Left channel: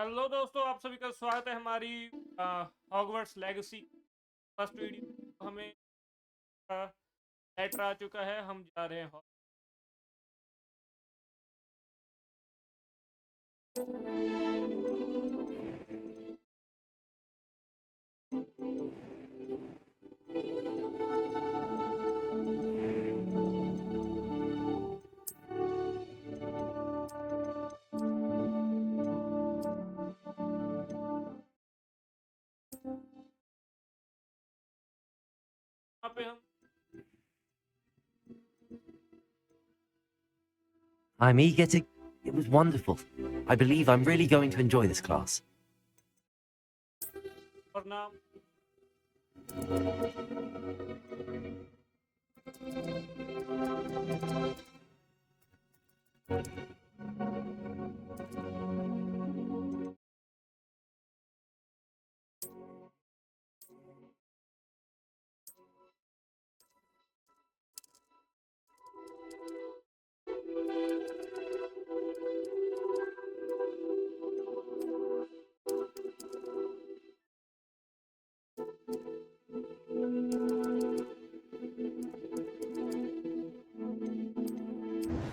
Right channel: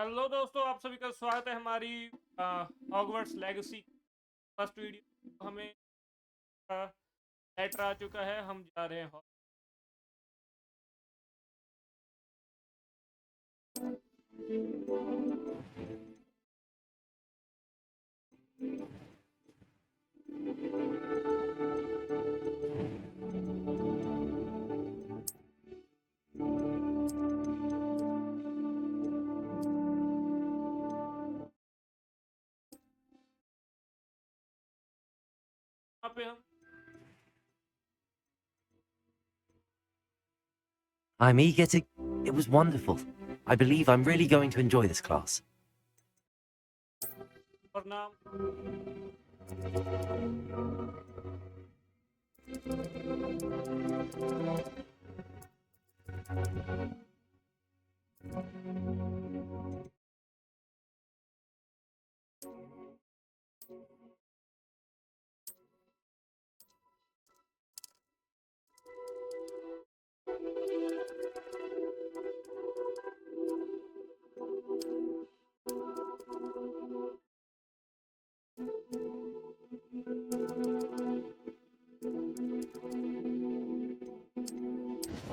Hello दोस्तों, आप सभी का स्वागत है हमारी हॉगवर्ट्स लेगेसी फर्स्ट वीडियो। हमें लेटर आ चुका है, हम जा रहे हैं वहाँ पे हम I'm eager to... It was wonderful. I believe I'm really going to enjoy this class. और नाम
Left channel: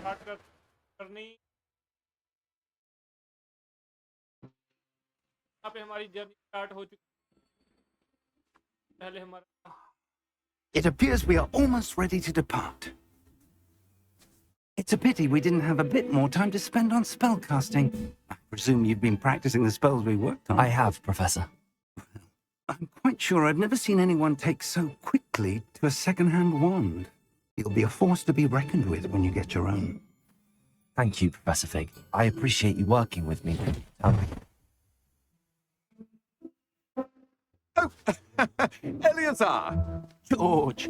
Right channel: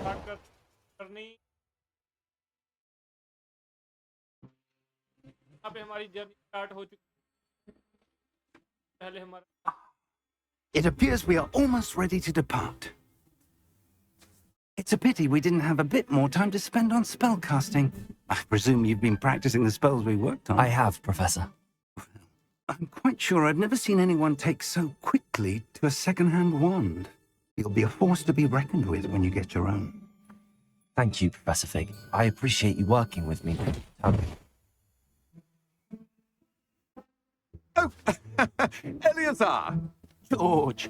स्टार्ट करनी। यहाँ पे हमारी जर्नी स्टार्ट हो चुकी है। पहले हमारा It appears we are almost ready to depart. It's a pity we didn't have a bit more time to spend on spellcasting. I presume you've been practicing the spells we worked on. I have, Professor. I'm quite sure I've never seen anyone take so quickly to a second-hand wand. You'll be a force to be reckoned with when you get your own. Thank you, Professor Fig. I appreciate you working with me. Oh, Eleazar! George,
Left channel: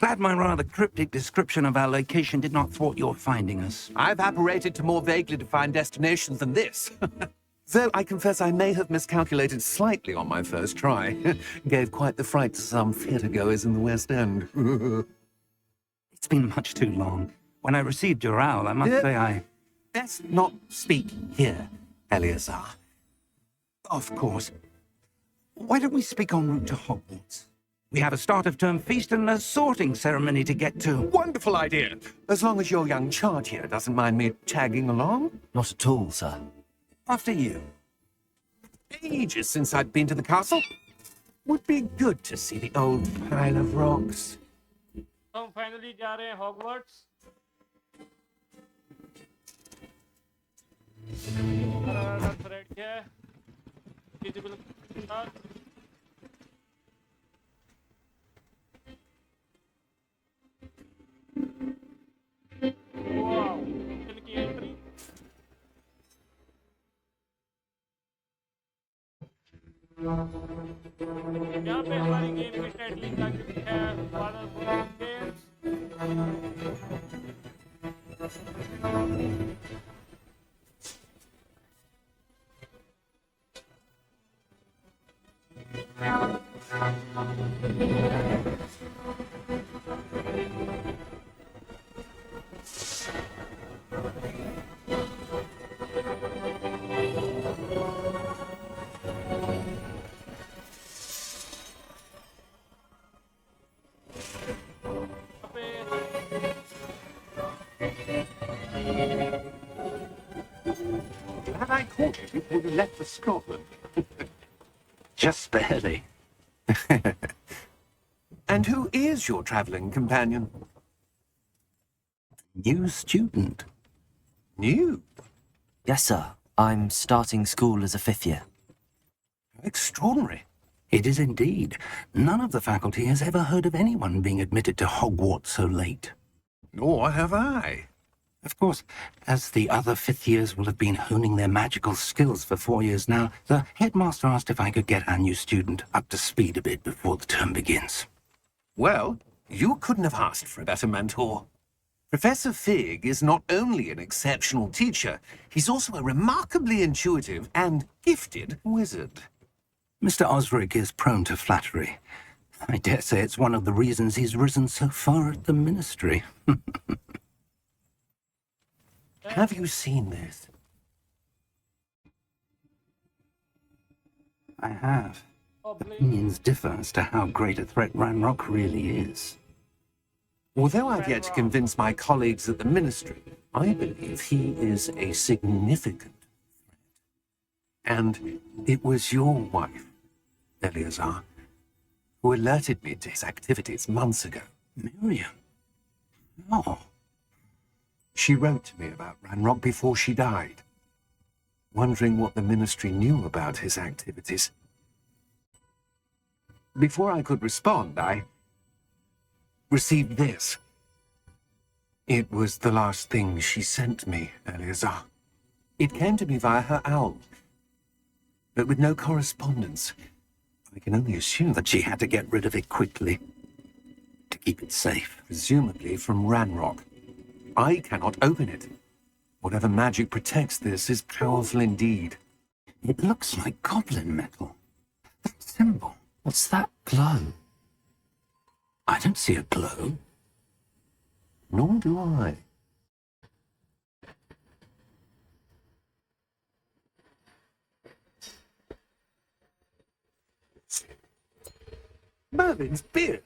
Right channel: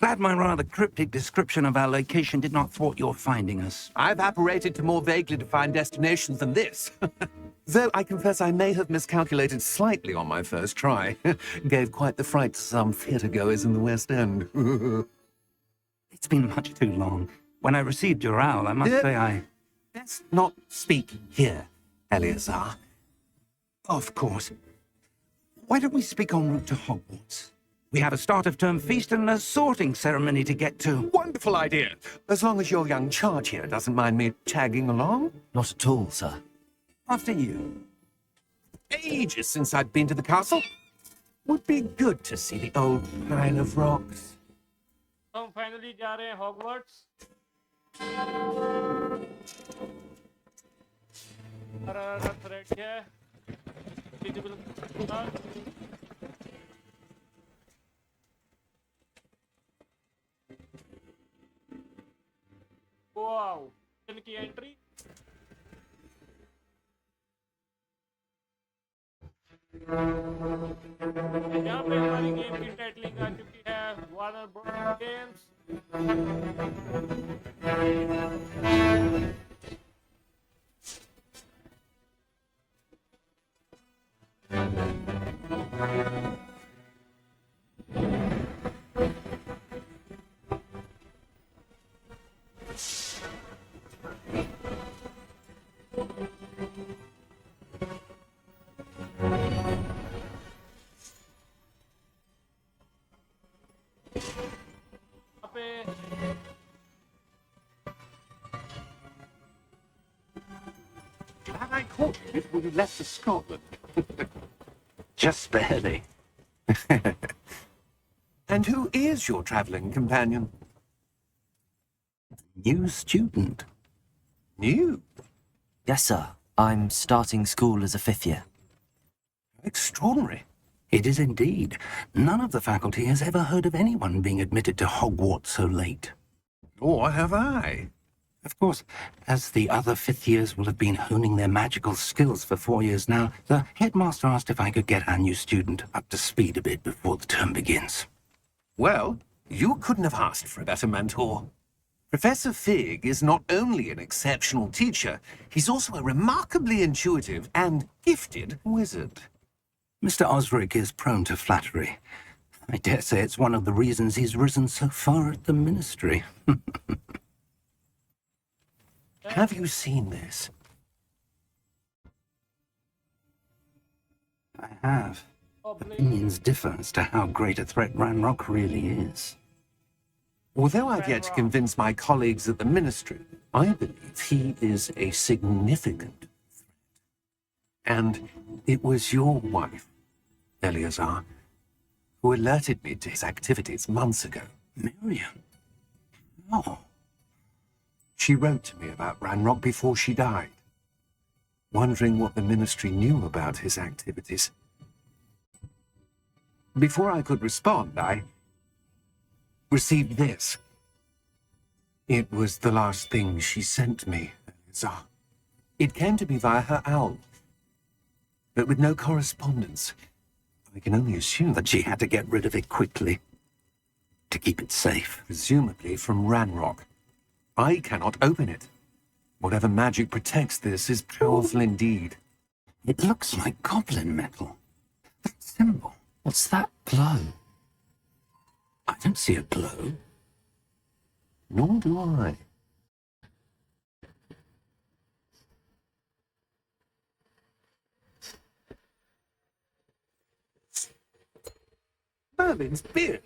glad my rather cryptic description of our location did not thwart your finding us. I've apparated to more vaguely defined destinations than this. Though I confess I may have miscalculated slightly on my first try. Gave quite the fright to some theatre-goers in the West End. It's been much too long. When I received your owl, I must say I... Best not speak here, Eleazar. Of course. Why don't we speak en route to Hogwarts? We have a start-of-term feast and a sorting ceremony to get to. Wonderful idea. As long as your young charge here doesn't mind me tagging along. Not at all, sir. After you. Ages since I'd been to the castle. Would be good to see the old pile of rocks. हम finally जा रहे हैं Hogwarts. हमारा रथ ready है। Visible wow, इनकी entry यहाँ पे हमारी गेम की टाइटलिंग आ चुकी है, Warner Bros games. Glad I caught you before you left for Scotland. Just barely. And who is your travelling companion? New student. New? Yes, sir. I'm starting school as a fifth year. Extraordinary. It is indeed. None of the faculty has ever heard of anyone being admitted to Hogwarts so late. Nor have I. Of course, as the other fifth years will have been honing their magical skills for 4 years now, the headmaster asked if I could get our new student up to speed a bit before the term begins. Well, you couldn't have asked for a better mentor. Professor Fig is not only an exceptional teacher, he's also a remarkably intuitive and gifted wizard. Mr. Osric is prone to flattery. I dare say it's one of the reasons he's risen so far at the ministry. Have you seen this? I have. Goblin. Opinions differ as to how great a threat Ranrock really is. Although I've yet to Ranrock. convince my colleagues at the Ministry, I believe he is a significant threat. And it was your wife, Eleazar, who alerted me to his activities months ago. Miriam? Oh, She wrote to me about Ranrock before she died, wondering what the Ministry knew about his activities. Before I could respond, I received this. It was the last thing she sent me, Eleazar. It came to me via her owl, but with no correspondence. I can only assume that she had to get rid of it quickly to keep it safe. presumably from Ranrock. I cannot open it. Whatever magic protects this is powerful indeed. It looks like goblin metal. That symbol. What's that glow? I don't see a glow. Nor do I. Merlin's beard.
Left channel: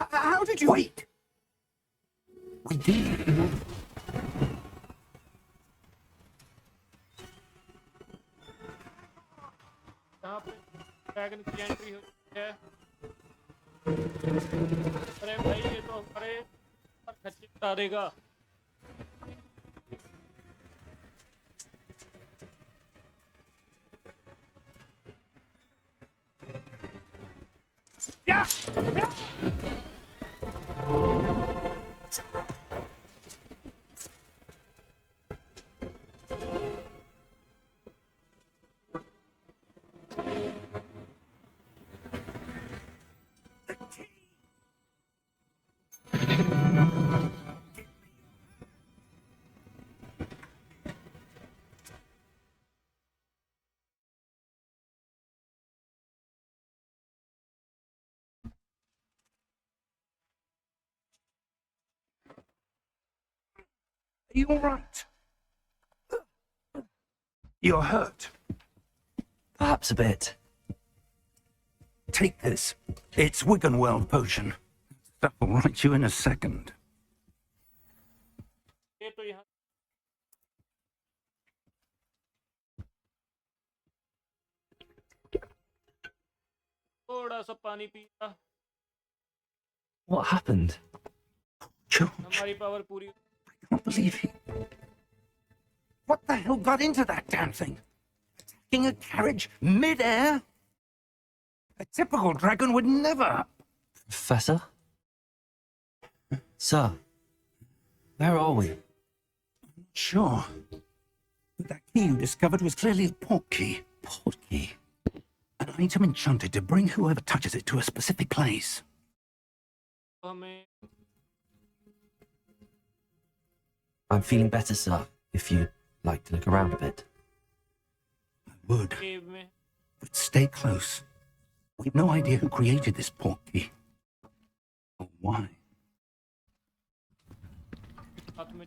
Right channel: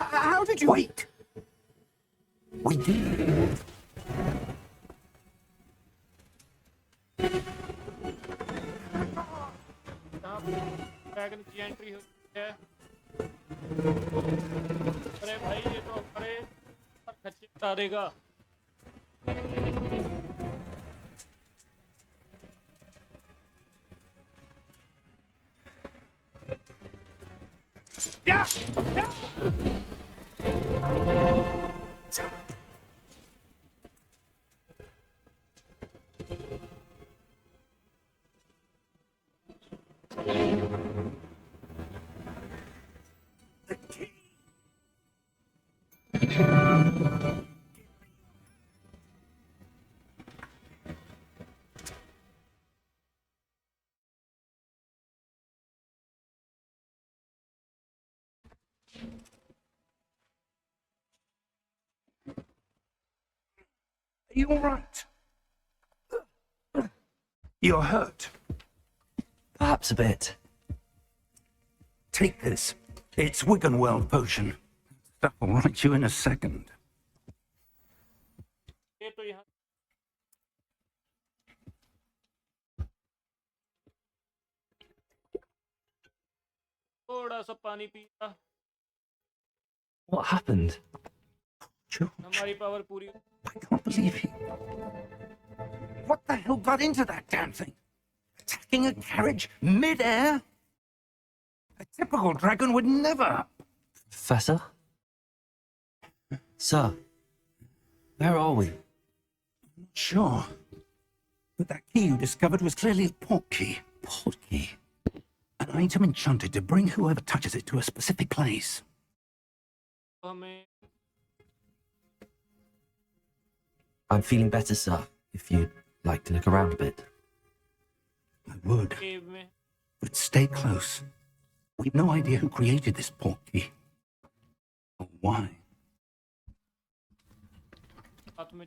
How did you... Wait! We did. यहाँ dragon की entry हुई है। अरे भाई ये तो हमारे खच्ची बता देगा। Are you all right? You're hurt. Perhaps a bit. Take this. It's Wiggenweld potion. That will right you in a second. ये तो यहाँ थोड़ा सा पानी पिया। What happened? George, हमारी पावर पूरी। I can't believe he... What the hell got into that damn thing? Attacking a carriage mid-air? A typical dragon would never... Professor? Sir, where are we? Sure. But that key you discovered was clearly a port key. Port key. An item enchanted to bring whoever touches it to a specific place. हमें I'm feeling better, sir, if you'd like to look around a bit. I would, केव में but stay close. We've no idea who created this port key. Or why. हाथ में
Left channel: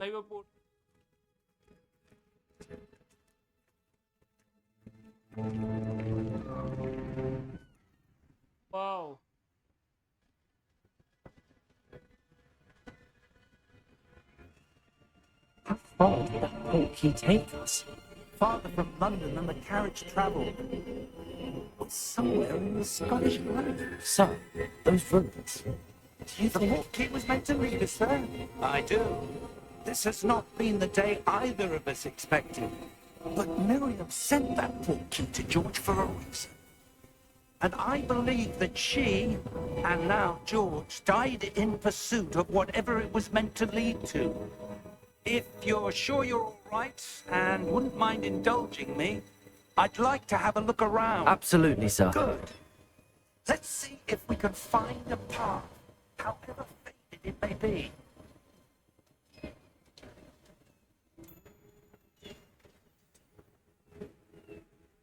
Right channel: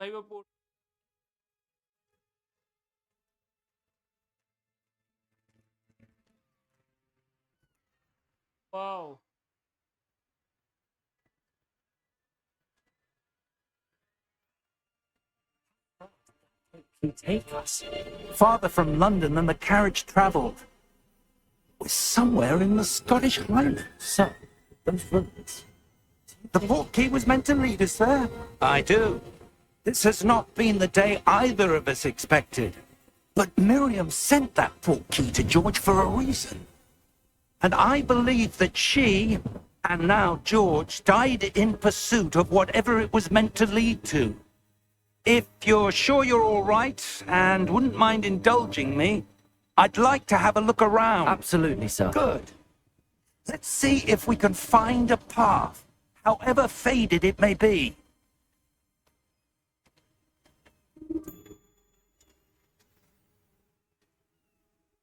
भाई वो port wow How far did that port key take us? Farther from London than the carriage travelled. We're somewhere in the Scottish Highlands. Sir, those ruins. Do you The think... port key was meant to lead us there. I do. This has not been the day either of us expected. But Miriam sent that port key to George for a reason. And I believe that she, and now George, died in pursuit of whatever it was meant to lead to. If you're sure you're all right and wouldn't mind indulging me, I'd like to have a look around. Absolutely, sir. Good. Let's see if we can find a path, however faded it may be.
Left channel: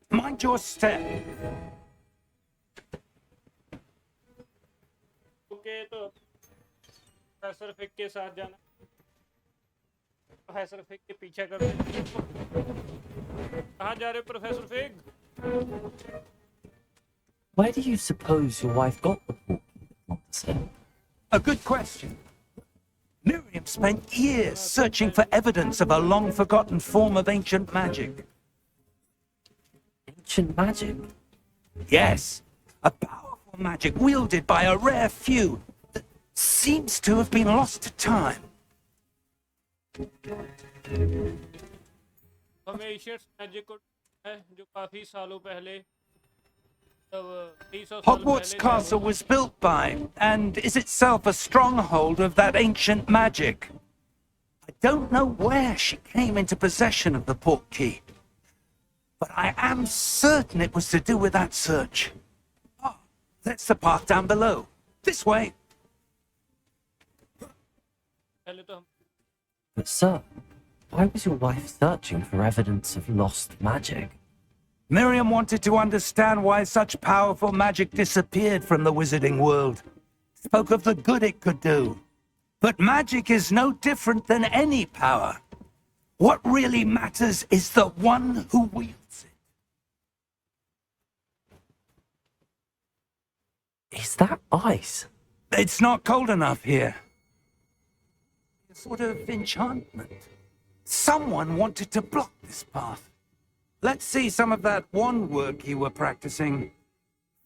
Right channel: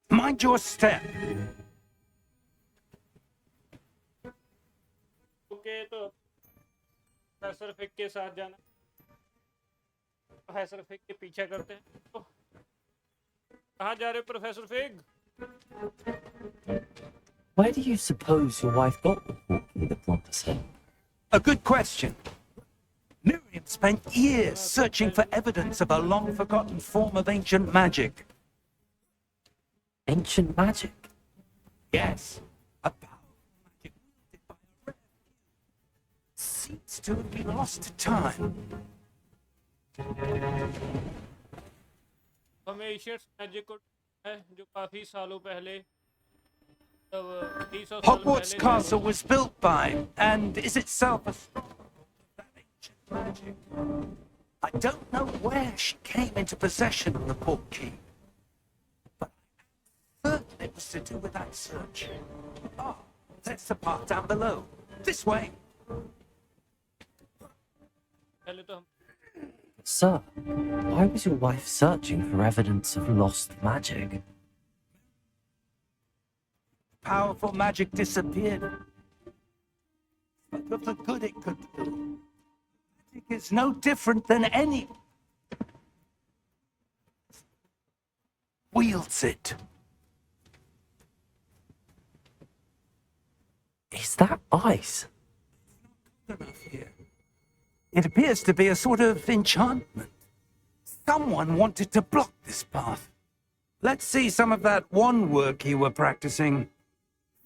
Mind your step. Okay तो professor फिक के साथ जाना professor फिक के पीछे करते कहाँ जा रहे हो professor fig? Where do you suppose your wife got the portkey that brought us in? A good question. Miriam spent years searching for evidence of a long-forgotten form of ancient magic. Ancient magic? Yes, a powerful magic wielded by a rare few that seems to have been lost to time. हमें Asian magic को है जो काफी सालों पहले तब 300 साल Hogwarts पहले Castle was built by, and is itself a stronghold of that ancient magic. I don't know where she came into possession of the portkey, but I am certain it was to do with that search. Oh, that's the path down below. This way. पहले तो हम But sir, why was your wife searching for evidence of lost magic? Miriam wanted to understand why such powerful magic disappeared from the wizarding world. Spoke of the good it could do. But magic is no different than any power. What really matters is the one who wields it. Is that ice? It's not cold enough here. It appears to be a sort of enchantment. Someone wanted to block this path. Let's see some of that wand work you were practicing.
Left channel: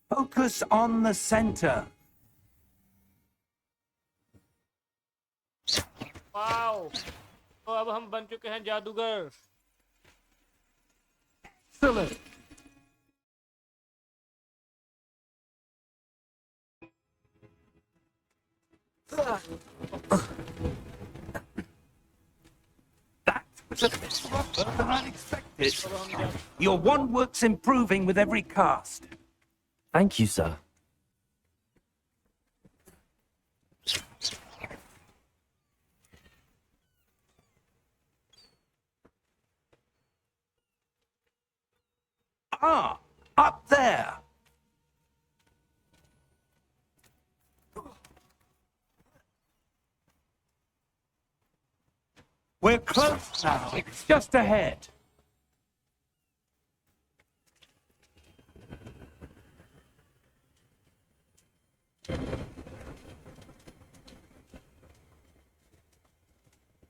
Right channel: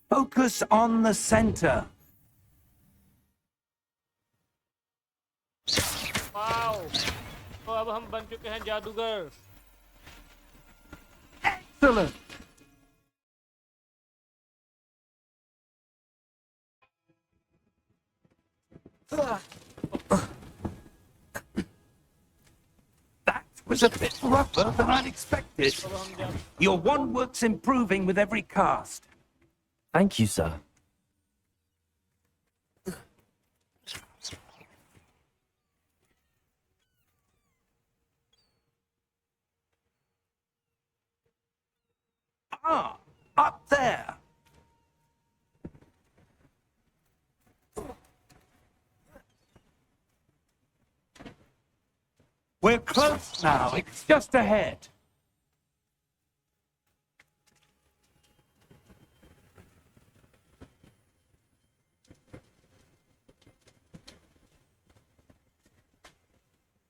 Focus on the center. Wow तो अब हम बन चुके हैं जादूगर Excellent. That was a bit rougher than I'd expected. Your wand work's improving with every cast. Thank you, sir. Ah, up there. We're close now. It's just ahead.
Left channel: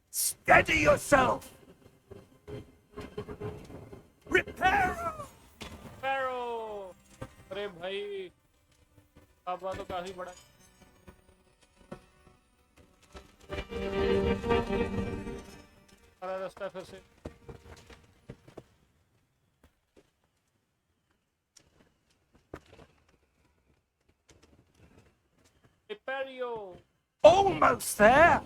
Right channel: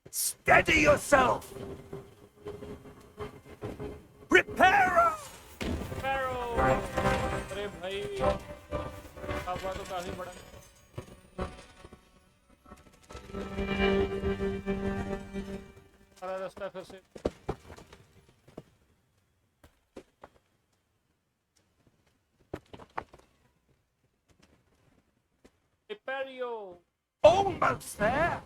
Steady yourself. Reparo! पैरो अरे भाई पापा तो काफी बड़ा सारा रास्ता फिर से पैरियो Almost there.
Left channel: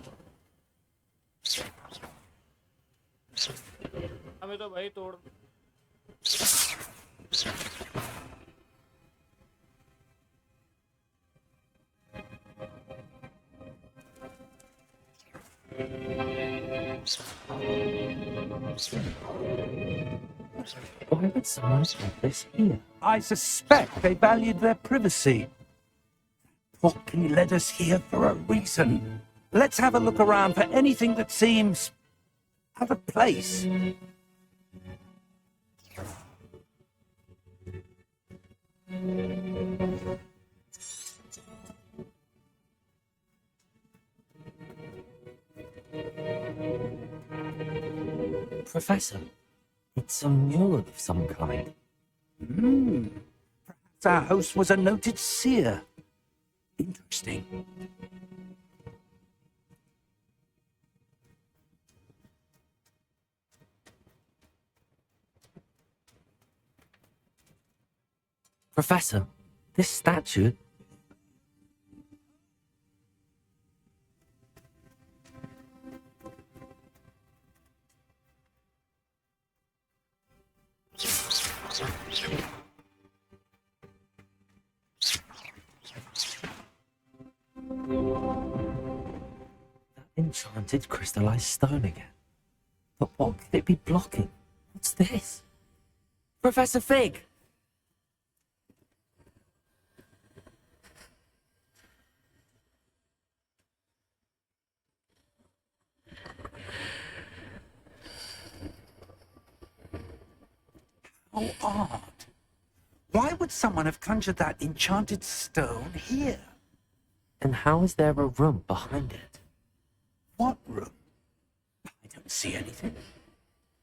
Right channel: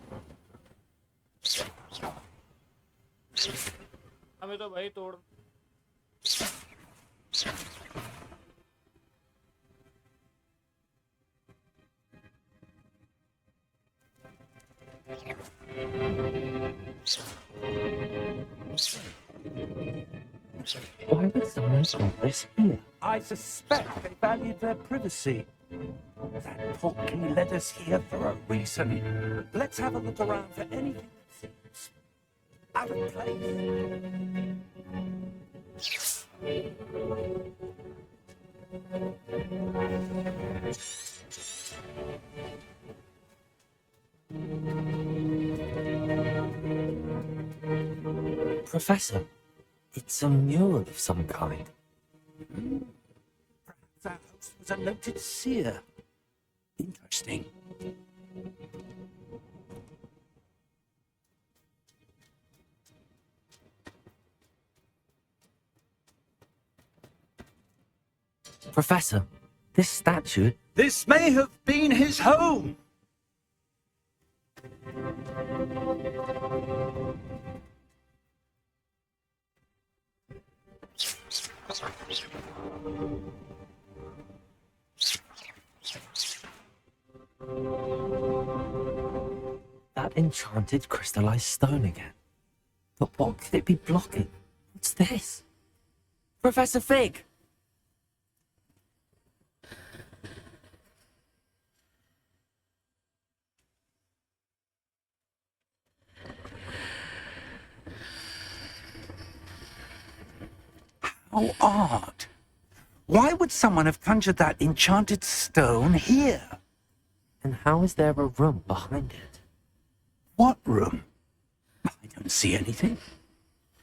हमें तो भाई तोड़ Why would someone put this here? I suspect they valued their privacy. That portkey led us here for a reason. Let's have a look around for anything that seems out of place. Professor, it's a mural of some kind. Perhaps our host was a noted seer. Interesting. Professor, this statue... This may have been his home. That enchanted crystallized stone again. But what could it be blocking? What's this? Professor Fig! How odd. Why would someone have conjured that enchanted stone here? And how is there a room behind it? What room? I don't see anything.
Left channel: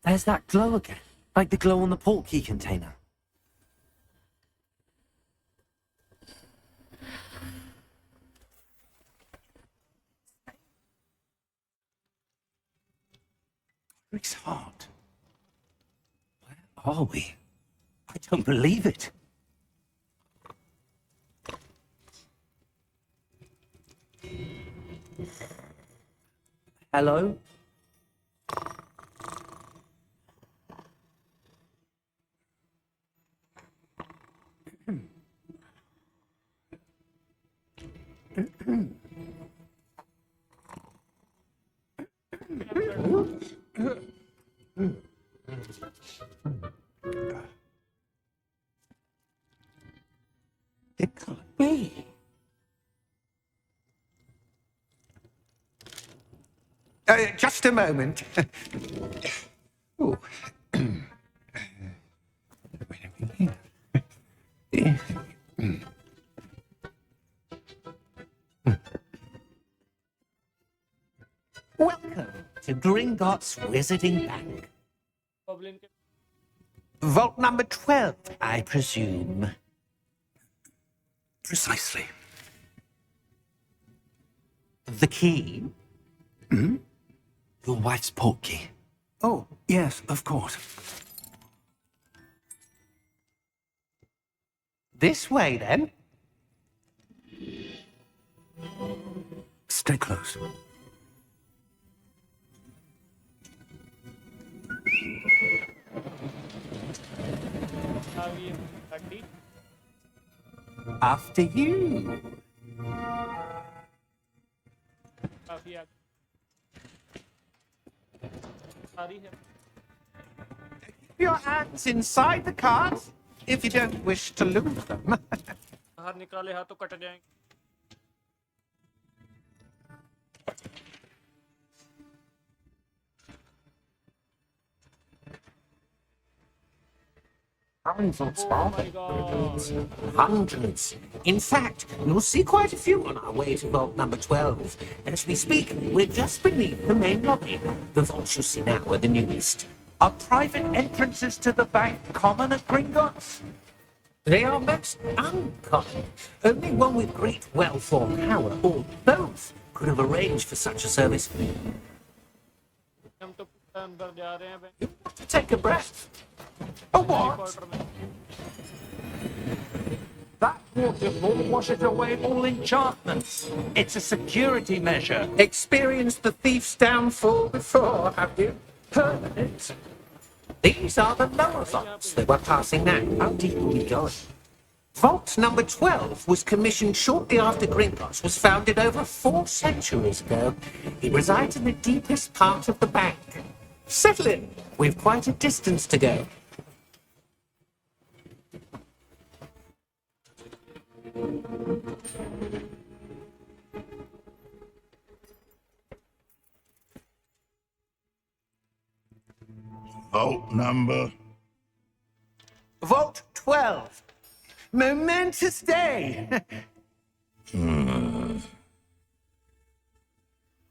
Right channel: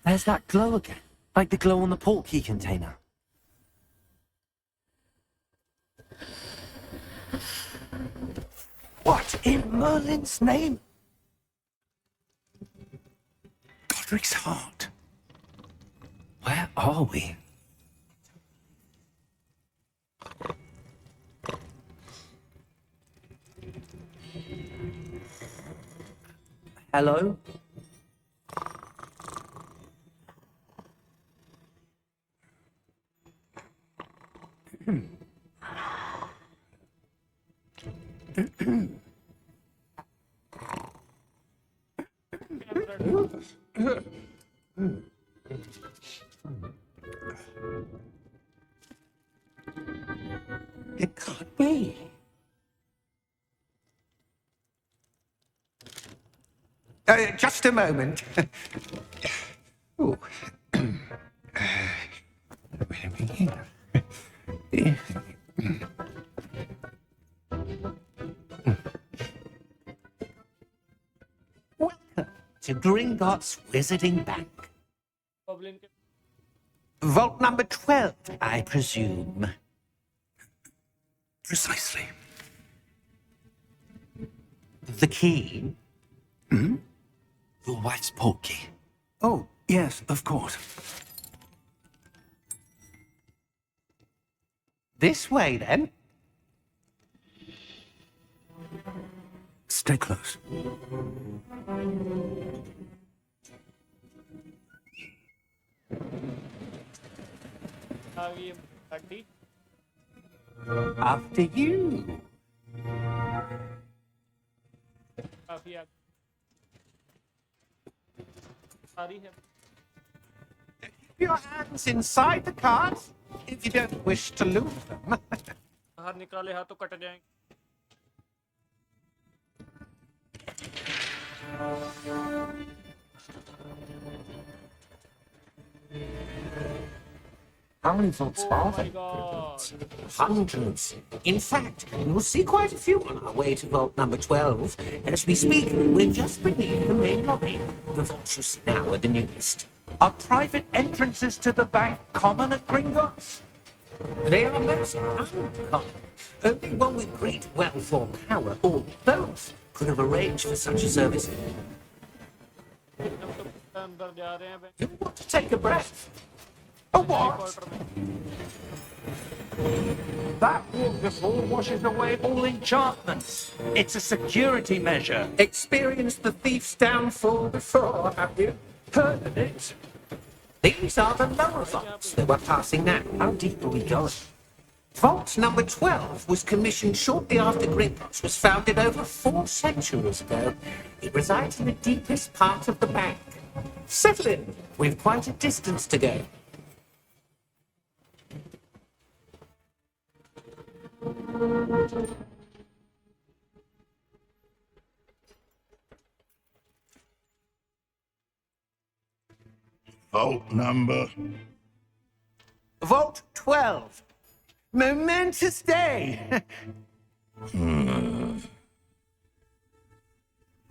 There's that glow again, like the glow on the portkey container. What in Merlin's name? Godric's heart. Where are we? I don't believe it. Hello? It can't be. Just a moment. Oh. Welcome to Gringotts Wizarding Bank. Goblin के Vault number 12, I presume. Precisely. The key? Your wife's portkey. Oh, yes, of course. This way, then. Stay close. आ गई गाड़ी After you. काफी आगे सारी है Keep your hands inside the cart if you don't wish to lose them. बाहर निकाले हाथ तो कट जाएंगे How many vaults are Oh my there? god Hundreds. In fact, you'll see quite a few on our way to vault number 12. As we speak, we're just beneath the main lobby. The vaults you see now are the newest. Are private entrances to the bank common at Gringotts? They are most uncommon. Only one with great wealth or power, or both, could have arranged for such a service. हम तो अंदर जा रहे हैं You want to take a breath? A what? Quarter में That waterfall washes away all enchantments. It's a security measure. Experienced the thief's downfall before, have you? Heard of it? These are the lower vaults that we're passing now. How deep are we going? Vault number 12 was commissioned shortly after Gringotts was founded over 4 centuries ago. It resides in the deepest part of the bank. Settle in. We've quite a distance to go. Vault number. Vault 12. Momentous day.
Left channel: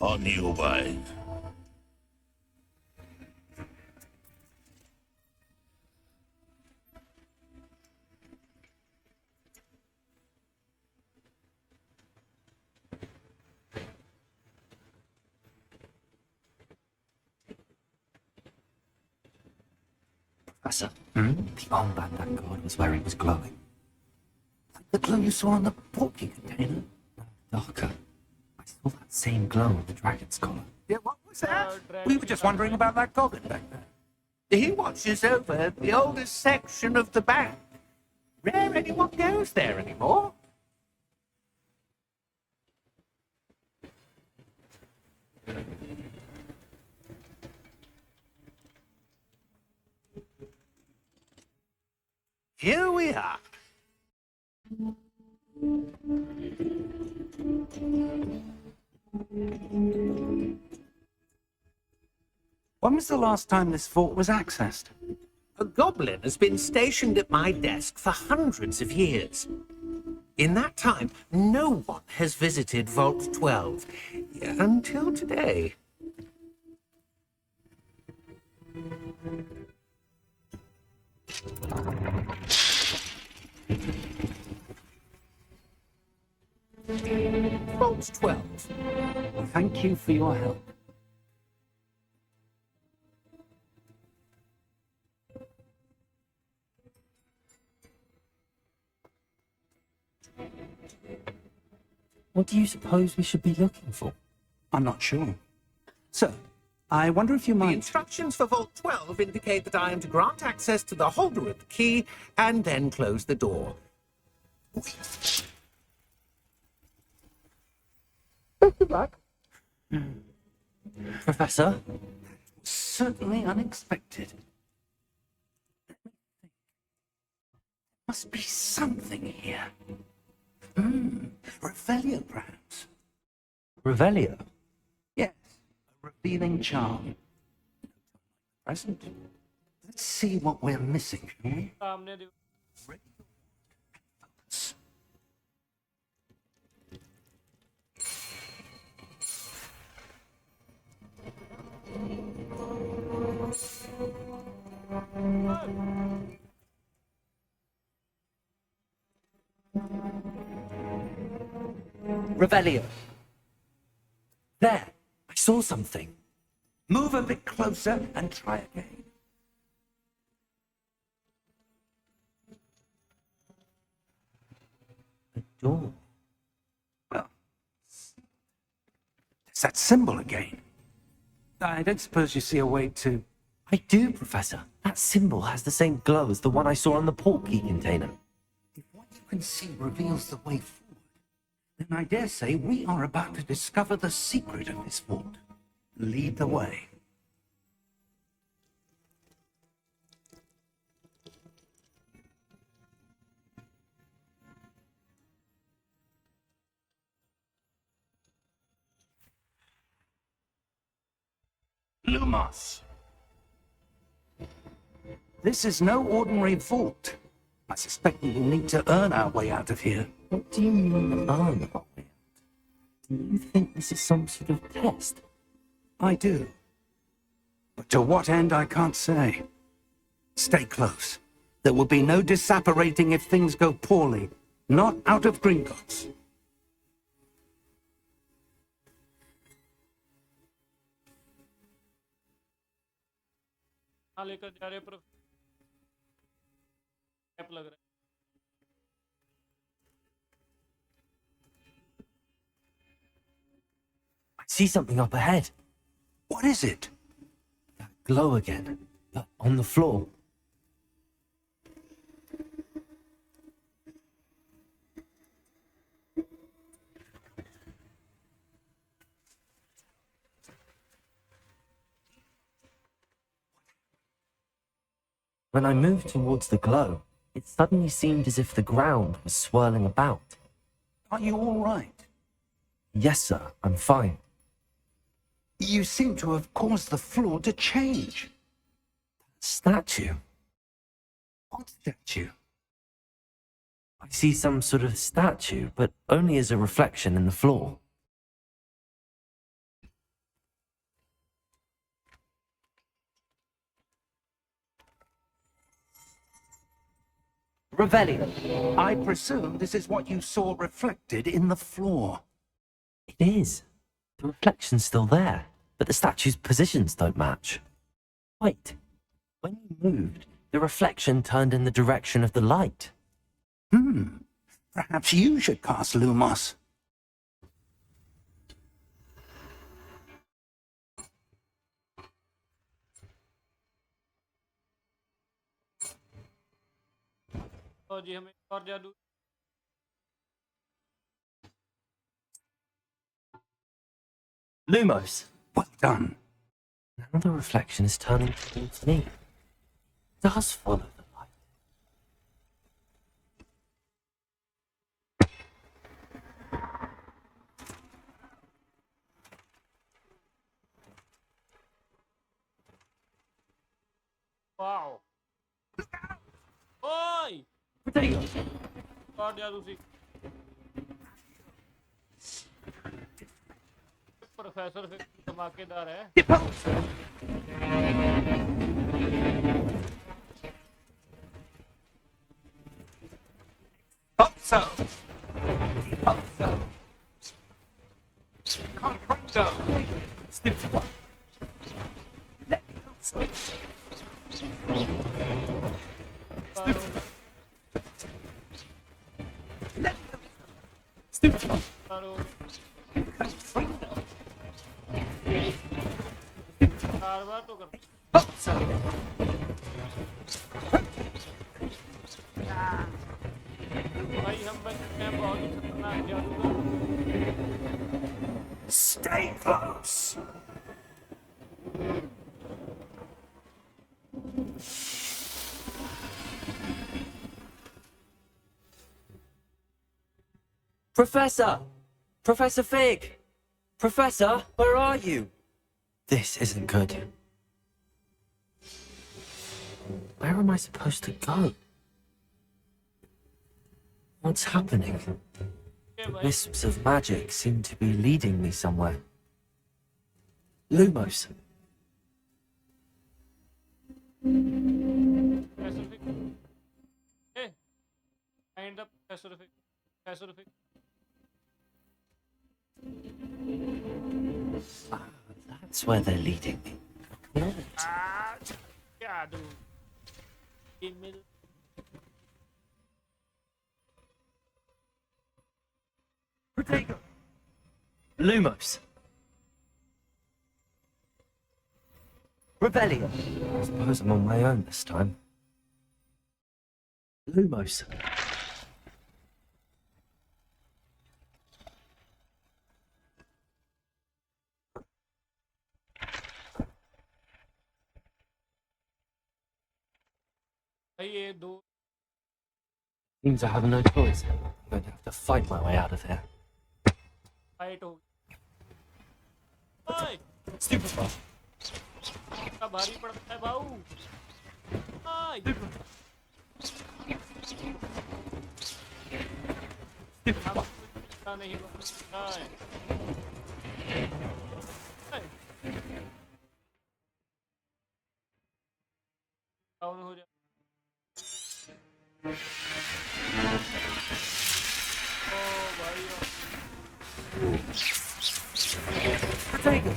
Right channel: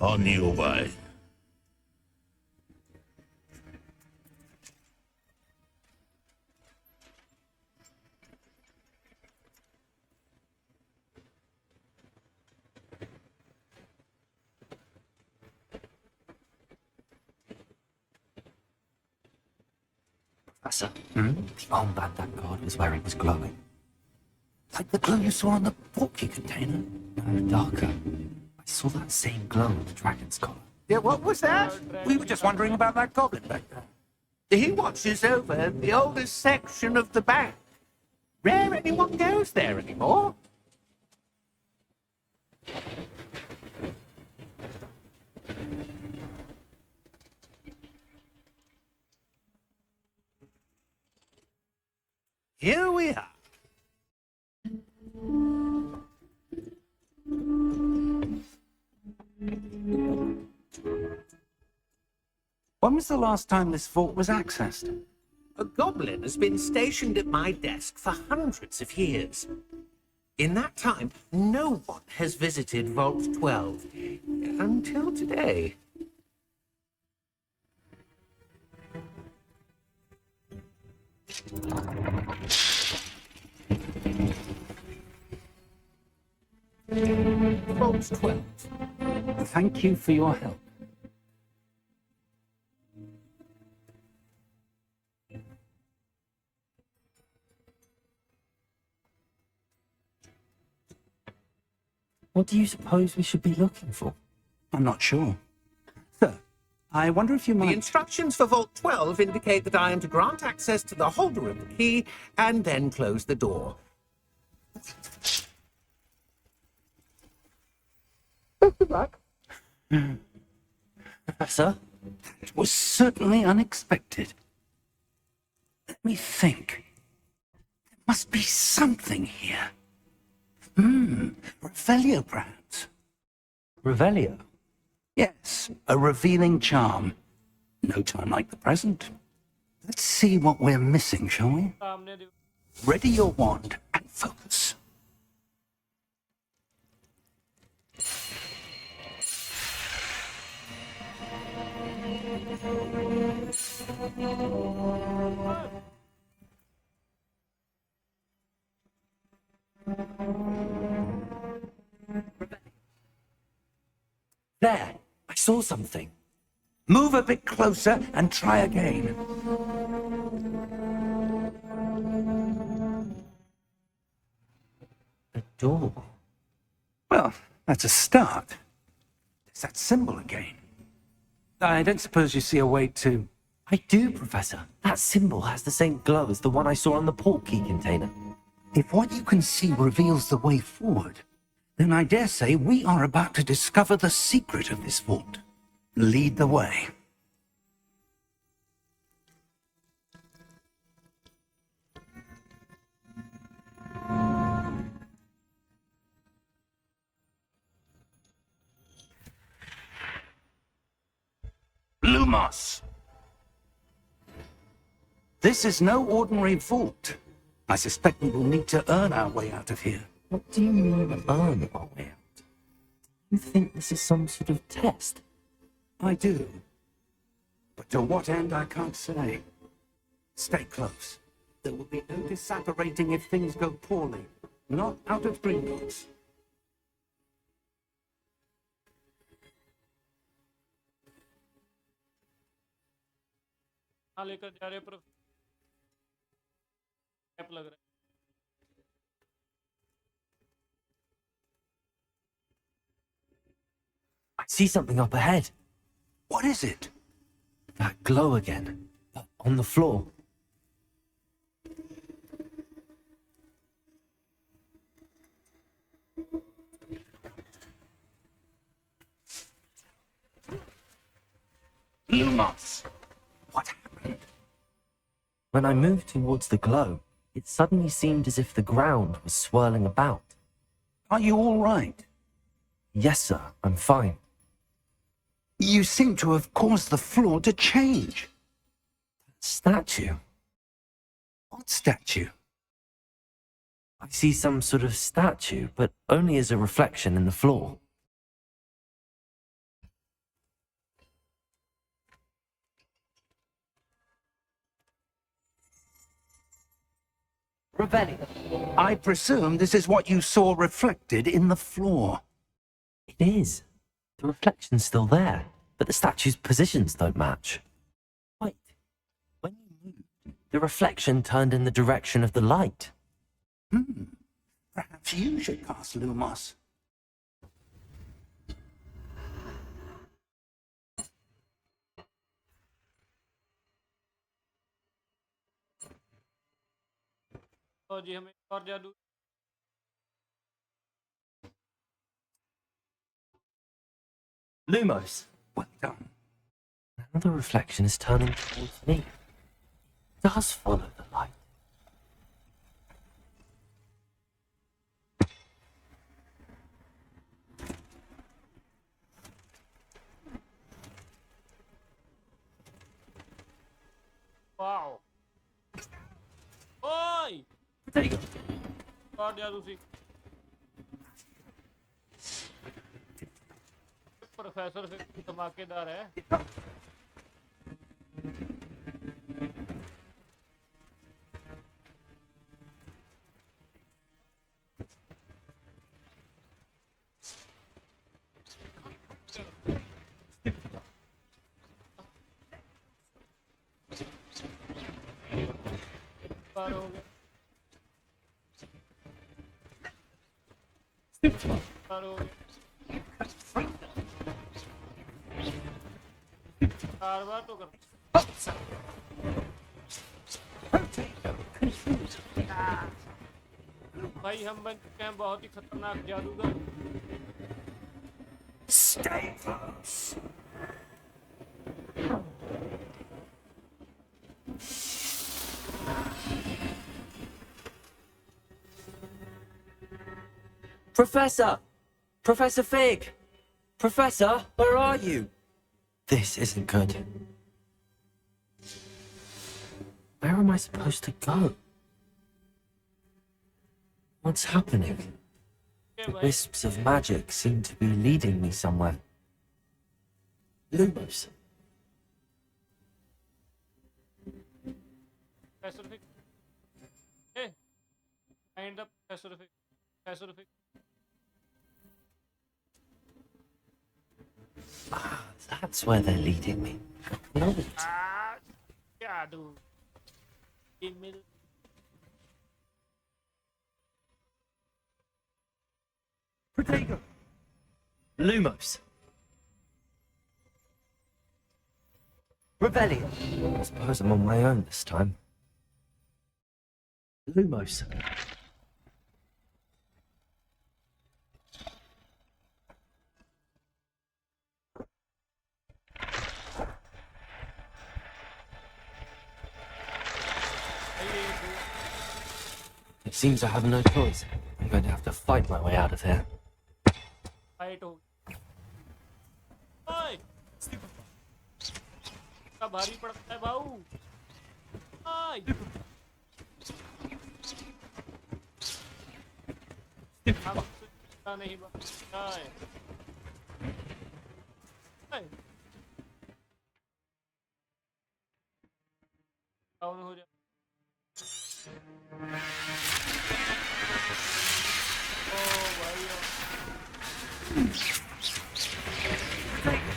On your way. Professor, the armband that guard was wearing was glowing. Like the glow you saw on the portkey container. No, darker. I saw that same glow on the dragon's collar. Yeah, what was that? We were just wondering about that goblin back there. He watches over the oldest section of the bank. Rare anyone goes there anymore. Here we are. When was the last time this vault was accessed? A goblin has been stationed at my desk for hundreds of years. In that time, no one has visited Vault 12 until today. Vault 12. Thank you for your help. What do you suppose we should be looking for? I'm not sure. Sir, I wonder if you The might... instructions for Vault 12 indicate that I am to grant access to the holder of the key and then close the door. Professor? It was certainly unexpected. Let me think. There must be something here. Revelio, perhaps. Revelio? Yes, a revealing charm. No time like the present. Let's see what we're missing, shall we? सामने Ready your wand and focus. Revelio. There, I saw something. Move a bit closer and try again. A door. Well, that's a start. There's that symbol again. I don't suppose you see a way to... I do, Professor. That symbol has the same glow as the one I saw on the port key container. If what you can see reveals the way forward, then I dare say we are about to discover the secret of this vault. Lead the way. Lumos! This is no ordinary vault. I suspect we will need to earn our way out of here. What do you mean, earn our way out? Do you think this is some sort of test? I do. But to what end, I can't say. Stay close. There will be no disapparating if things go poorly. Not out of Gringotts. हाँ लेकर जा रहे पर cap लग रहा है I see something up ahead. What is it? That glow again, but on the floor. Lumos. What happened? When I moved towards the glow, it suddenly seemed as if the ground was swirling about. Are you all right? Yes, sir, I'm fine. You seem to have caused the floor to change. Statue? What statue? I see some sort of statue, but only as a reflection in the floor. Revelio. I presume this is what you saw reflected in the floor. It is. The reflection's still there, but the statue's positions don't match. Wait. When you moved, the reflection turned in the direction of the light. Perhaps you should cast Lumos. और जी हमें और जादू Lumos. Well done. Now the reflection is turning towards me. It does follow the light. Wow Potato. और जादू सीख professor फिर धमाकेदार है So. बार बार तो कर भाई हम बन चुके हैं बहुत ही खतरनाक जादूगर Stay close. Professor! Professor Fig! Professor, where are you? This isn't good. Where am I supposed to go? What's happening? The wisps of magic seem to be leading me somewhere. Lumos. Pacific hey find the Pacific Ah, that's where they're leading me. No. जादू email Potato. Lumos. Rebellion. I suppose I'm on my own this time. Lumos. ये दो It seems I have no choice. I'm going to have to fight my way out of here. Fight हो ओए इतना भारी पड़ता है भाऊ ओए हम इतना नहीं बचता है ओए डाउन हो जा ओ भाई Potato.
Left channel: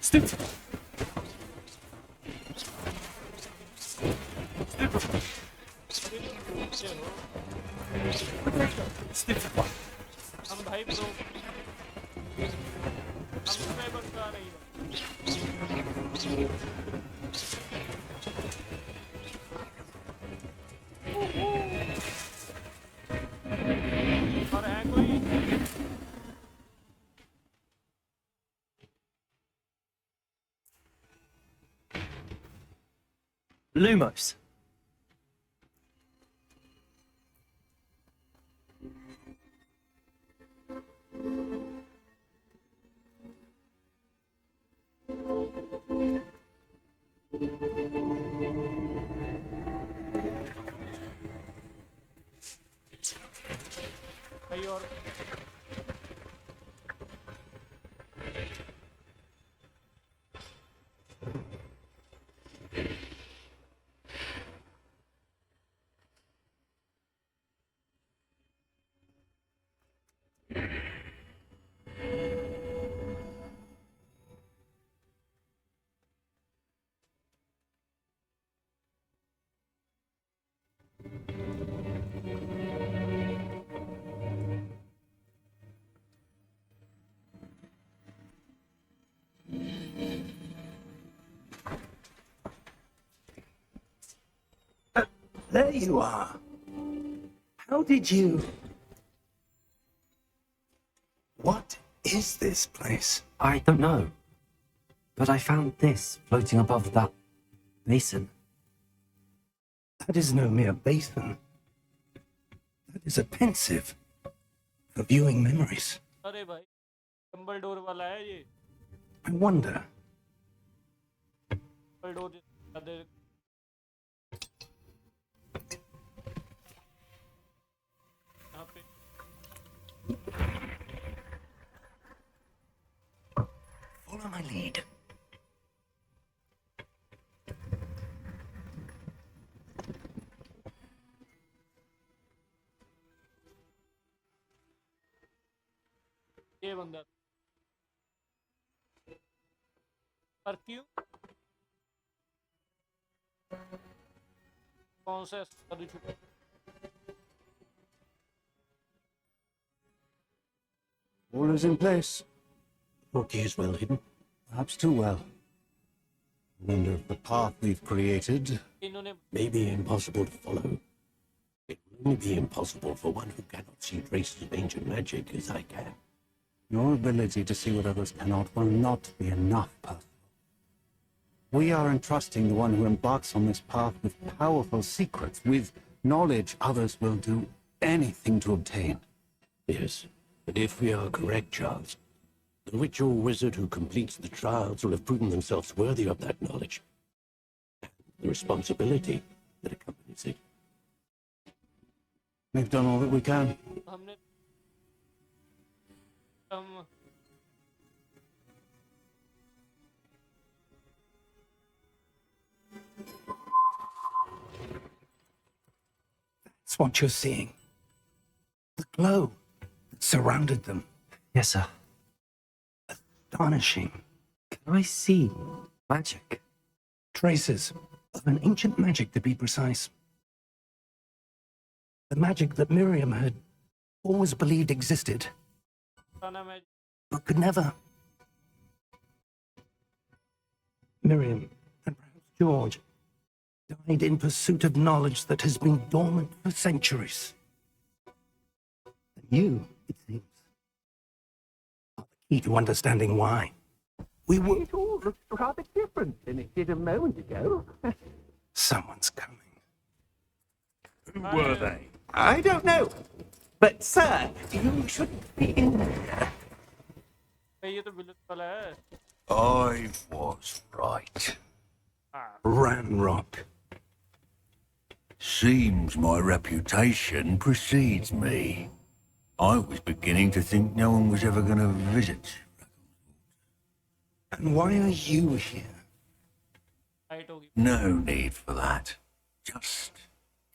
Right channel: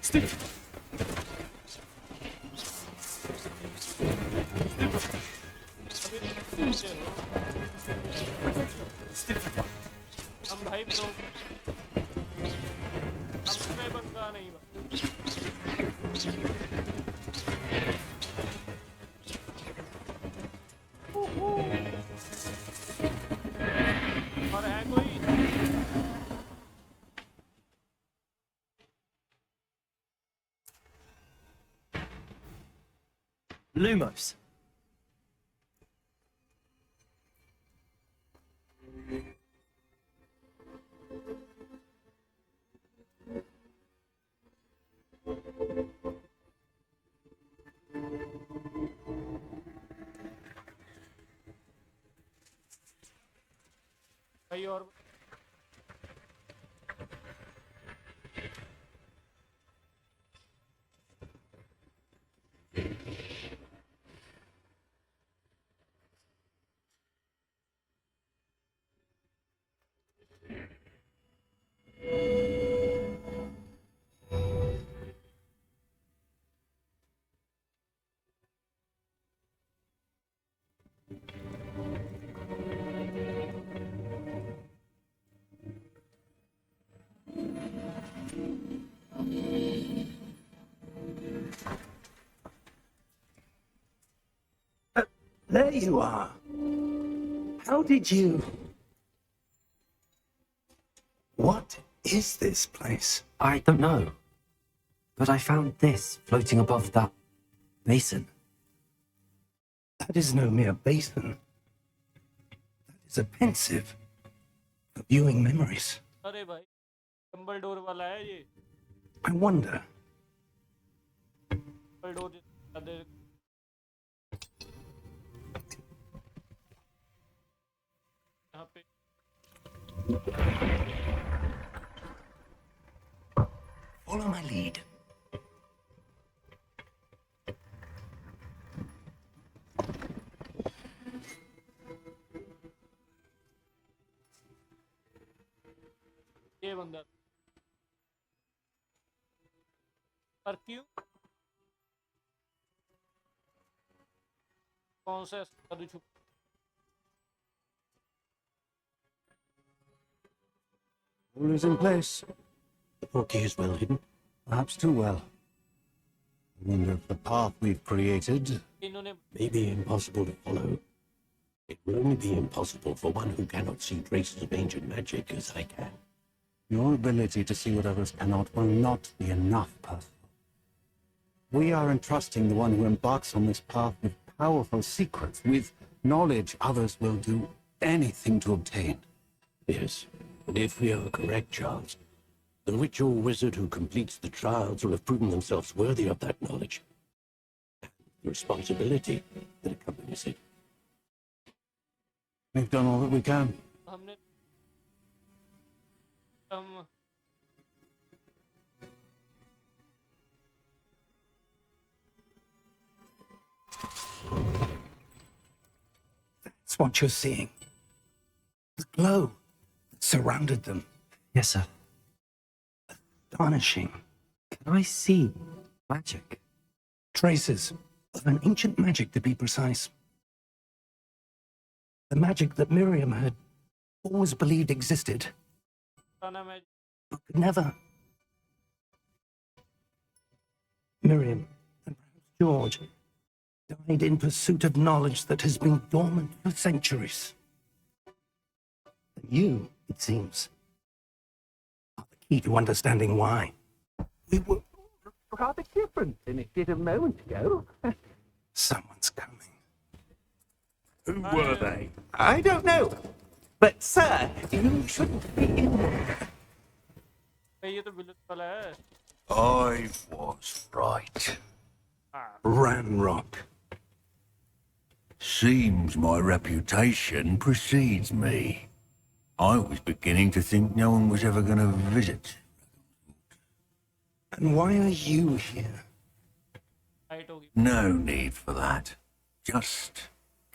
Stick. Stick. हम भाई प्रो हम में बनता नहीं और है कोई Lumos. भाई और There you are. How did you... What is this place? I don't know. But I found this floating above that basin. That is no mere basin. is a pensive for viewing memories. अरे भाई Dumbledore वाला है ये I wonder, Dumbledore यहाँ पे follow my lead. ये बंदा पर क्यों कौन सा जादू छुपा All is in place. The portkey is well hidden. Perhaps too well. I wonder if the path we've created... इन्होंने May be impossible to follow. It will only be impossible for one who cannot see traces of ancient magic as I can. Your ability to see what others cannot will not be enough, Percival. We are entrusting the one who embarks on this path with powerful secrets, with knowledge others will do anything to obtain. Yes, and if we are correct, Charles, the witch or wizard who completes the trials will have proven themselves worthy of that knowledge. And the responsibility that accompanies it. We've done all that we can. हमने That's what you're seeing. The glow that surrounded them. Yes, sir. Astonishing. Can I see magic? Traces of an ancient magic, to be precise. The magic that Miriam had always believed existed, बताना मैं but could never. Miriam, and perhaps George, died in pursuit of knowledge that has been dormant for centuries. And you, it seems, are the key to understanding why. We were... It all looks rather different than it did a moment ago. Someone's coming. Who were they? I don't know. But, sir, you shouldn't be in there. भाई ये तो village वाला है I was right. हाँ Ranrock. Seems my reputation precedes me. I was beginning to think no one was ever going to visit. And why are you here? Fight होगी No need for that. Just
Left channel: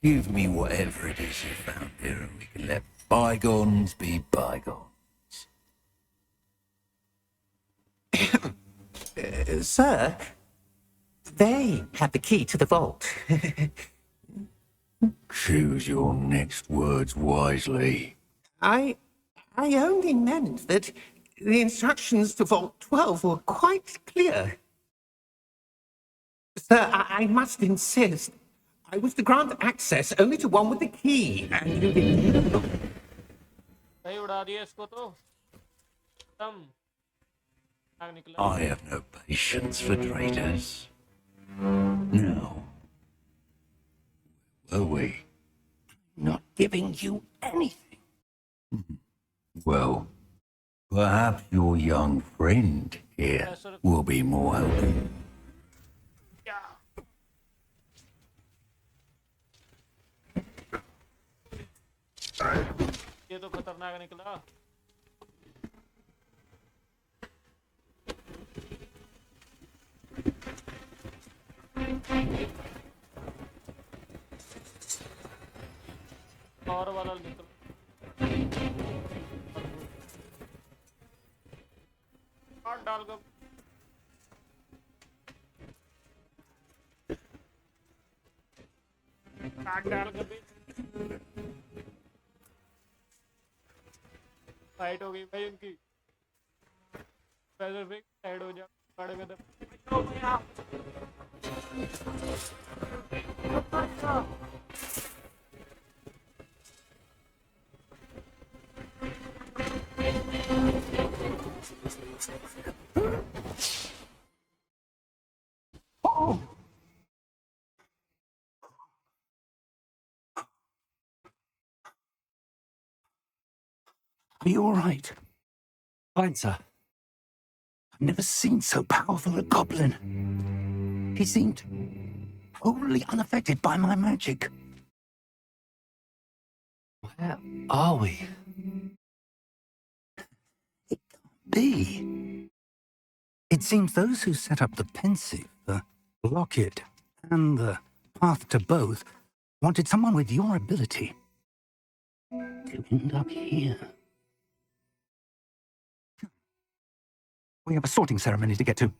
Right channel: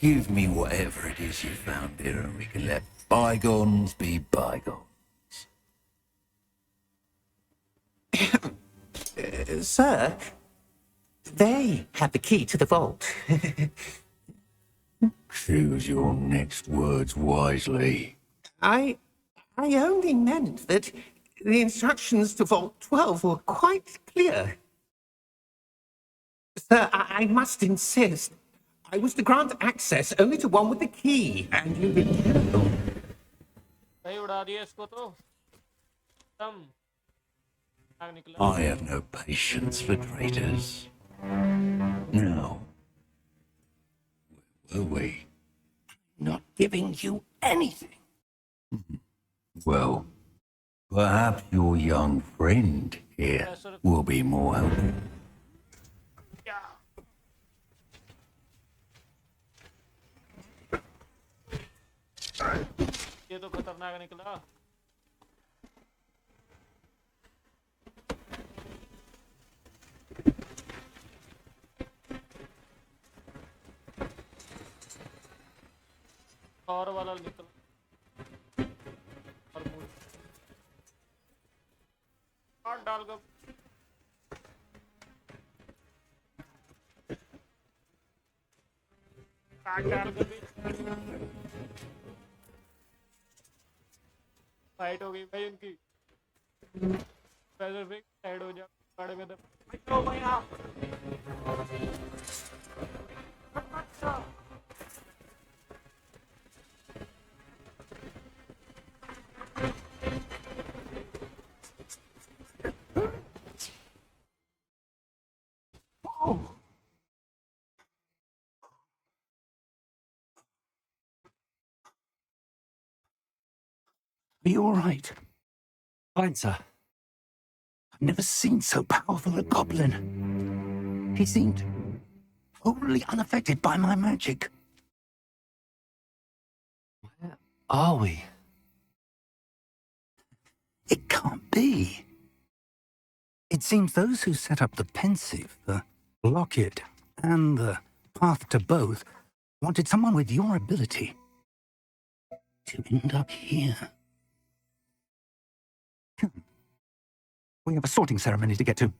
give me whatever it is you found here and we can let bygones be bygones. Sir, they have the key to the vault. Choose your next words wisely. I only meant that the instructions to Vault 12 were quite clear. Sir, I must insist. I was to grant access only to one with the key, and you didn't. भाई उड़ा दिया इसको तो खत्म आग निकला I have no patience for traitors. Now, where were we? Not giving you anything. Well, perhaps your young friend here will be more helpful. ये तो खतरनाक निकला और वाला निकल और काट डाल कर काट डाल कर भी फाइट हो गई भाई उनकी पैसिफिक साइड हो जा पड़ गए थे भैया Are you all right? Fine, sir. I've never seen so powerful a goblin. He seemed wholly unaffected by my magic. Where are we? It can't be. It seems those who set up the pensive, the locket, and the path to both wanted someone with your ability to end up here. We have a sorting ceremony to get to.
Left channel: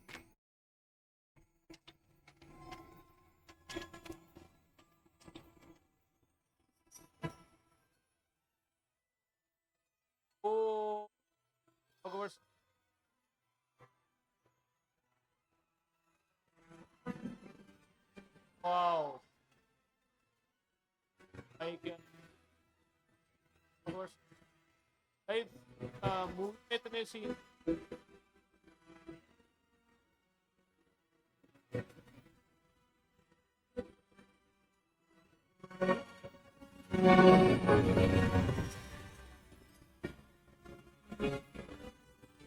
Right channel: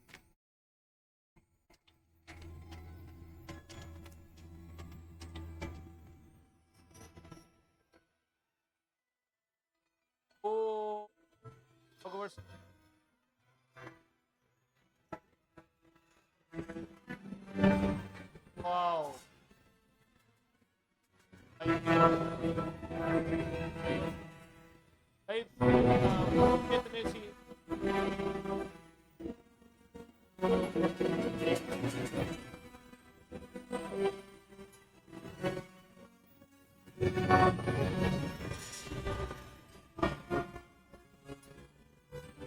Oh, Hogwarts. Wow. भाई कितने scene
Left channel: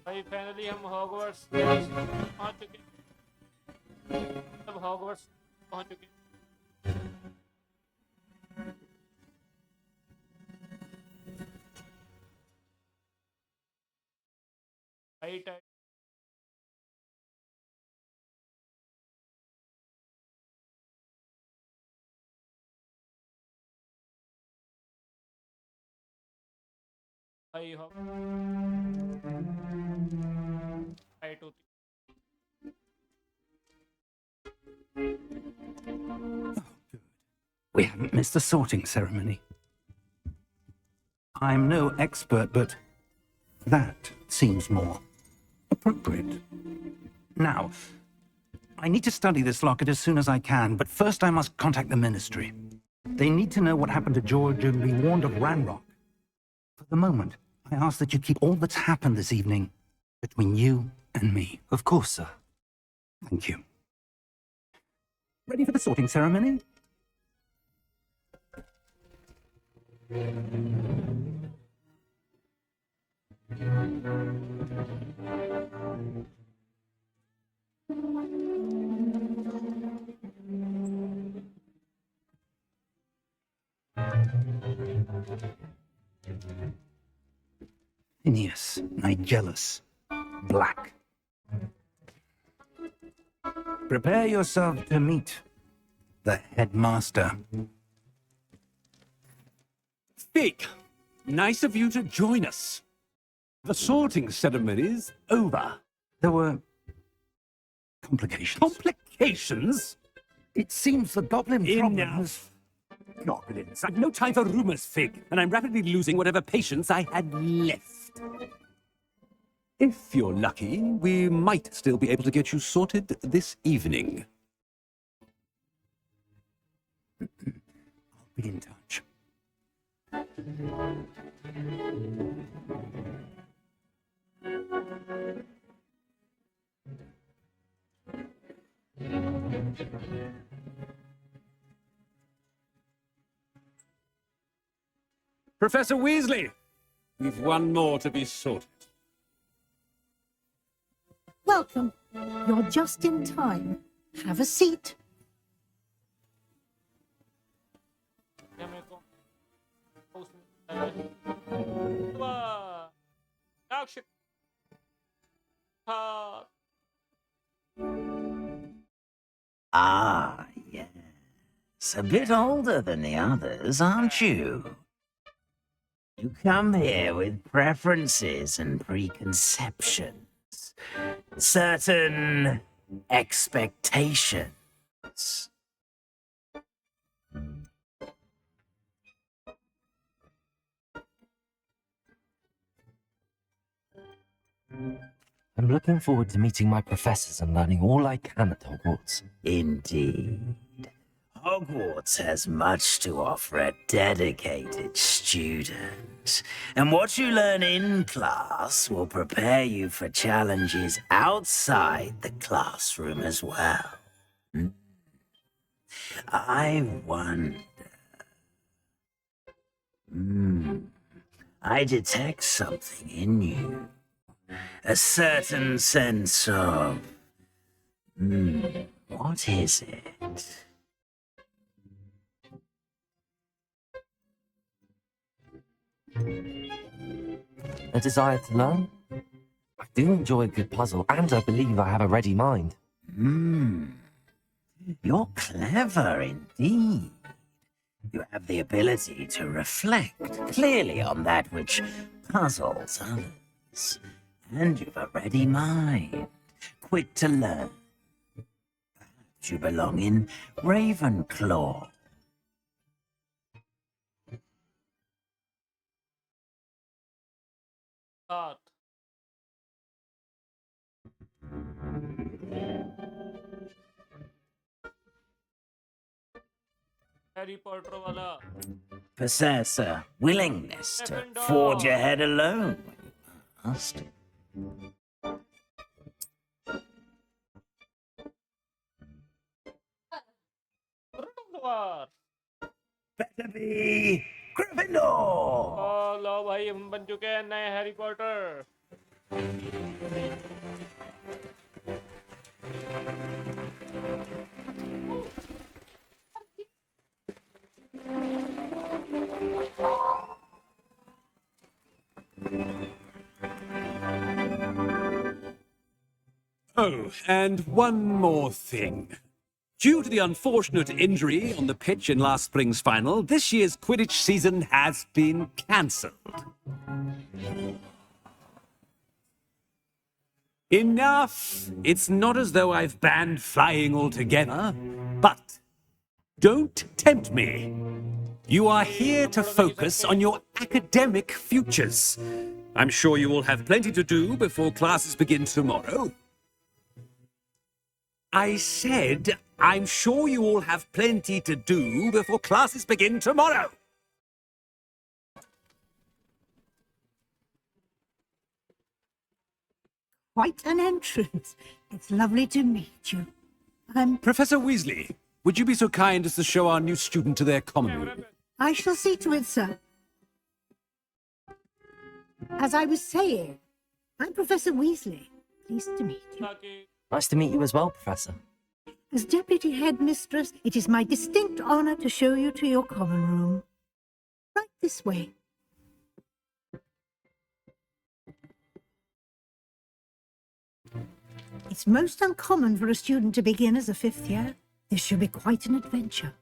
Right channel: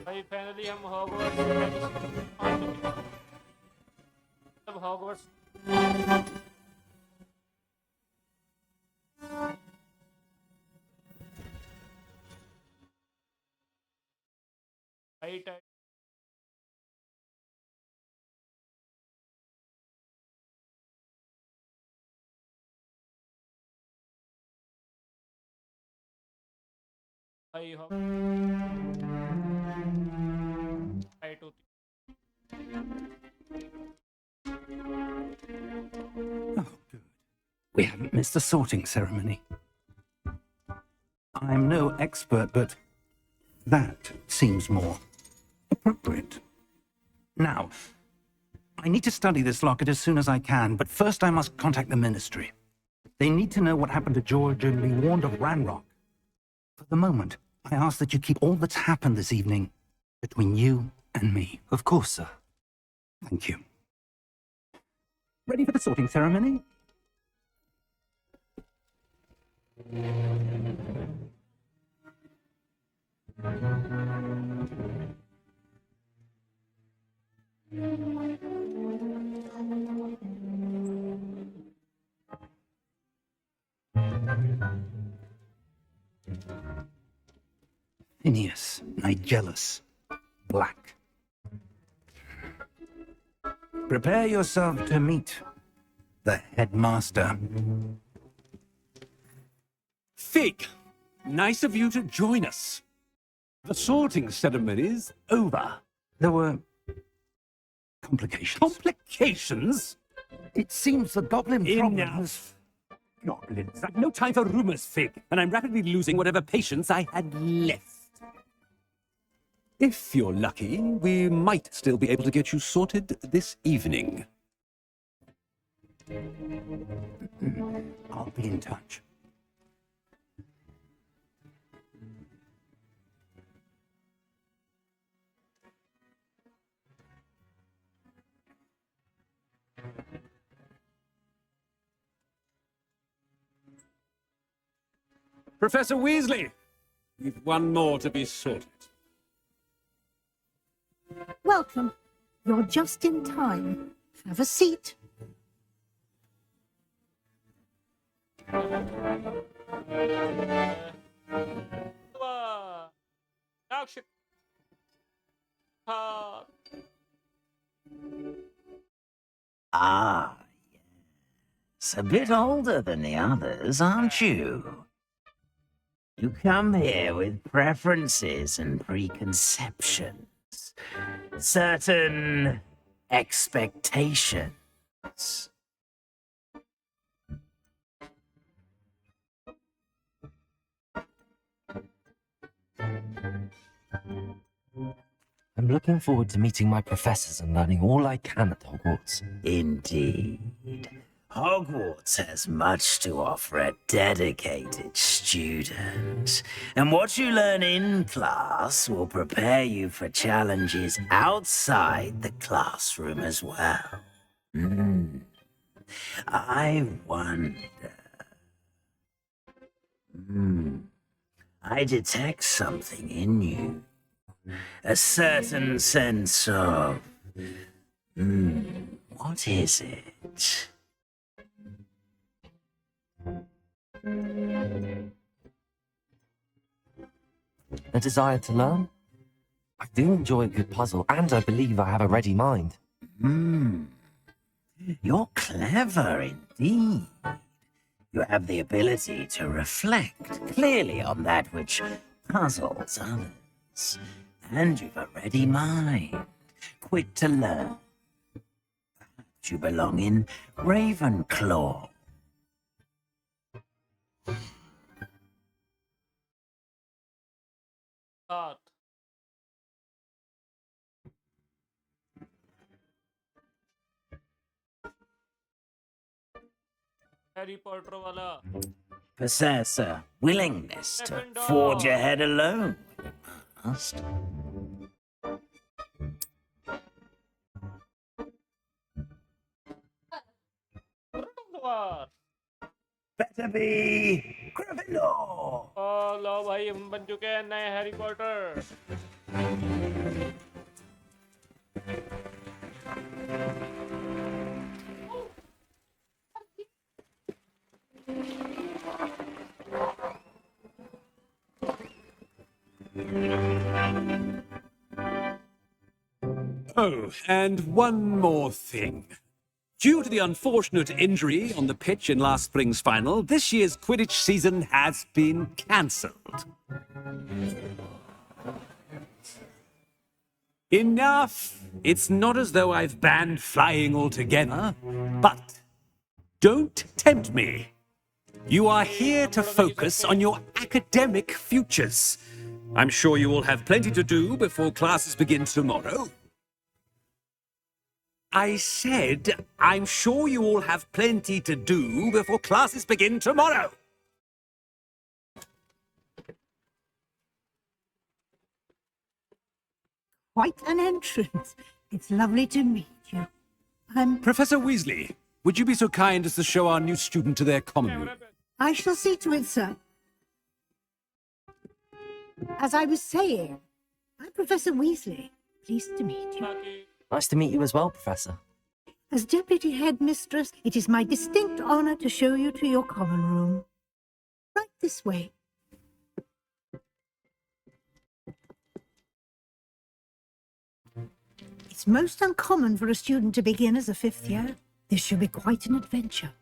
भाई finally हम Hogwarts पहुंच चुके हैं अब Hogwarts right भाई हो राइट होती Oh, good. We haven't missed the sorting ceremony. I'm no expert, but that seems more appropriate. Now, I need to study this locket as soon as I can, but first I must contact the Ministry. They need to know what happened to George and be warned of Ranrock. For the moment, I ask that you keep all that's happened this evening between you and me. Of course, sir. Thank you. Ready for the sorting ceremony? Phineas, Nigellus, Black. Prepare yourself to meet the headmaster. Fig, nice of you to join us. The sorting ceremony's over. There were complications. Complications? It seems the goblin problem has... Enough. Goblins. I've no time for rumors, Fig, and I'm rapidly losing whatever patience I had left. If you're lucky, we might still be able to get you sorted this evening. I'll be in touch. Professor Weasley, we've one more to be sorted. Welcome. You're just in time. Have a seat. Ah, yes. A bit older than the others, aren't you? You come here with preferences and preconceptions. Certain expectations. I'm looking forward to meeting my professors and learning all I can at Hogwarts. Indeed. Hogwarts has much to offer a dedicated student, and what you learn in class will prepare you for challenges outside the classroom as well. I wonder... I detect something in you. A certain sense of... what is it? A desire to learn? I do enjoy a good puzzle, and I believe I have a ready mind. You're clever indeed. You have the ability to reflect clearly on that which puzzles others. And you've a ready mind, quick to learn. Perhaps you belong in Ravenclaw. साथ Harry Potter वाला Possess a willingness to Gryffindor. forge ahead alone when you must. Gryffindor. Better be Gryffindor! ओ लो भाई हम बन चुके हैं नए Harry Potter Oh, and one more thing. Due to the unfortunate injury on the pitch in last spring's final, this year's Quidditch season has been cancelled. Enough! It's not as though I've banned flying altogether, but don't tempt me. You are here to focus on your academic futures. I'm sure you will have plenty to do before classes begin tomorrow. I said, I'm sure you all have plenty to do before classes begin tomorrow. Quite an entrance. It's lovely to meet you. Professor Weasley, would you be so kind as to show our new student to their common room? I shall see to it, sir. As I was saying, I'm Professor Weasley. Pleased to meet you. Nice to meet you as well, Professor. As Deputy Headmistress, it is my distinct honor to show you to your common room. Right this way. It's most uncommon for a student to begin as a fifth year. This should be quite an adventure.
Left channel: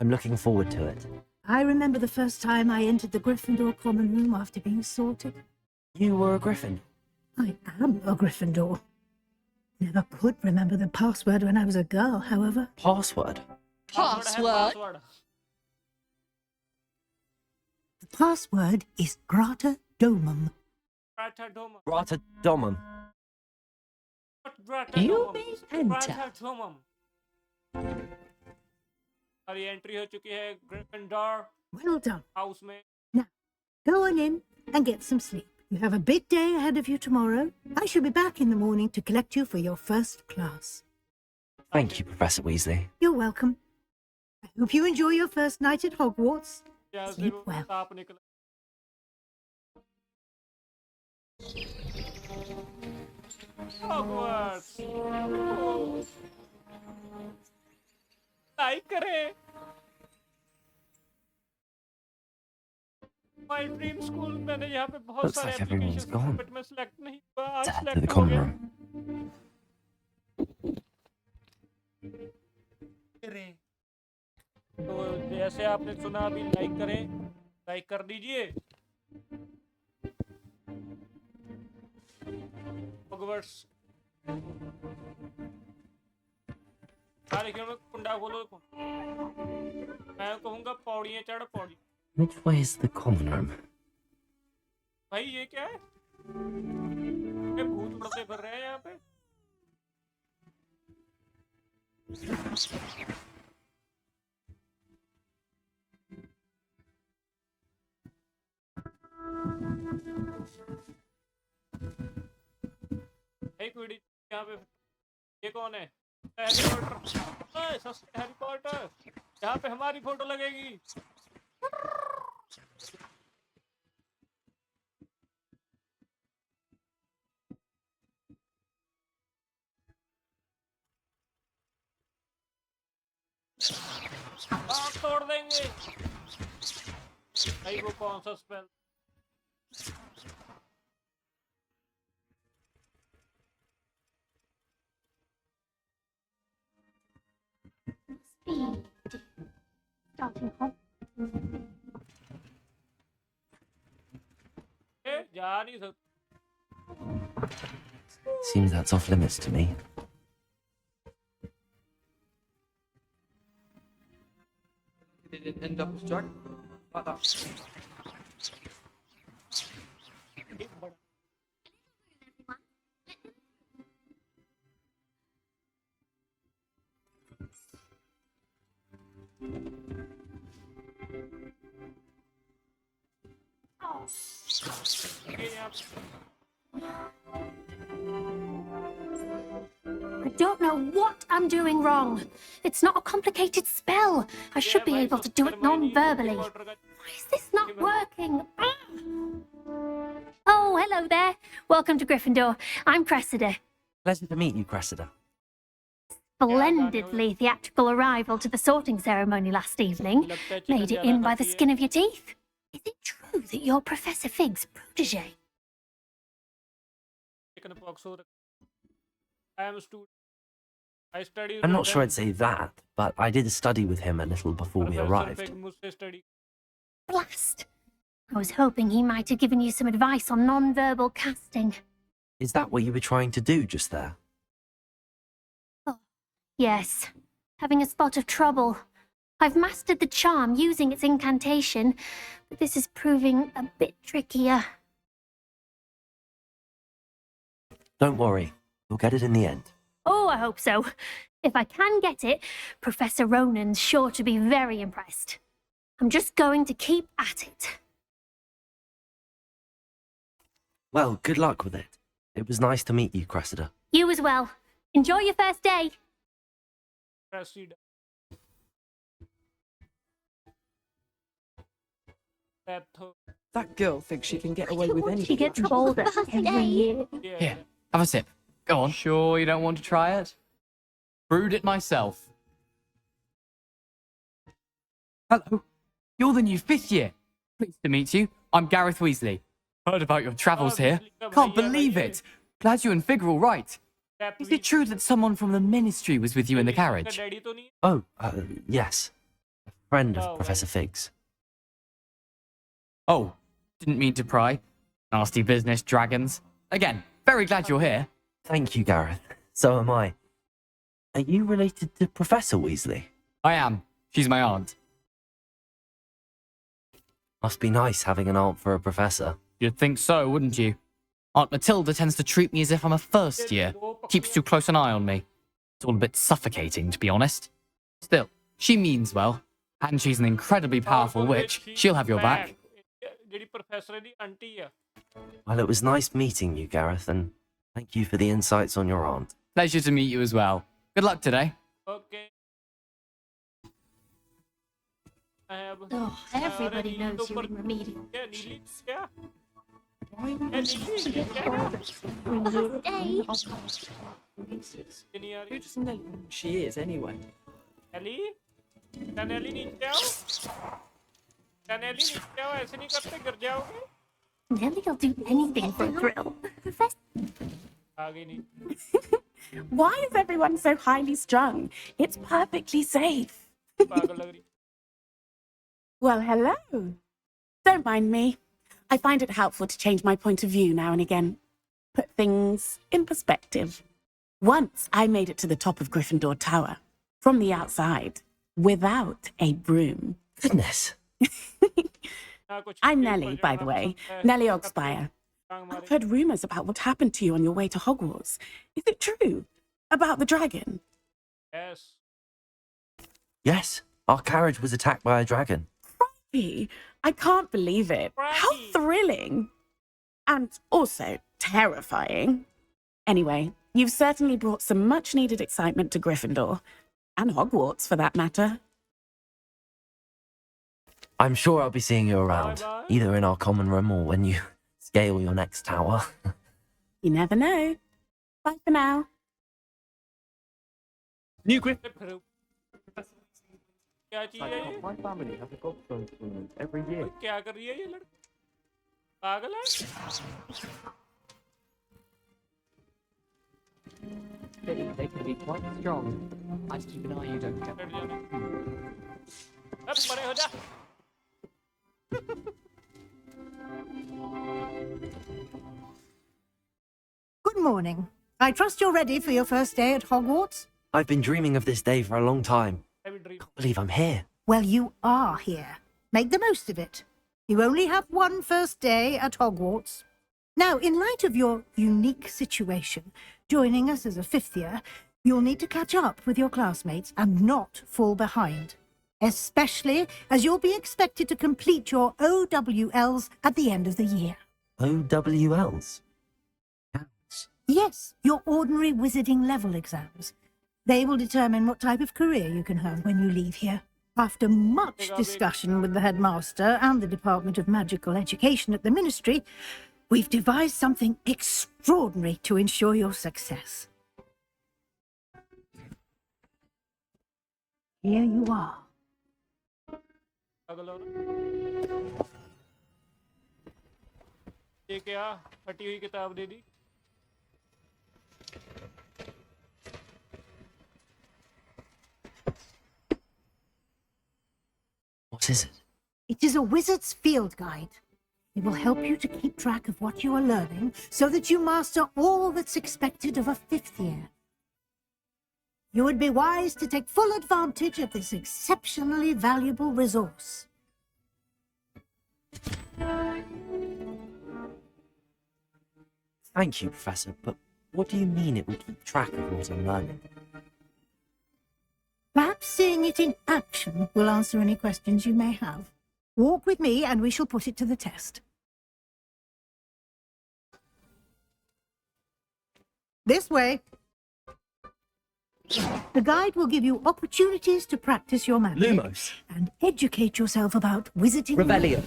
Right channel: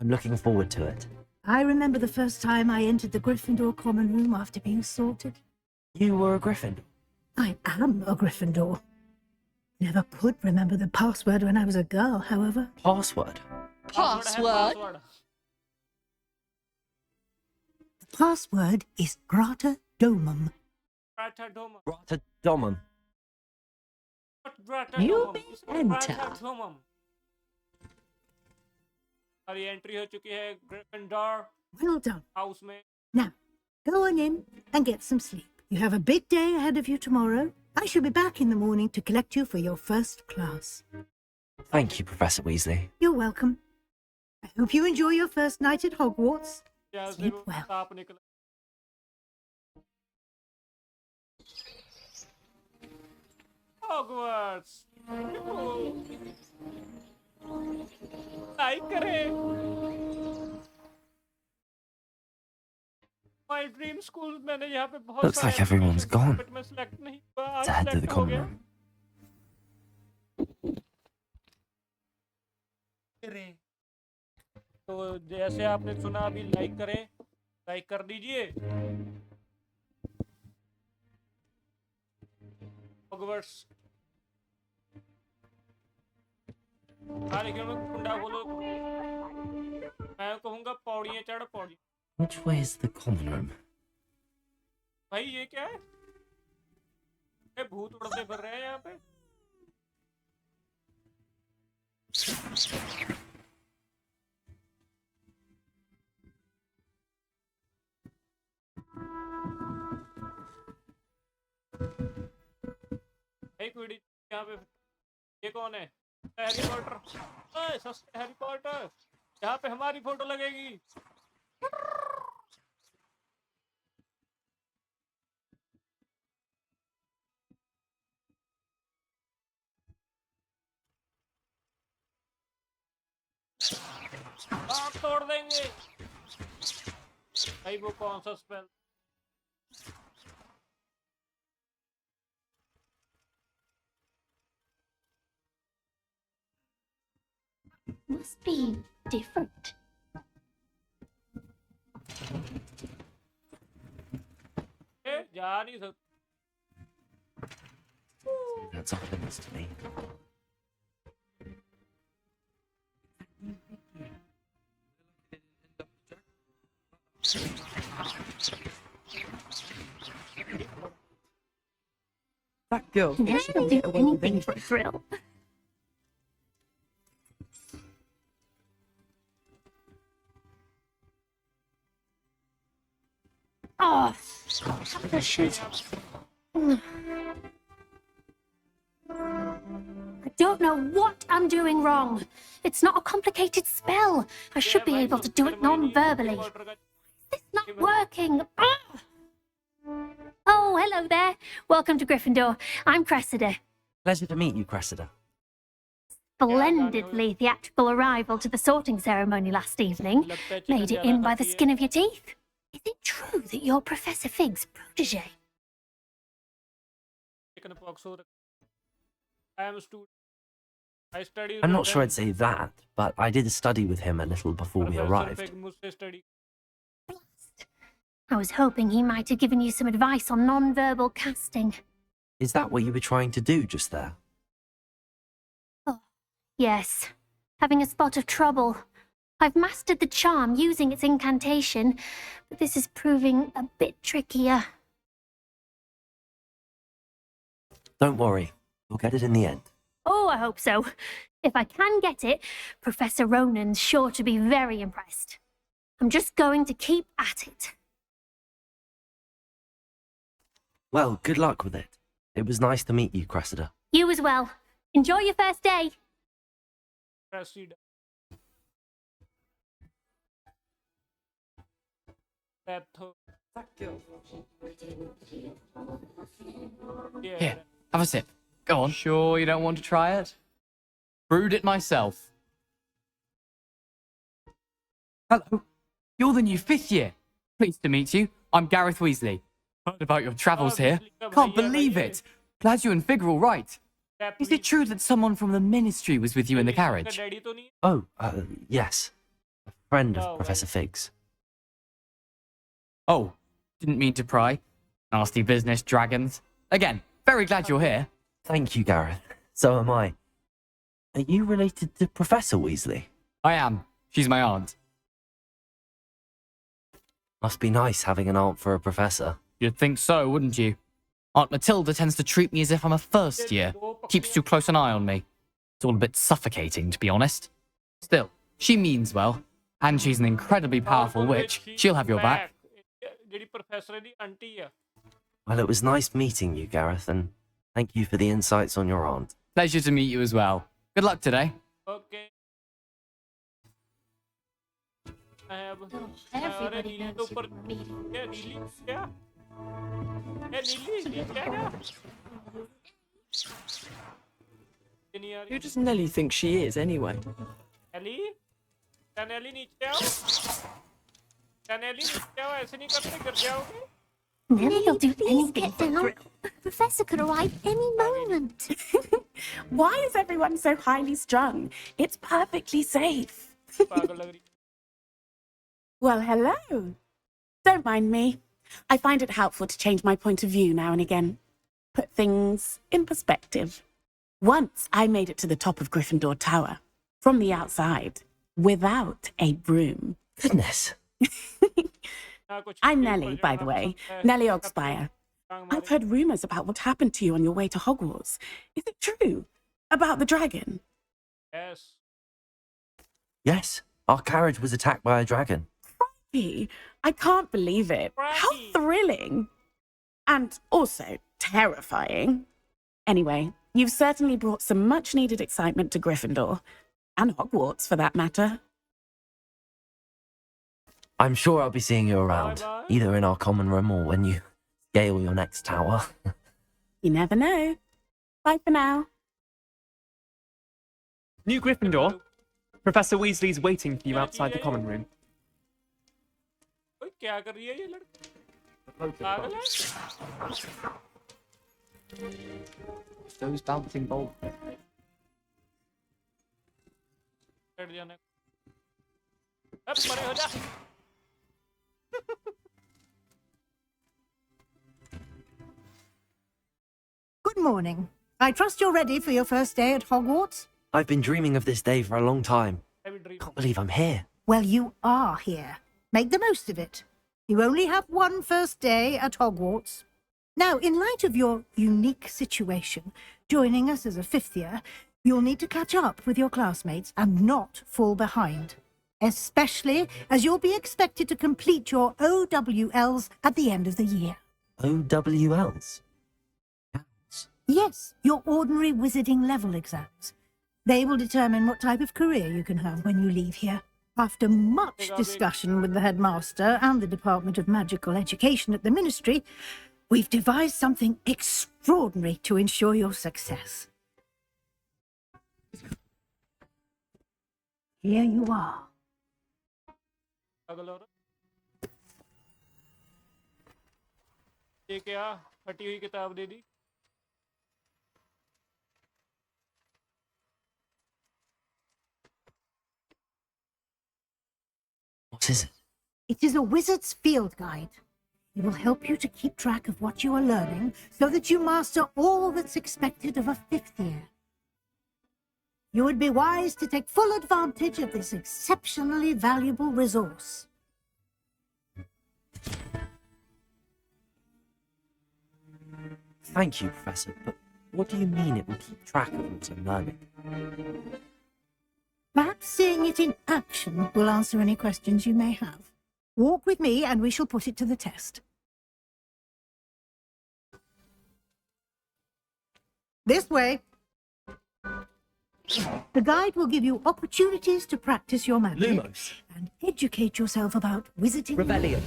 I'm looking forward to it. I remember the first time I entered the Gryffindor common room after being sorted. You were a Gryffindor? I am a Gryffindor. Never could remember the password when I was a girl, however. Password? password The password is Grata Domum. Grata Domum. You may enter. हमारी entry हो चुकी है Gryffindor Well done. House में Now, go on in and get some sleep. You have a big day ahead of you tomorrow. I shall be back in the morning to collect you for your first class. Thank you, Professor Weasley. You're welcome. I hope you enjoy your first night at Hogwarts. जहाँ से Sleep वो well. सांप निकला Hogwarts like करें My dream school मैंने यहाँ पे बहुत Looks सारे like everyone's applications gone. but मैं select नहीं हुआ आज To head to the select हो common गया room. तो जैसे आपने सुना अभी लाइक करें लाइक कर दीजिए Hogwarts में कुंडा खोलो मैं कहूँगा पौड़ियाँ चढ़ Pauri Which way is the common room? भाई ये क्या है ये भूत उड़ते फिर रहे हैं यहाँ पे एक मिनट यहाँ पे ये कौन है हैरी पॉटर ओए सस्ते हैरी पॉटर यहाँ पे हमारी फोटो लगेगी आग तोड़ देंगे। भाई वो कौन सा spell? Must be different. Starting home. जा नहीं सकते। Seems that's off limits to me. They didn't end up as dragon like that. That girl thinks she can Do get away with anything anything. for a thrill. Oh, precious. I don't know what I'm doing wrong. It's not a complicated spell. I should be able to do it non-verbally. Why is this not working? Ah! Oh, hello there. Welcome to Gryffindor. I'm Cressida. Pleasure to meet you, Cressida. Splendidly theatrical arrival to the sorting ceremony last evening. Made it in by the skin of your teeth. Is it true that you're Professor Fig's protege? I am a student. I studied. I'm not sure I'd say that, but I did study with him a little before we arrived. Blast! I was hoping he might have given you some advice on non-verbal casting. Is that what you were trying to do just there? Oh, yes. Having a spot of trouble. I've mastered the charm using its incantation, but this is proving a bit trickier. Don't worry, you'll get it in the end. Oh, I hope so. If I can get it, Professor Ronan's sure to be very impressed. I'm just going to keep at it. Well, good luck with it. It was nice to meet you, Cressida. You as well. Enjoy your first day. That girl thinks she can get away with anything. She gets bolder every year. Here, have a sip. Go on. Sure you don't want to try it? Brewed it myself. Hello. You're the new 5th year. Pleased to meet you. I'm Gareth Weasley. Heard about your travels here. Can't believe it. Glad you and Fig are all right. Is it true that someone from the Ministry was with you in the carriage? Oh, yes. A friend of Professor Fig's. Oh, didn't mean to pry. Nasty business, dragons. Again, very glad you're here. Thank you, Gareth. So am I. Are you related to Professor Weasley? I am. She's my aunt. Must be nice having an aunt for a professor. You'd think so, wouldn't you? Aunt Matilda tends to treat me as if I'm a first year. Keeps too close an eye on me. It's all a bit suffocating, to be honest. Still, she means well. And she's an incredibly powerful witch. She'll have your back. Well, it was nice meeting you, Gareth, and thank you for the insights on your aunt. Pleasure to meet you as well. Good luck today. Okay. Oh, everybody knows you're in remedial. Who does Nelly think she is, anyway? Nelly? Nelly नीचे आओ. Nelly नीचे आओ. ऐसे नहीं करते, गिर जाओगे. Nelly'll do anything for a thrill. Professor could arrive any moment. Why is everyone so highly strung? It's perfectly safe. Well, hello. Don't mind me. I find it helpful to change my point of view now and again. Put things in perspective. Once I made it to the top of Gryffindor Tower, from the outside, without a broom. Goodness. I'm Nelly, by the way. Nelly Ogspire. I've heard rumours about what happened to you on your way to Hogwarts. Is it true? About the dragon? Yes. Yes, our carriage was attacked by a dragon. Crikey, I can't believe it. How thrilling. And also terrifying. Anyway, you've certainly brought some much-needed excitement to Gryffindor. And Hogwarts, for that matter. I'm sure I'll be seeing you around, either in our common room or when you scale your next tower. You never know. Bye for now. New Gryffindor? Professor Weasley's waiting for you क्या outside the चाहिए? common room. Every year. ओए, क्या कर रही है ये लड़की? पागल है? Those bouncing balls, they can be quite strong. I just keep an eye you don't get. बैठ जाना। अब मरे हो जा। Good morning. I trust you're ready for your first day at Hogwarts? I've been dreaming of this day for a long time. Can't believe I'm here. Well, you are here. Make the most of it. You only have one first day at Hogwarts. Now, in light of your unique situation, joining us as a fifth year, you'll need to catch up with your classmates and not fall behind. Especially as you'll be expected to complete your OWLs at the end of the year. OWLs? Yes, your ordinary wizarding level exams. They will determine what type of career you can have when you leave here. After much discussion with the headmaster and the Department of Magical Education at the Ministry, we've devised something extraordinary to ensure your success. Here you are. ये क्या? फटी हुई किताब दे दी। What is it? It is a wizard's field guide. It will help you to keep track of what you are learning so that you master all that's expected of a fifth year. You would be wise to take full advantage of this exceptionally valuable resource. Thank you, Professor, but what do you mean it will keep track of what I'm learning? Perhaps seeing it in action will answer any questions you may have. Walk with me and we shall put it to the test. This way. The guide will give you opportunities to practice your magic. Lumos. And educate yourself about wizarding. Revelio.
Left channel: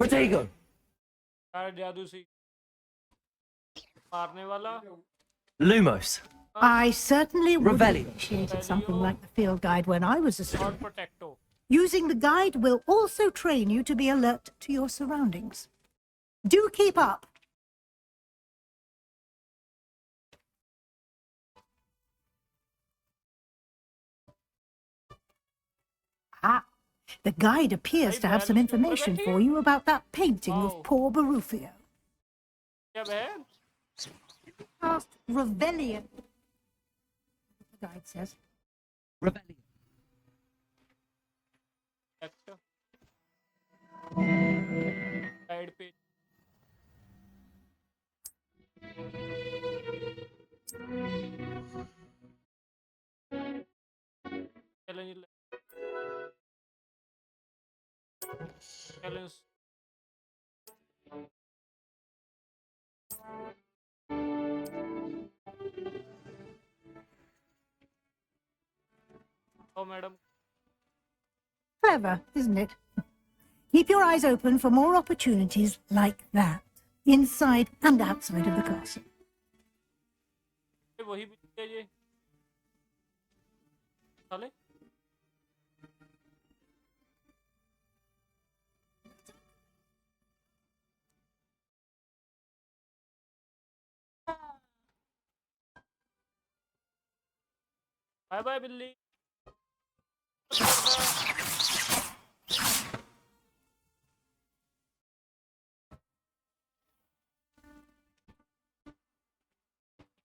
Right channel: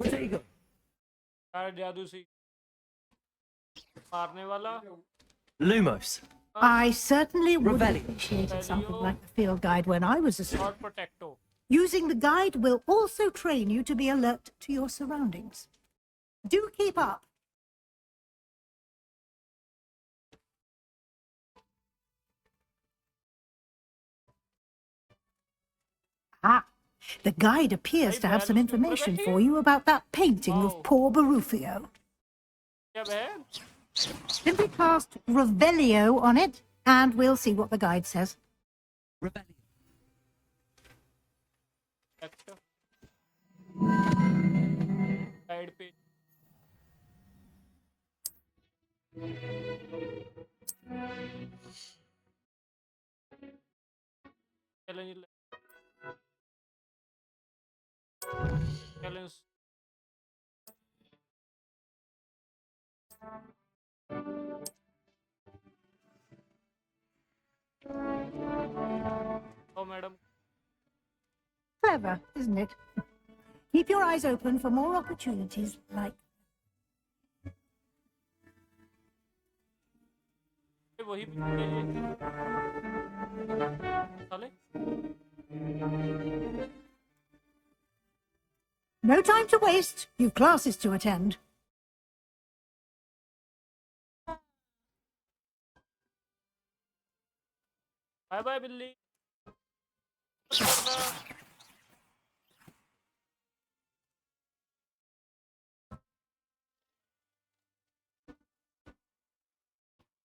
Protego. जादू सी मारने वाला। Lumos. I certainly would have Revelio. initiated something like the field guide when I was a और student. protecto। Using the guide will also train you to be alert to your surroundings. Do keep up. Ah, the guide appears to have some information for you about that painting of poor Barufio. क्या बहन? Simply cast Revelio on it, and we'll see what the guide says. Revelio. Guide page। Challenge। Challenge। Oh, madam। Clever, isn't it? Keep your eyes open for more opportunities like that, inside and outside of the castle. वही चाहिए। साले। No time to waste. You've classes to attend. Bye bye बिल्ली।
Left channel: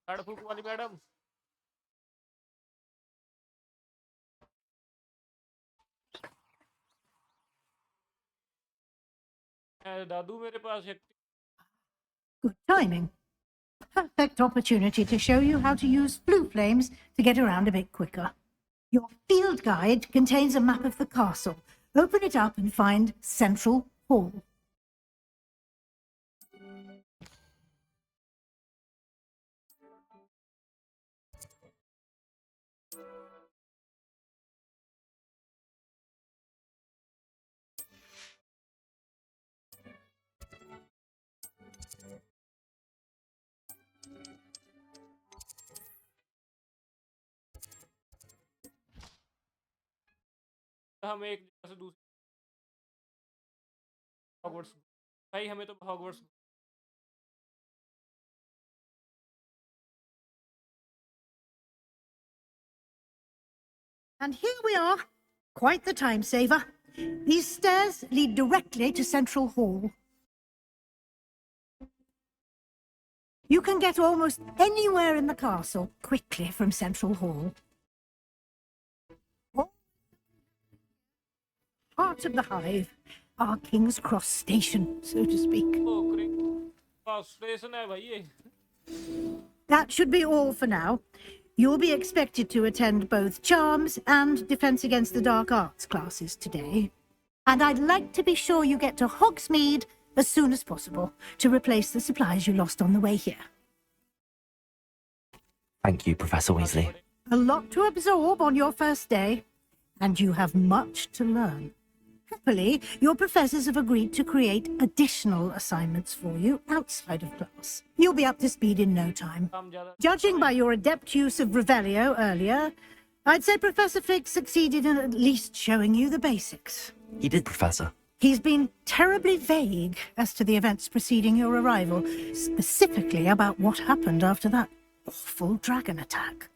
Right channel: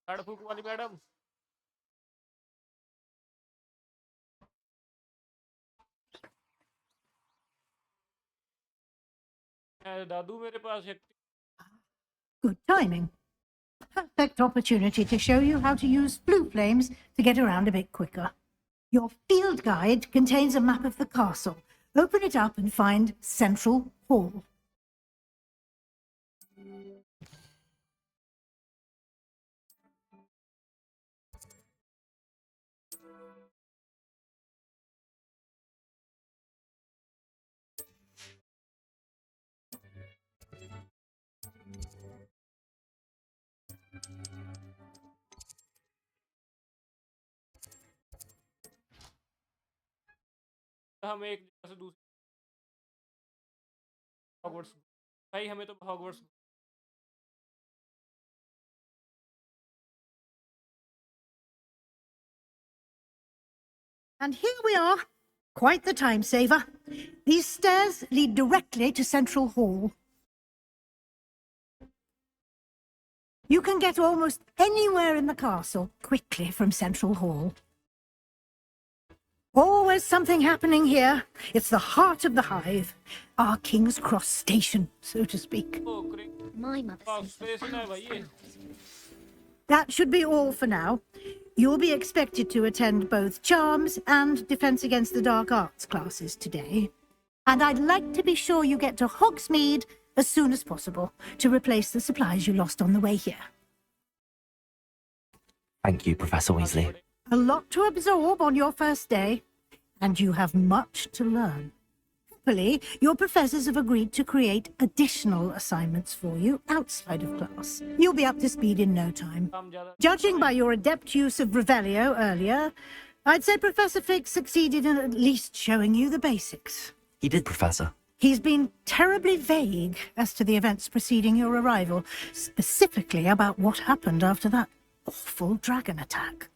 झाड़ फूक वाली madam. दादू मेरे पास एक। Good timing. Perfect opportunity to show you how to use blue flames to get around a bit quicker. Your field guide contains a map of the castle. Open it up and find Central Hall. हम एक जगह से दूसरी Hogwarts भाई हमें तो Hogwarts And here we are. Quite the time saver. These stairs lead directly to Central Hall. You can get almost anywhere in the castle quickly from Central Hall. Always something happening here. It's the heart of the hive. Our King's Cross station, so to speak. My mother. Station है भाई ये That should be all for now. You'll be expected to attend both Charms and Defense Against the Dark Arts classes today. And I'd like to be sure you get to Hogsmeade as soon as possible to replace the supplies you lost on the way here. Thank you, Professor Weasley. A lot to absorb on your first day, and you have much to learn. Happily, your professors have agreed to create additional assignments for you outside of class. You'll be up to speed in no time. Judging by your adept use of Revelio earlier, I'd say Professor Fig succeeded in at least showing you the basics. He did, Professor. He's been terribly vague as to the events preceding your arrival, specifically about what happened after that awful dragon attack.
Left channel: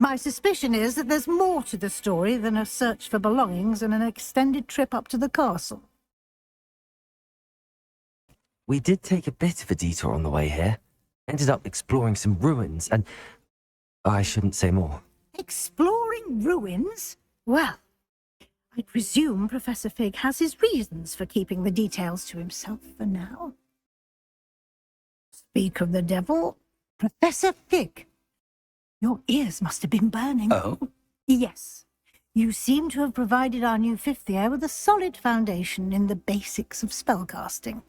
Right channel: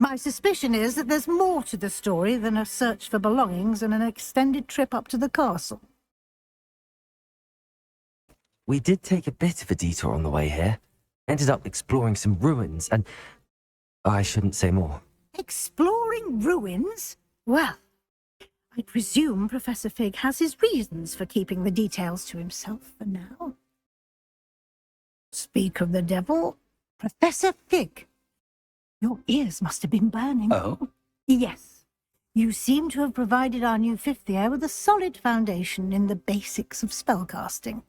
My suspicion is that there's more to the story than a search for belongings and an extended trip up to the castle. We did take a bit of a detour on the way here. Ended up exploring some ruins and... I shouldn't say more. Exploring ruins? Well, I presume Professor Fig has his reasons for keeping the details to himself for now. Speak of the devil, Professor Fig. Your ears must have been burning. Oh? Yes. You seem to have provided our new fifth year with a solid foundation in the basics of spellcasting.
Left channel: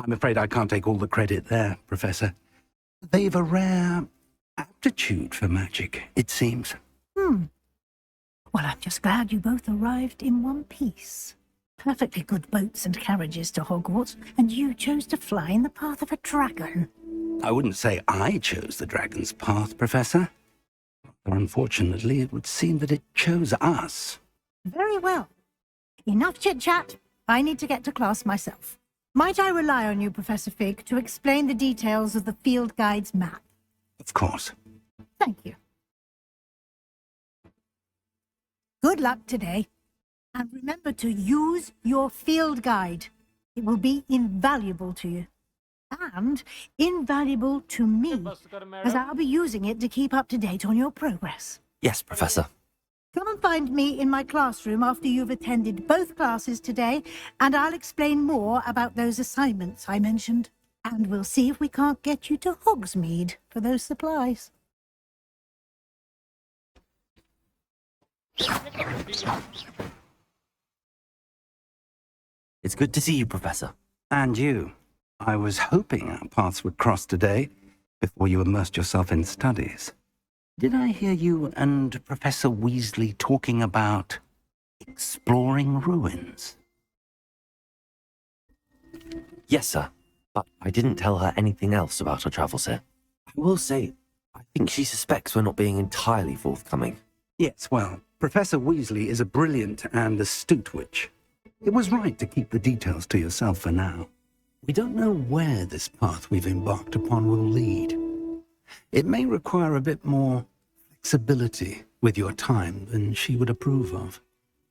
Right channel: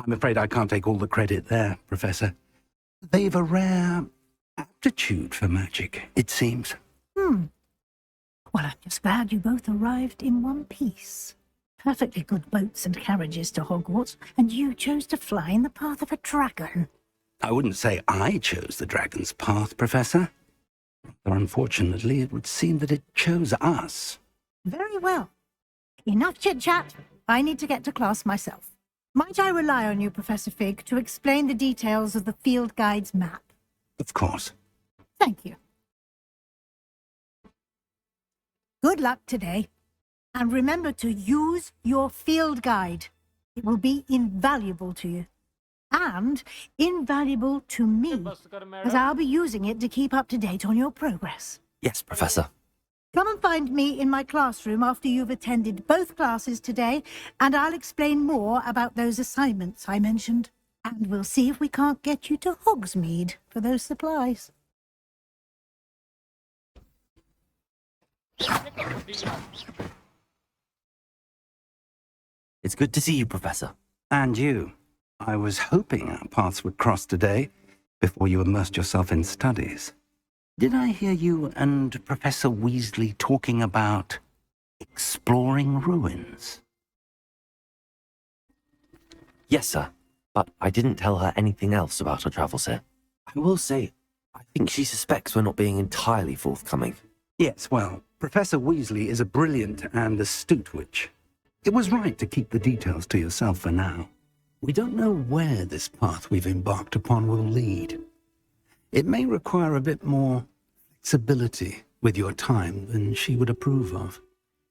I'm afraid I can't take all the credit there, Professor. They've a rare aptitude for magic, it seems. Well, I'm just glad you both arrived in one piece. Perfectly good boats and carriages to Hogwarts, and you chose to fly in the path of a dragon. I wouldn't say I chose the dragon's path, Professor. Rather unfortunately, it would seem that it chose us. Very well. Enough chit-chat. I need to get to class myself. Might I rely on you, Professor Fig, to explain the details of the field guide's map? Of course. Thank you. Good luck today. And remember to use your field guide. It will be invaluable to you. And invaluable to me, as I'll be using it to keep up to date on your progress. Yes, Professor. Come and find me in my classroom after you've attended both classes today, and I'll explain more about those assignments I mentioned. And we'll see if we can't get you to Hogsmeade for those supplies. It's good to see you, Professor. And you. I was hoping our paths would cross today, before you immersed yourself in studies. Did I hear you and Professor Weasley talking about exploring ruins? Yes, sir. But I didn't tell her anything else about our travels here. I will say, I think she suspects we're not being entirely forthcoming. Yes, well, Professor Weasley is a brilliant and astute witch. It was right to keep the details to yourself for now. We don't know where this path we've embarked upon will lead. It may require a bit more flexibility with your time than she would approve of.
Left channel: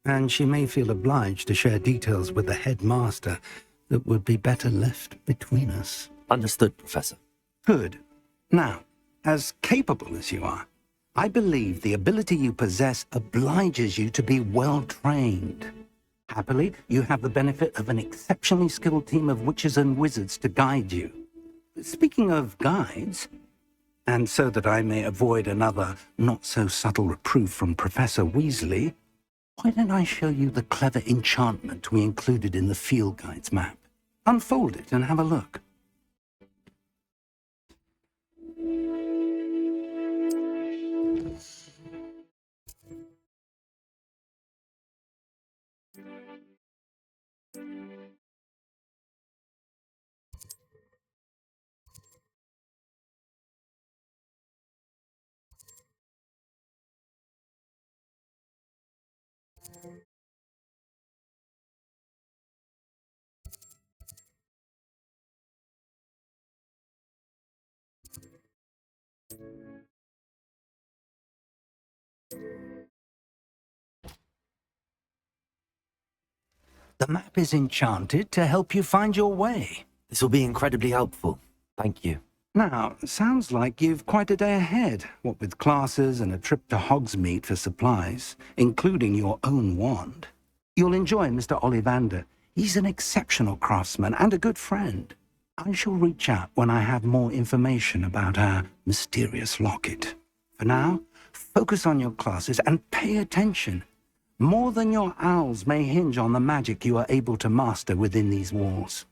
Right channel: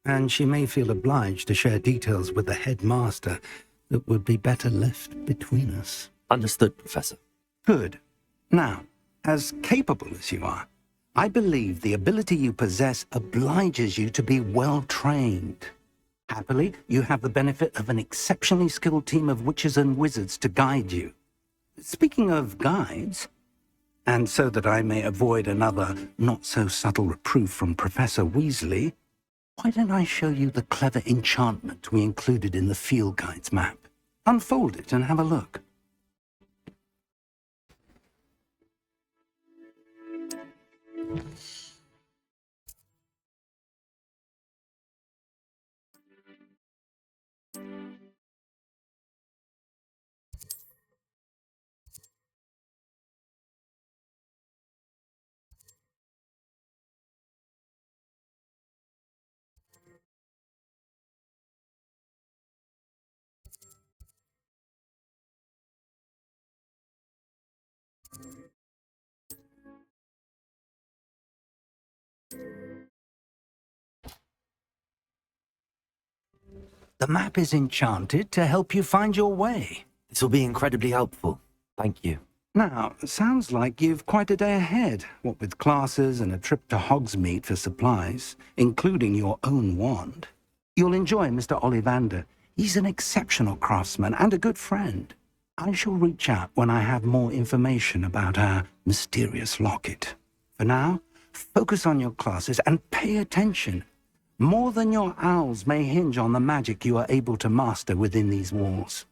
And she may feel obliged to share details with the headmaster that would be better left between us. Understood, Professor. Good. Now, as capable as you are, I believe the ability you possess obliges you to be well-trained. Happily, you have the benefit of an exceptionally skilled team of witches and wizards to guide you. Speaking of guides, and so that I may avoid another not-so-subtle reproof from Professor Weasley, why don't I show you the clever enchantment we included in the field guide's map? Unfold it and have a look. The map is enchanted to help you find your way. This will be incredibly helpful. Thank you. Now, sounds like you've quite a day ahead, what with classes and a trip to Hogsmeade for supplies, including your own wand. You'll enjoy Mr. Ollivander. He's an exceptional craftsman and a good friend. I shall reach out when I have more information about our mysterious locket. For now, focus on your classes and pay attention. More than your owls may hinge on the magic you are able to master within these walls.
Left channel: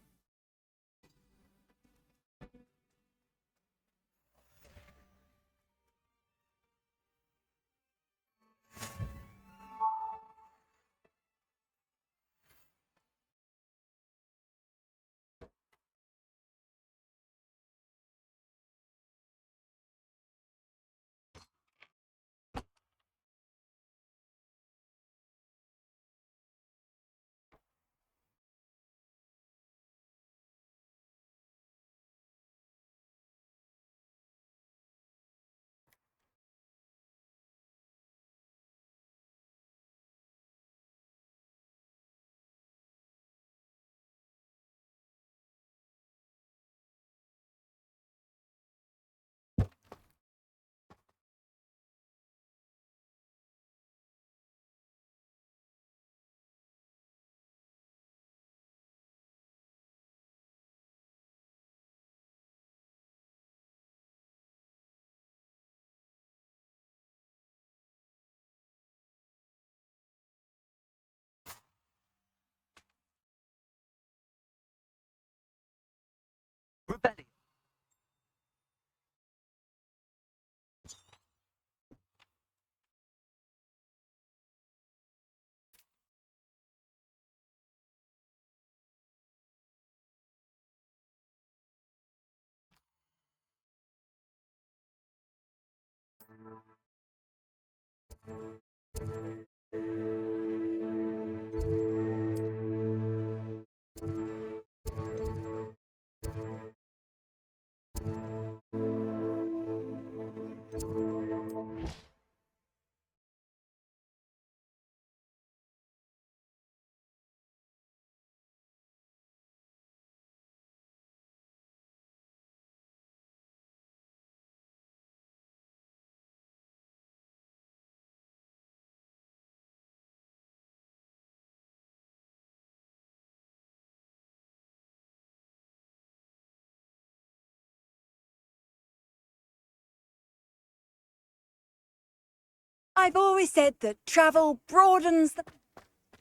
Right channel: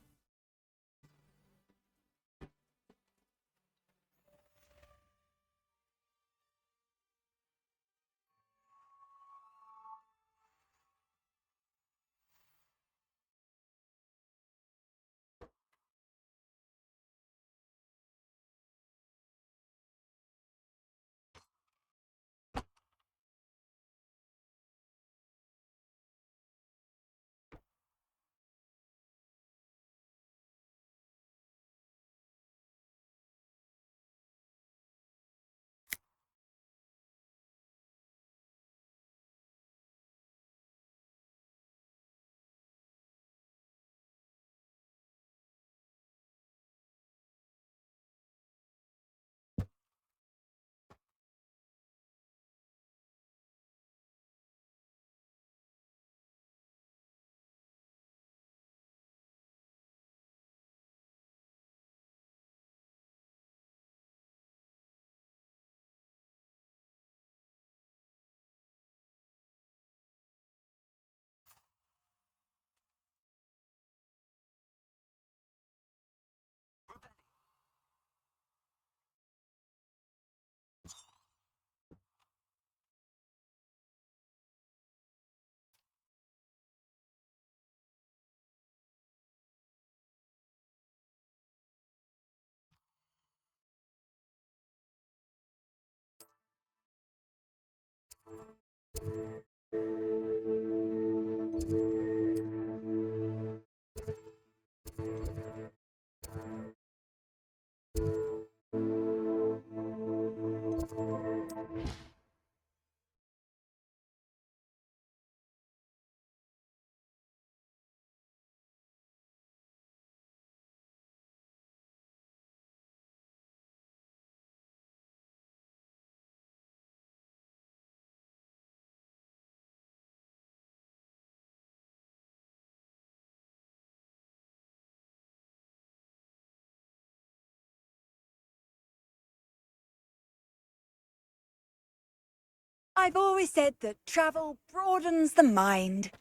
I've always said that travel broadens the mind.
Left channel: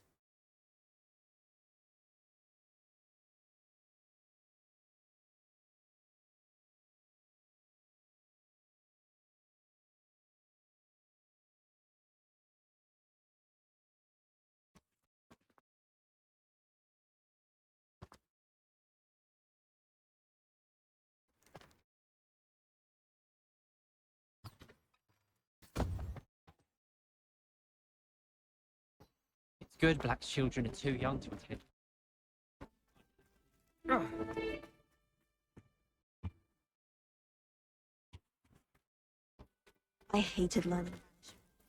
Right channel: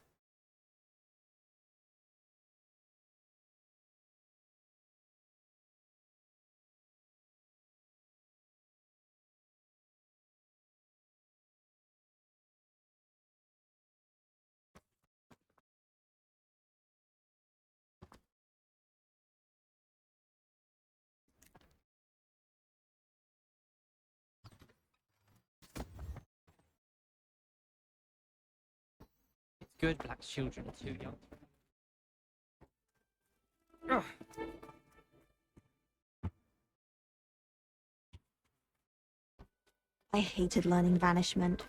It's good black children are too young to attend. Ugh. I hated learning banishment.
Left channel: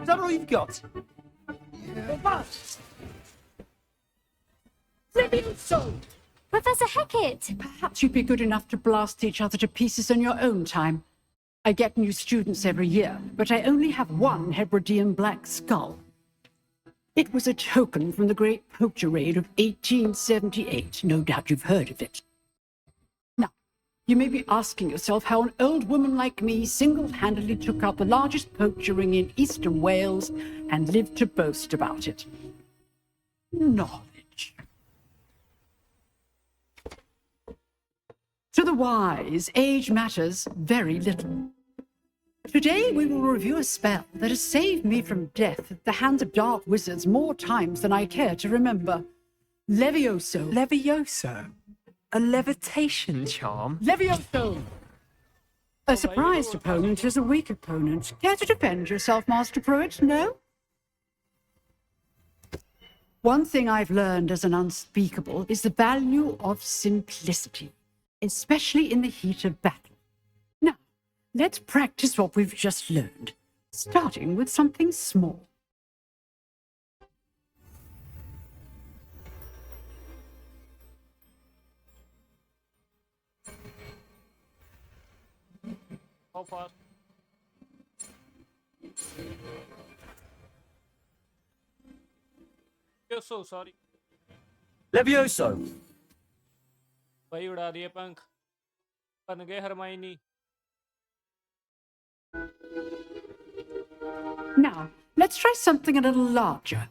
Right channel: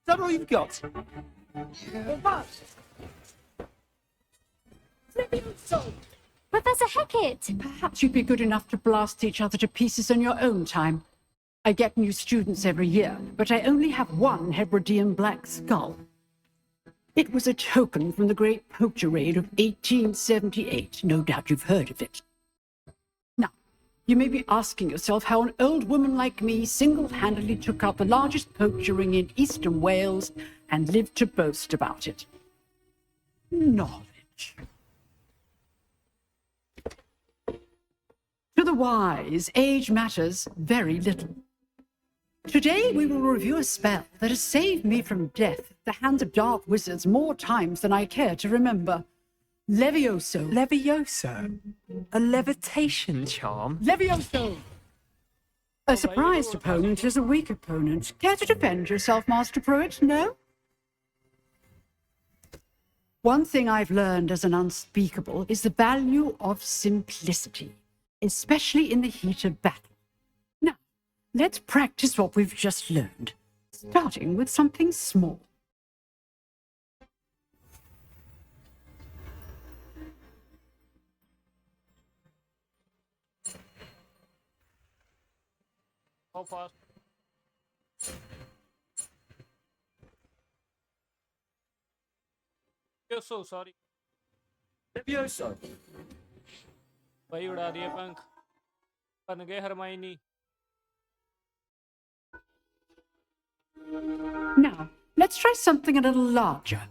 Is that all you've got? Levioso! Professor Hecat! Perhaps you'd be good enough to blast each other to pieces in your own time. I get new students every year, but I only have one Hebridean black skull. It was a token from the Great Poacher Raid of 1878. No doubt you've heard of it. Now, you may be asking yourself how an old woman like me single-handedly took out the largest poacher ring in eastern Wales and lived to boast about it. Knowledge. To the wise, age matters very little. Today we will review a spell that has saved me from death at the hands of dark wizards more times than I care to remember. Levioso. Levioso? A levitation charm? Levioso! A surprised opponent is a weak opponent. Care to defend yourself, Master Pruitt? No? One thing I've learned as an unspeakable is the value of simplicity, especially in the heat of battle. Now, let's practice what we've just learned, starting with something small. How fast? You're so sorry. Levioso! भाई उड़ा दिए पंख बन गए Hermione. Now, let's try something a little larger.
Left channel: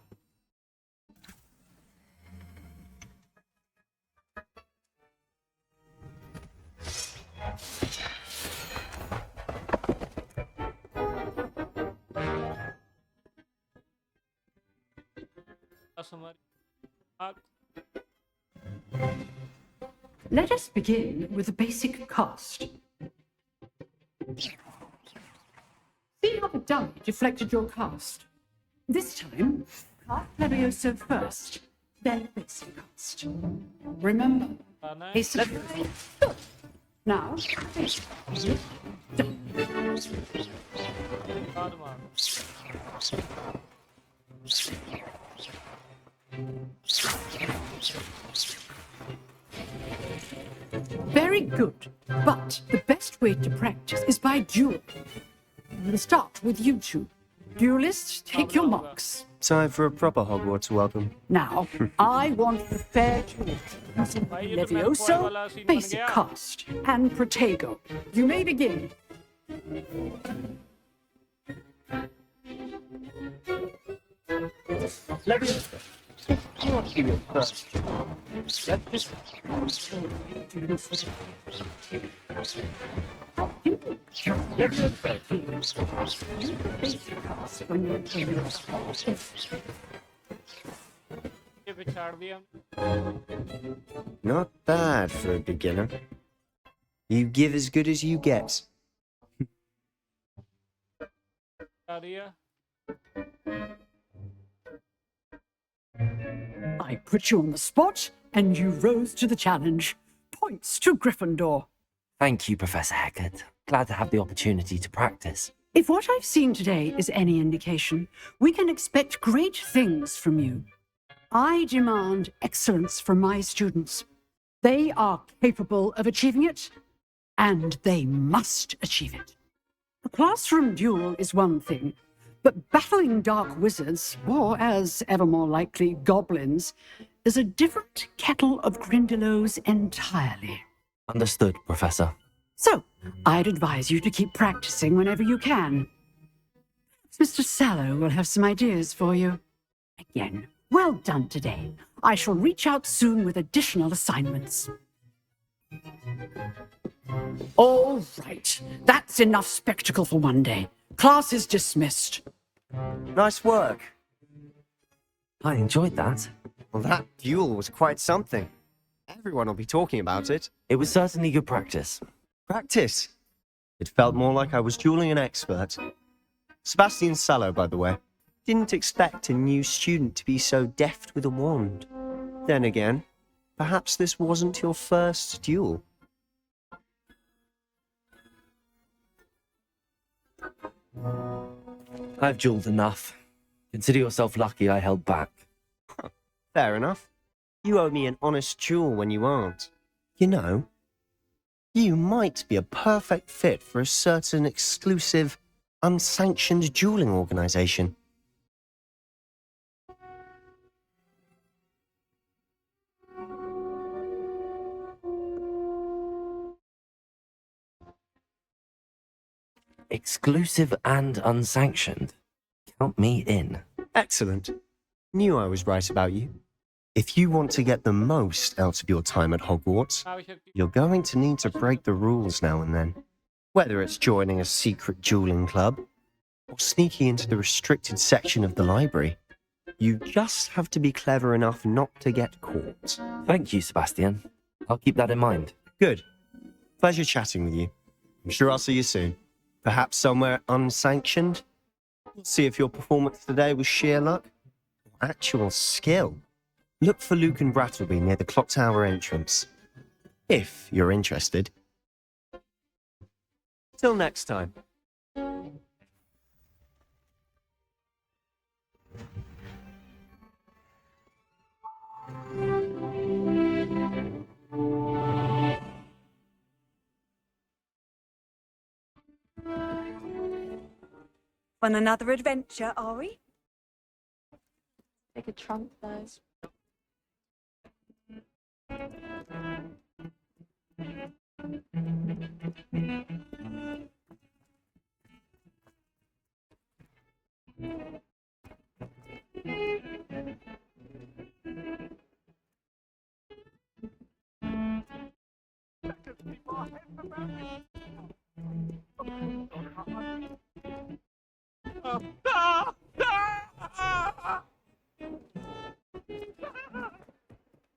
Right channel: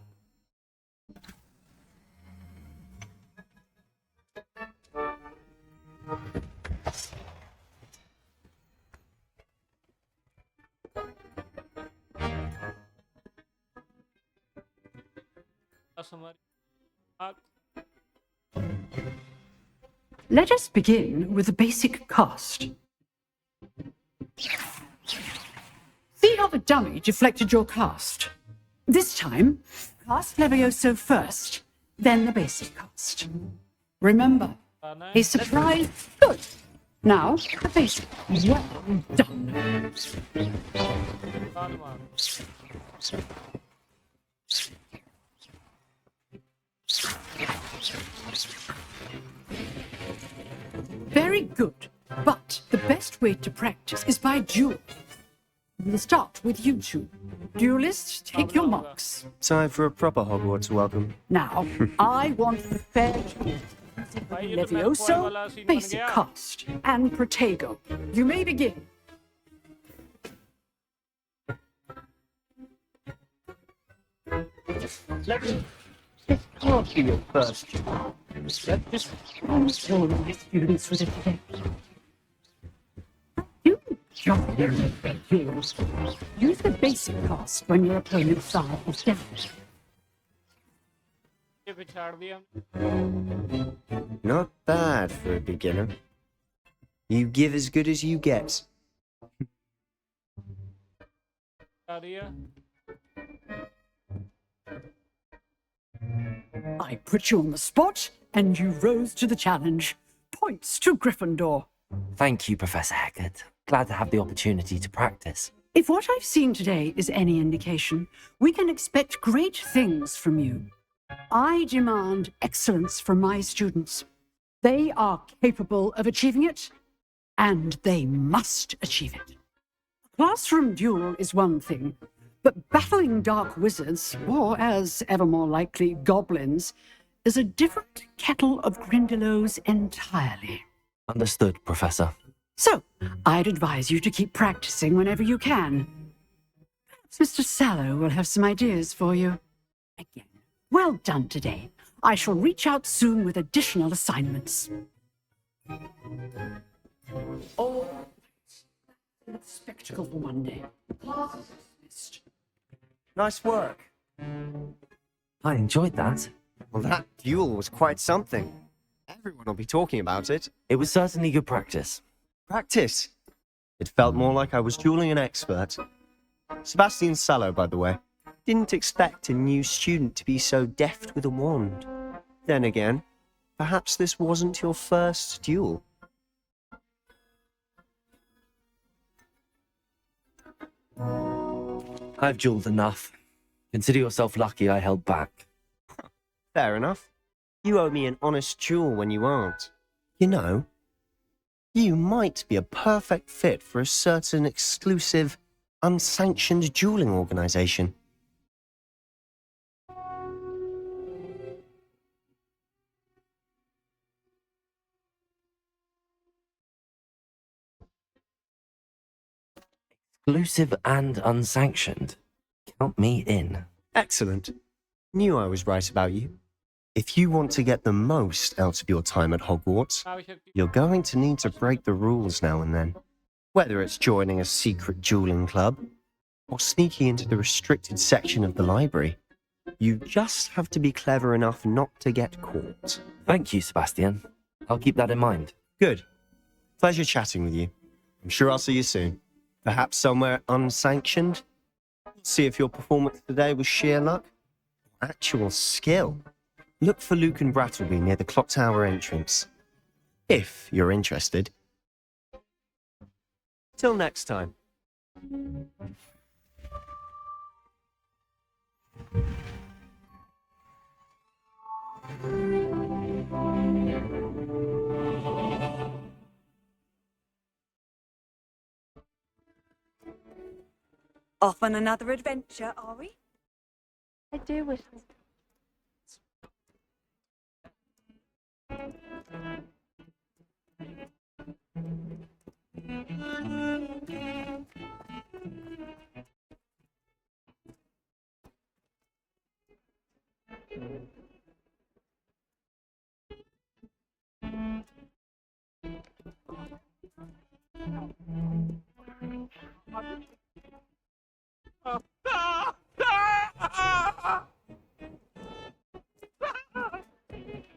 Let us begin with the basic cast. See how the dummy deflected your cast. This time, cast Levioso first, then the basic cast. Remember, a surprise. Good. Now, the basic. Well done. Very good. But the best way to practice is by duel. We'll start with you two. Duelists, take your marks. Time for a proper Hogwarts welcome. Now, I want the fair duel using Levioso, basic cast, and Protego. You may begin. Levioso, this can't be your first job. Let's just console the students with a Use the basic cast when your opponent's side is damaged. ये बिछाड़ दिया. Not bad for a beginner. You give as good as you get. आ दिया. I put you on the spot, and you rose to the challenge. Points to Gryffindor. Thank you, Professor Hecat. Glad to have the opportunity to practice. If what I've seen today is any indication, we can expect great things from you. I demand excellence from my students. They are capable of achieving it, and they must achieve it. A classroom duel is one thing, but battling dark wizards, or as ever more likely, goblins, is a different kettle of Grindylows entirely. Understood, Professor. So, I'd advise you to keep practicing whenever you can. Perhaps Mr. Sallow will have some ideas for you. Again, well done today. I shall reach out soon with additional assignments. All right, that's enough spectacle for one day. Class is dismissed. Nice work. I enjoyed that. Well, that duel was quite something. Everyone will be talking about it. It was certainly good practice. Practice? It felt more like I was dueling an expert. Sebastian Sallow, by the way. Didn't expect a new student to be so deft with a wand. Then again, perhaps this wasn't your first duel. I've jeweled enough. Consider yourself lucky I held back. Fair enough. You owe me an honest jewel when you aren't. You know, you might be a perfect fit for a certain exclusive, unsanctioned dueling organization. Exclusive and unsanctioned. Count me in. Excellent. Knew I was right about you. If you want to get the most out of your time at Hogwarts, you're going to need to break the rules now and then. Whether it's joining a secret dueling club, or sneaking into the restricted section of the library, you just have to be clever enough not to get caught. Thank you, Sebastian. I'll keep that in mind. Good. Pleasure chatting with you. I'm sure I'll see you soon. Perhaps somewhere unsanctioned? We'll see if your performance today was sheer luck or actual skill. Look for Luke and Brattleby near the clock tower entrance. If you're interested. Till next time. Off on another adventure, are we? I do wish I could take a trunk though.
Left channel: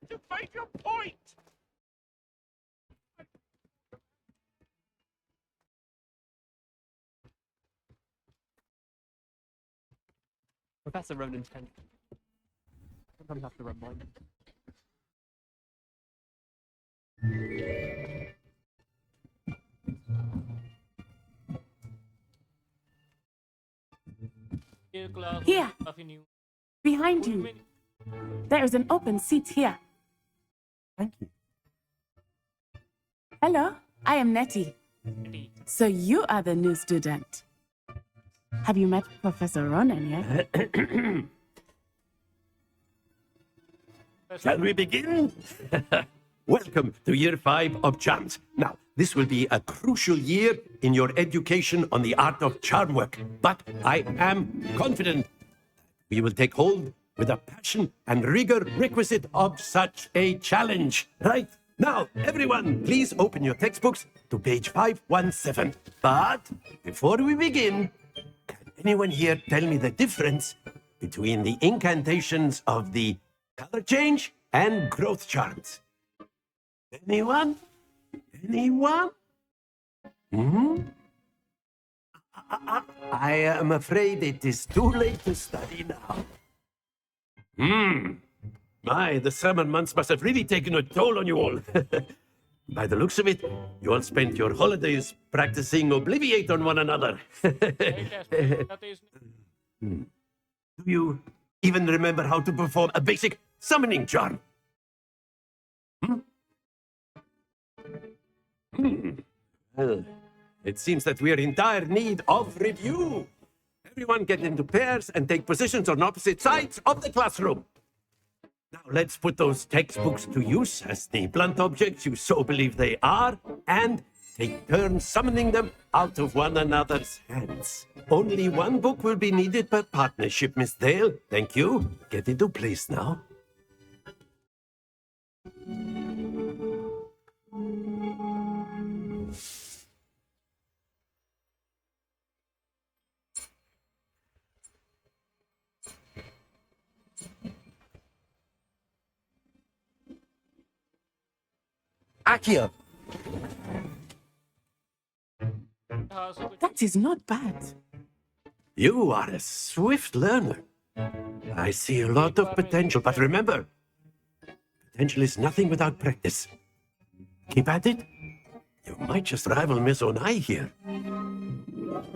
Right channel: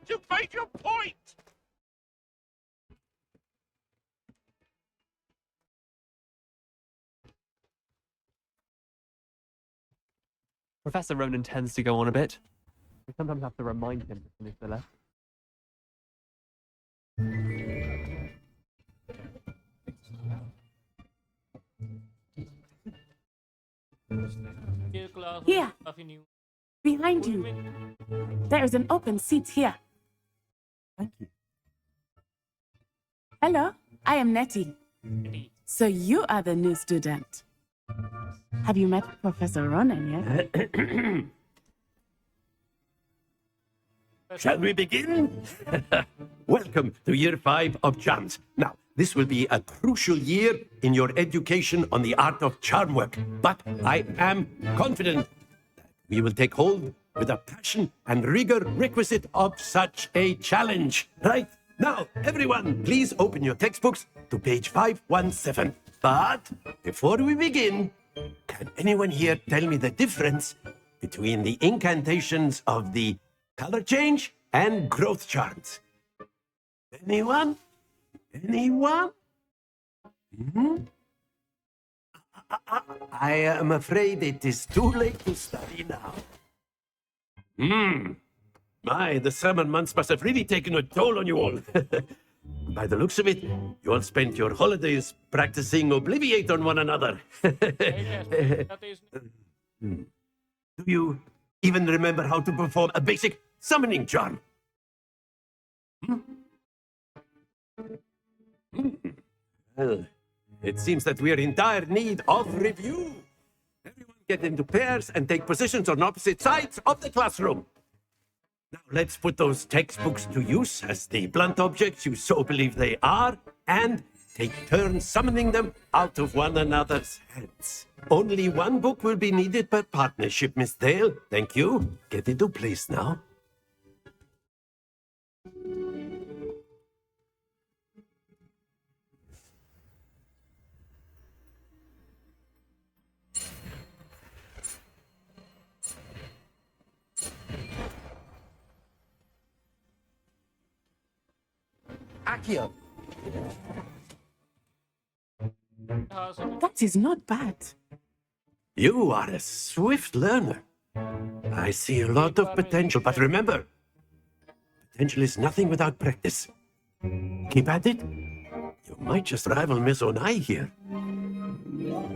You've made your point! Professor Ronan tends to go on a bit. We sometimes have to remind him to finish the left. Here, behind you. There is an open seat here. Thank you. Hello, I am Nettie. So you are the new student. Have you met Professor Ronan yet? Shall we begin? Welcome to year 5 of charms. Now, this will be a crucial year in your education on the art of charm work, but I am confident that we will take hold with the passion and rigor requisite of such a challenge. Right? Now, everyone, please open your textbooks to page 517. But before we begin, can anyone here tell me the difference between the incantations of the color change and growth charms? Anyone? Anyone? I am afraid it is too late to study now. My, the summer months must have really taken a toll on you all. By the looks of it, you all spent your holidays practicing Obliviate on one another. Do you even remember how to perform a basic summoning charm? Well, it seems that we are in dire need of review. Everyone get into pairs and take positions on opposite sides of the classroom. Now let's put those textbooks to use as the blunt objects you so believe they are, and take turns summoning them out of one another's hands. Only one book will be needed per partnership, Miss Dale. Thank you. Get into place now. Accio! That is not bad. You are a swift learner. I see a lot of potential, but remember, potential is nothing without practice. Keep at it. You might just rival Miss Onai here.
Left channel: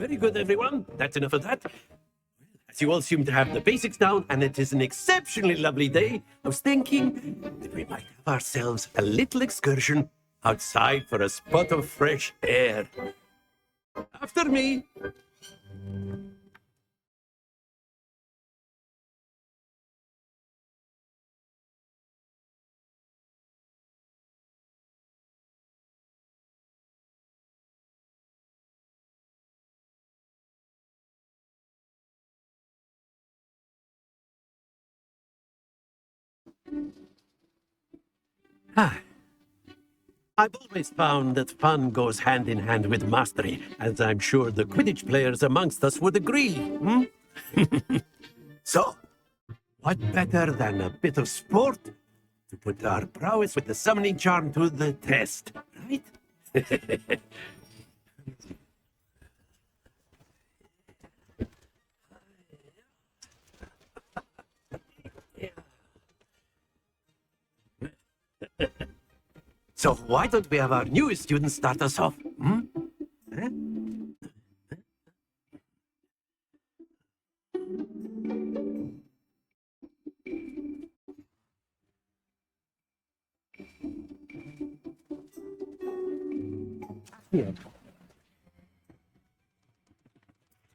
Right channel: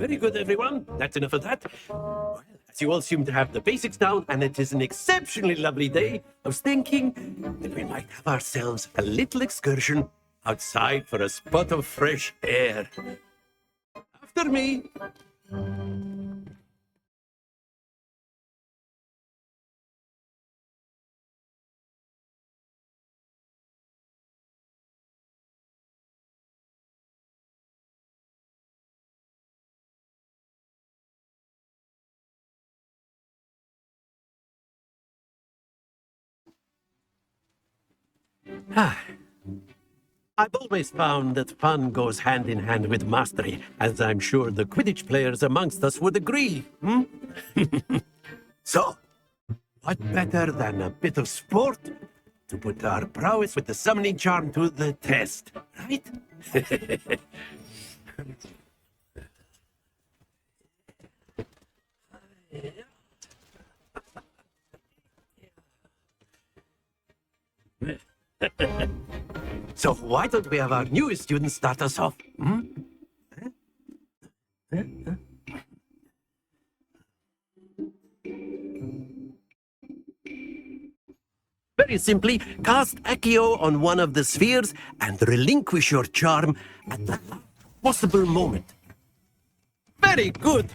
Very good, everyone. That's enough of that. Well, as you all seem to have the basics down, and it is an exceptionally lovely day, I was thinking that we might have ourselves a little excursion outside for a spot of fresh air. After me. I've always found that fun goes hand in hand with mastery, as I'm sure the Quidditch players amongst us would agree. Hmm? So, what better than a bit of sport to put our prowess with the summoning charm to the test, right? So why don't we have our newest student start us off? Hmm? Very simply, cast Accio on one of the spheres and relinquish your charm at the possible moment. Very good.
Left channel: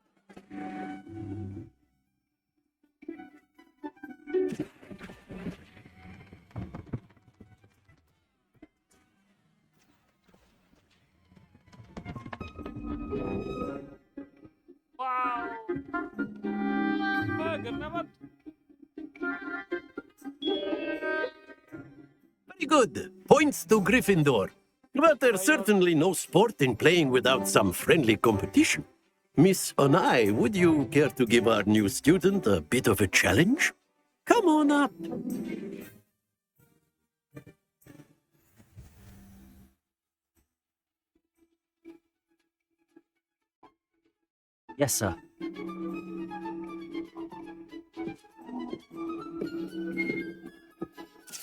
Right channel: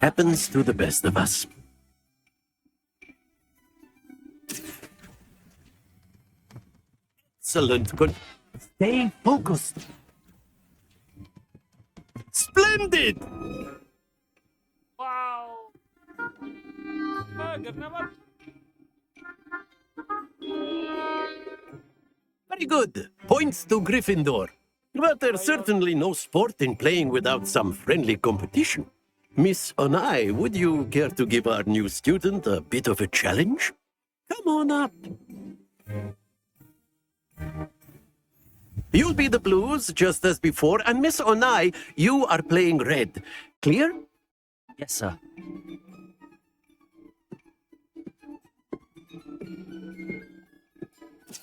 Happens to the best of us. Excellent. Good. Stay focused. Splendid. Wow. Kenapa? Very good. Points to Gryffindor. But there's certainly no sport in playing without some friendly competition. Miss Onai, would you care to give our new student a bit of a challenge? Come on up. You'll be the blues, just as before, and Miss Onai, you are playing red. Clear? Yes, sir.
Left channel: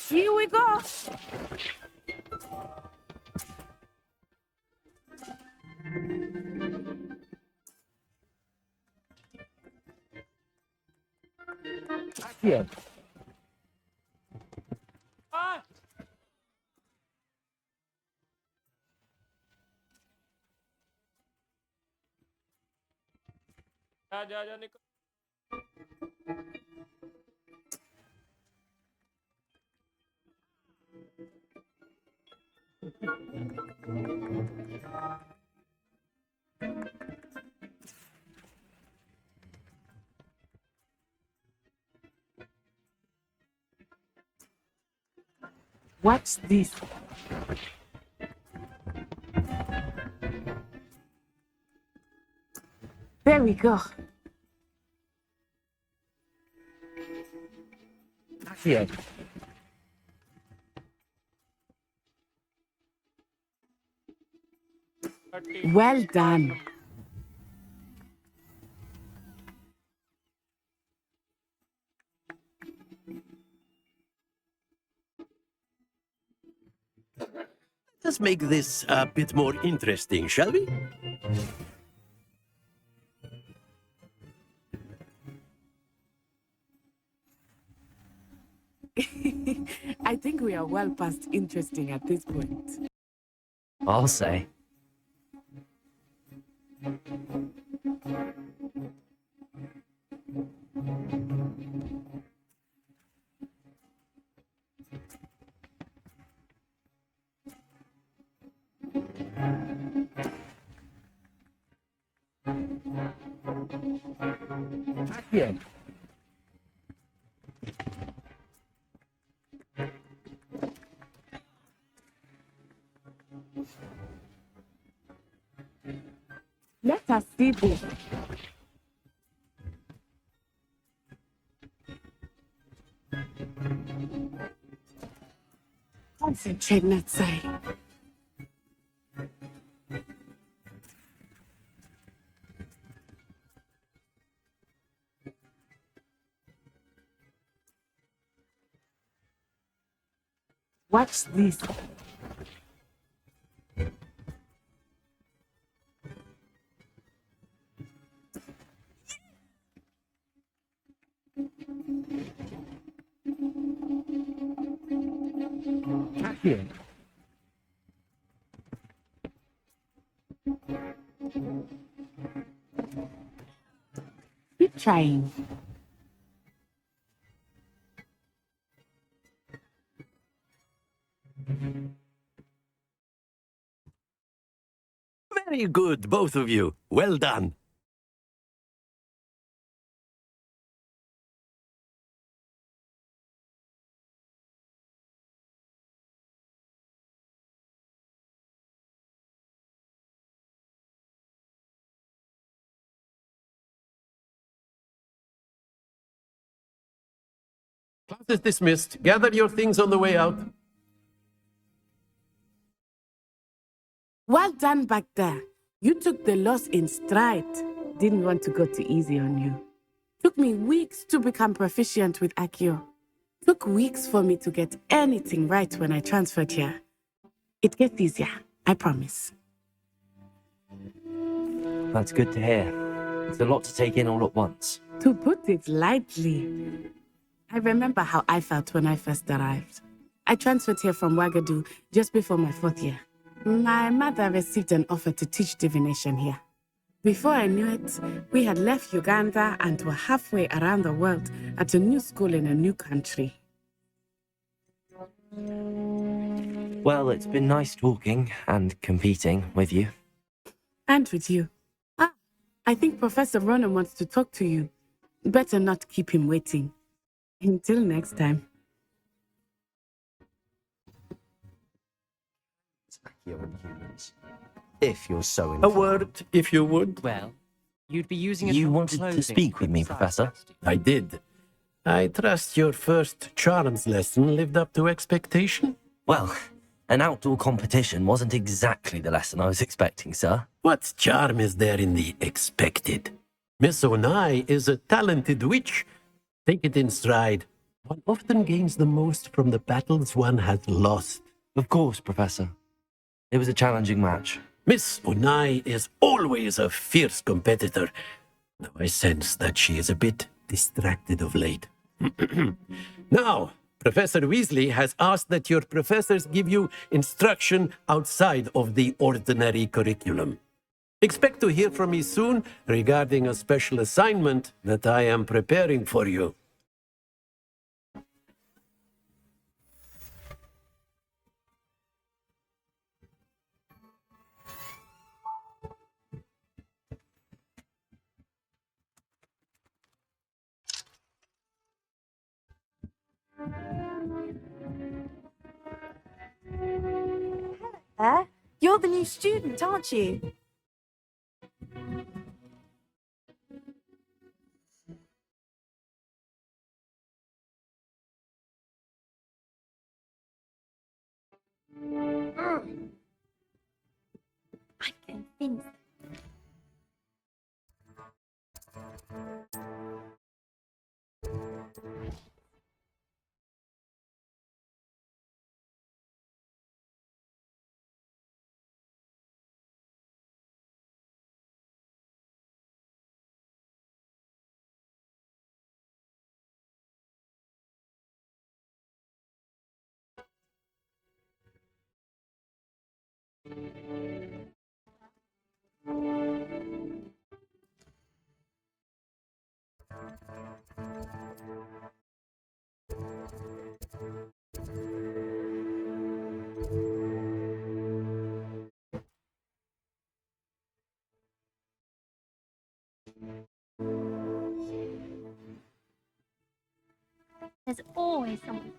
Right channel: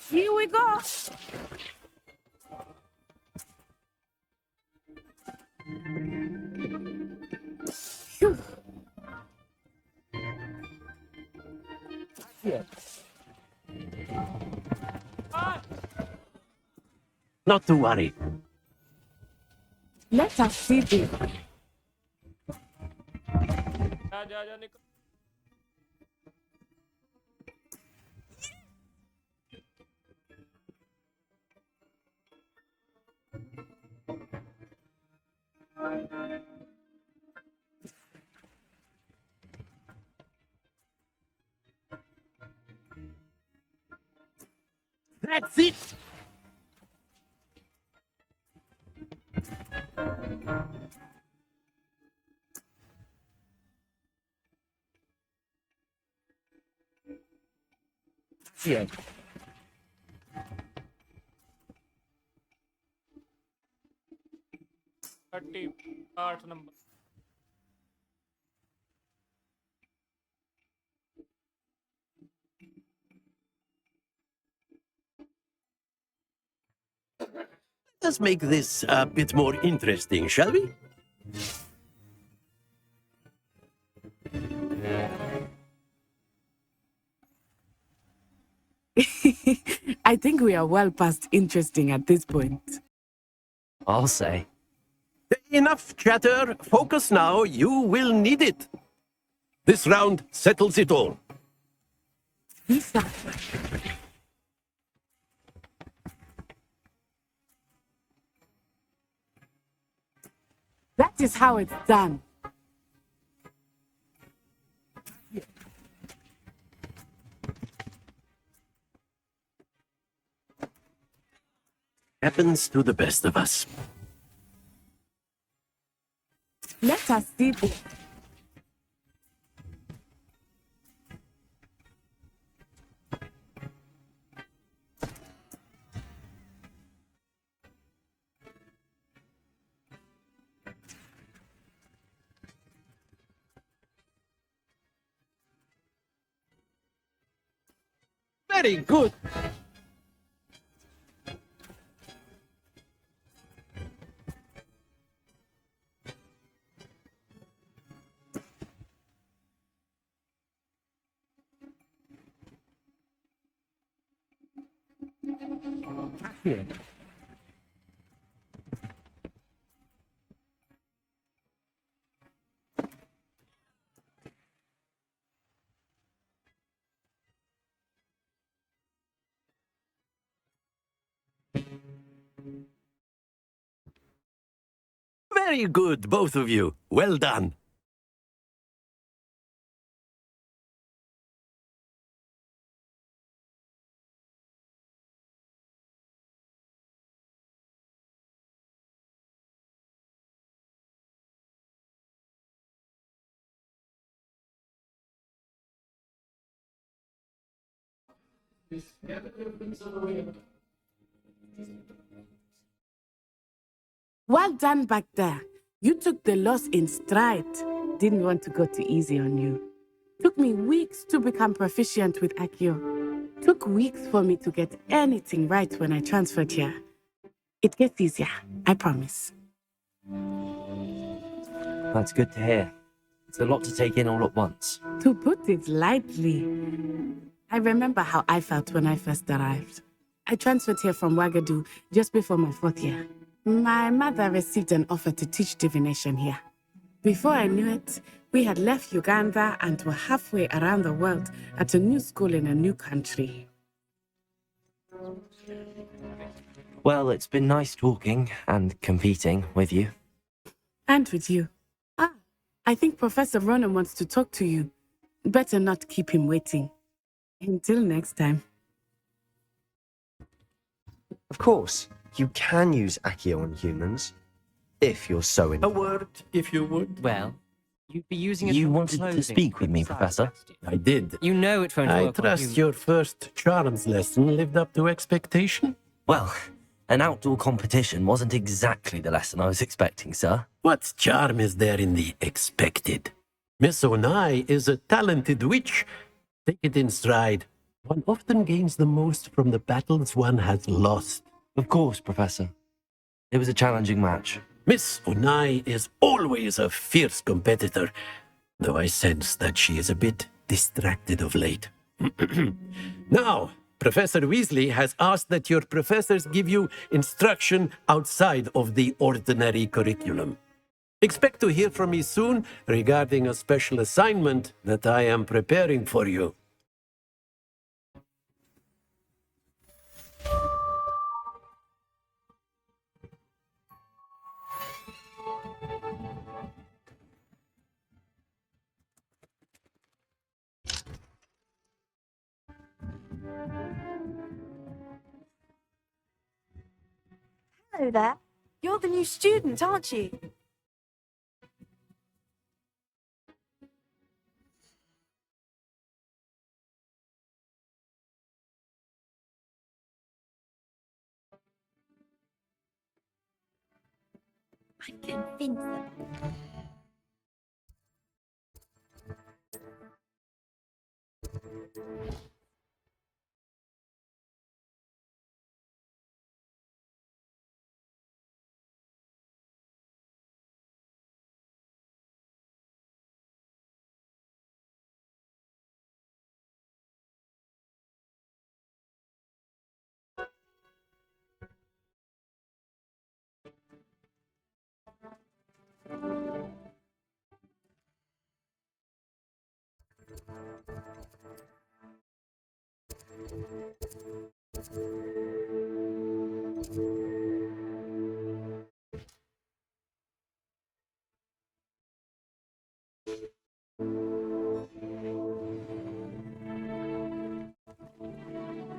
Here we go. Phew. Yeah. Not to worry. Let us see this. Ja, Nico. That's it. What's this? There we go. Yeah. Well done. Let's make this a bit more interesting, shall we? I think we are well past interesting at this point. I'll say. Enough chatter. Focus now. You will need it. This round settles it all. Lisa. That is how it's done. Yeah. Happens to the best of us. Let us see this. Concentrate, Natsai. Very good. Watch this. Here. Keep trying. Very good, both of you. Well done. Class is dismissed. Gather your things on the way out. Well done back there. You took the loss in stride. Didn't want to go too easy on you. Took me weeks to become proficient with Accio. Took weeks for me to get anything right when I transferred here. It gets easier, I promise. That's good to hear. It's a lot to take in all at once. To put it lightly, I remember how I felt when I first arrived. I transferred here from Ouagadougou just before my 4th year. My mother received an offer to teach divination here. Before I knew it, we had left Uganda and were halfway around the world at a new school in a new country. Well, it's been nice talking and competing with you. And with you. I think Professor Ronan wants to talk to you. Better not keep him waiting. Until next time. Of course, you can use Accio on humans, if you're so A inclined. word, if you would. Well, you'd be using it You for wanted to clothing speak with me, inside, Professor? I did. You know it won't I work on trust you. your first charms lesson lived up to expectation. Well, an outdoor competition wasn't exactly the lesson I was expecting, sir. What charm is there in the expected? Miss Onai is a talented witch. Take it in stride. One often gains the most from the battles one has lost. Of course, Professor. It was a challenging match. Miss Onai is always a fierce competitor, though I sense that she is a bit distracted of late. Now, Professor Weasley has asked that your professors give you instruction outside of the ordinary curriculum. Expect to hear from me soon regarding a special assignment that I am preparing for you. Hello there. You're the new student, aren't you? I'm convinced that there's always something.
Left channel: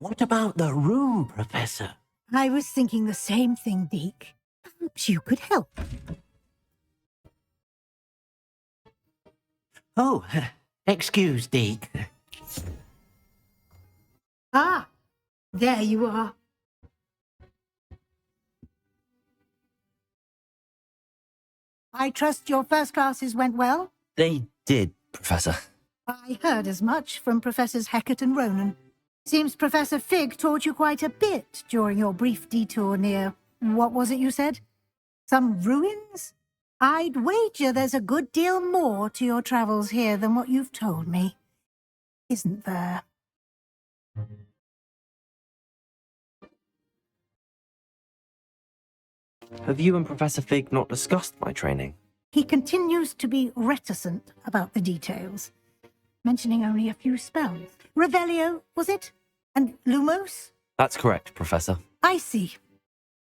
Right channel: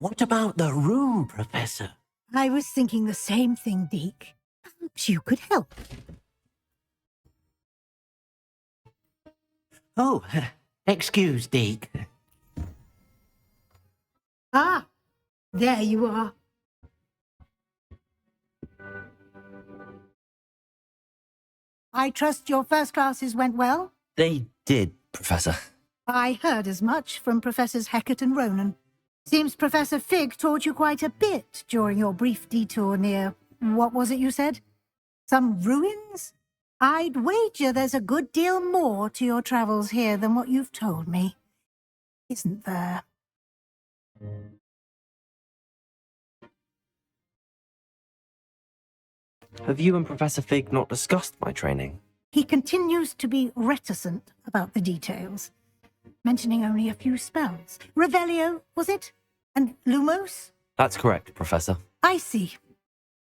What about the room, Professor? I was thinking the same thing, Deke. Perhaps you could help. Oh, excuse, Deke. Ah, there you are. I trust your first classes went well? They did, Professor. I heard as much from Professors Hecat and Ronan. Seems Professor Fig taught you quite a bit during your brief detour near... what was it you said? Some ruins? I'd wager there's a good deal more to your travels here than what you've told me. Isn't there? Have you and Professor Fig not discussed my training? He continues to be reticent about the details, mentioning only a few spells. Revelio, was it? And Lumos? That's correct, Professor. I see.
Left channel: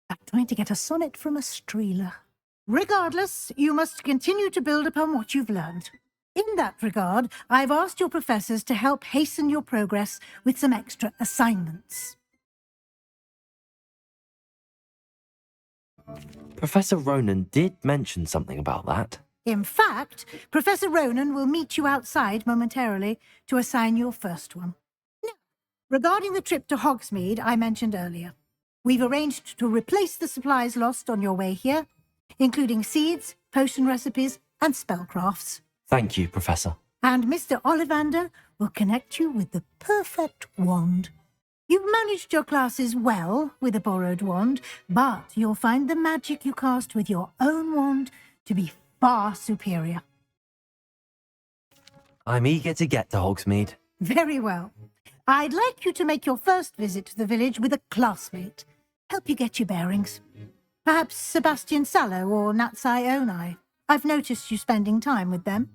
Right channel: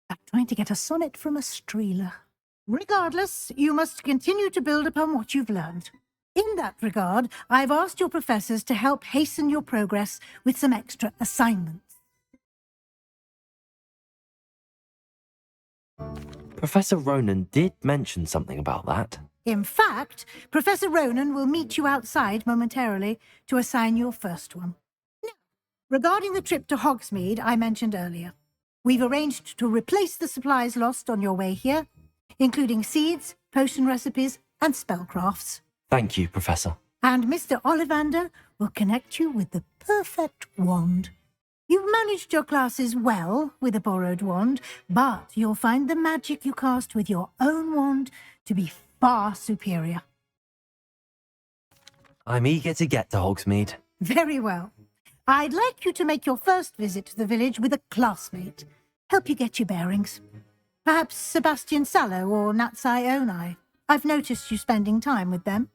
I'm trying to get a sonnet from a streeler. Regardless, you must continue to build upon what you've learned. In that regard, I've asked your professors to help hasten your progress with some extra assignments. Professor Ronan did mention something about that. In fact, Professor Ronan will meet you outside momentarily to assign your first one. Now, regarding the trip to Hogsmeade I mentioned earlier, we've arranged to replace the supplies lost on your way here, including seeds, potion recipes, and spellcrafts. Thank you, Professor. And Mr. Ollivander will connect you with the perfect wand. You've managed your classes well with a borrowed wand, but you'll find the magic you cast with your own wand to be far superior. I'm eager to get to Hogsmeade. Very well. I'd like you to make your first visit to the village with a classmate. Help you get your bearings. Perhaps Sebastian Sallow or Natsai Onai. I've noticed you spending time with them.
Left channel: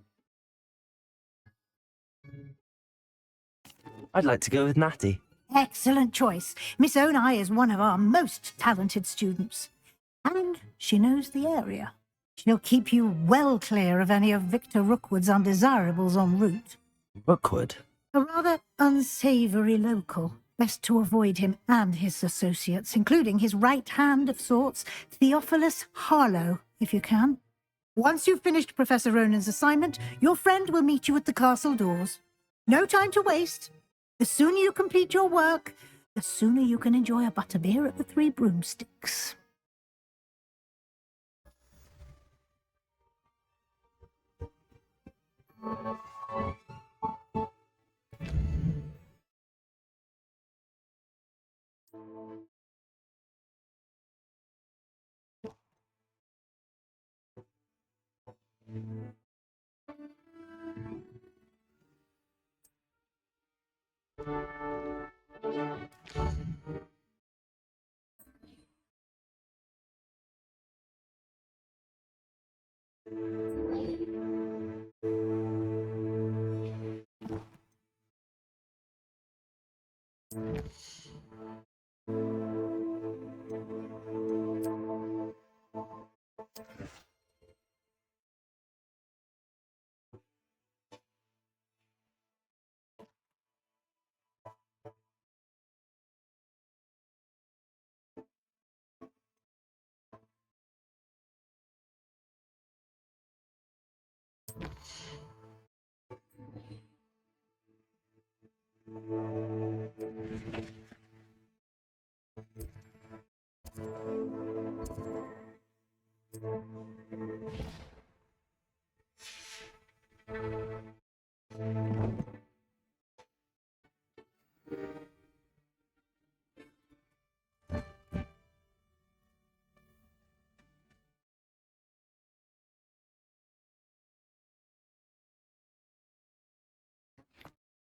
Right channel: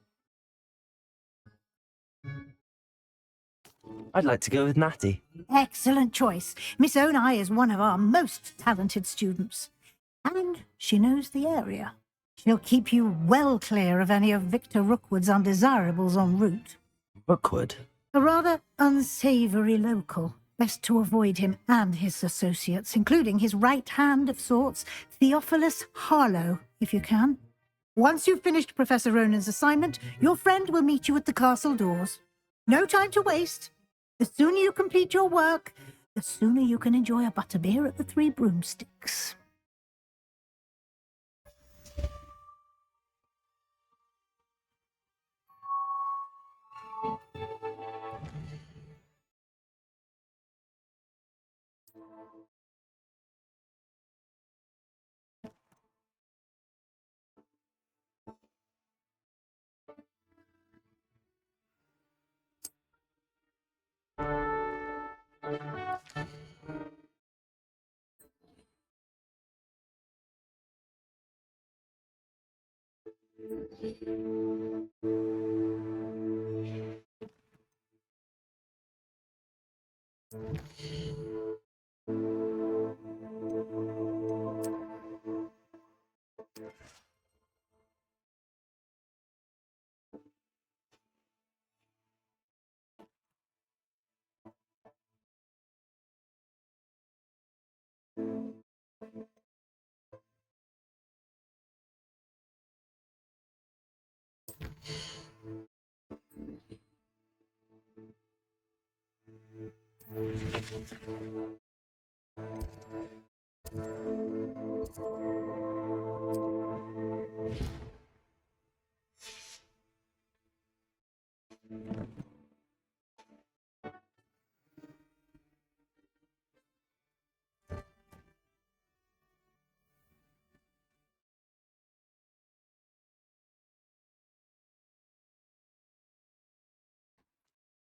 I'd like to go with Natty. Excellent choice. Miss Onai is one of our most talented students. And she knows the area. She'll keep you well clear of any of Victor Rookwood's undesirables en route. Rookwood? A rather unsavoury local. Best to avoid him and his associates, including his right hand of sorts, Theophilus Harlow, if you can. Once you've finished Professor Ronan's assignment, your friend will meet you at the castle doors. No time to waste. The sooner you complete your work, the sooner you can enjoy a butterbeer at the Three Broomsticks.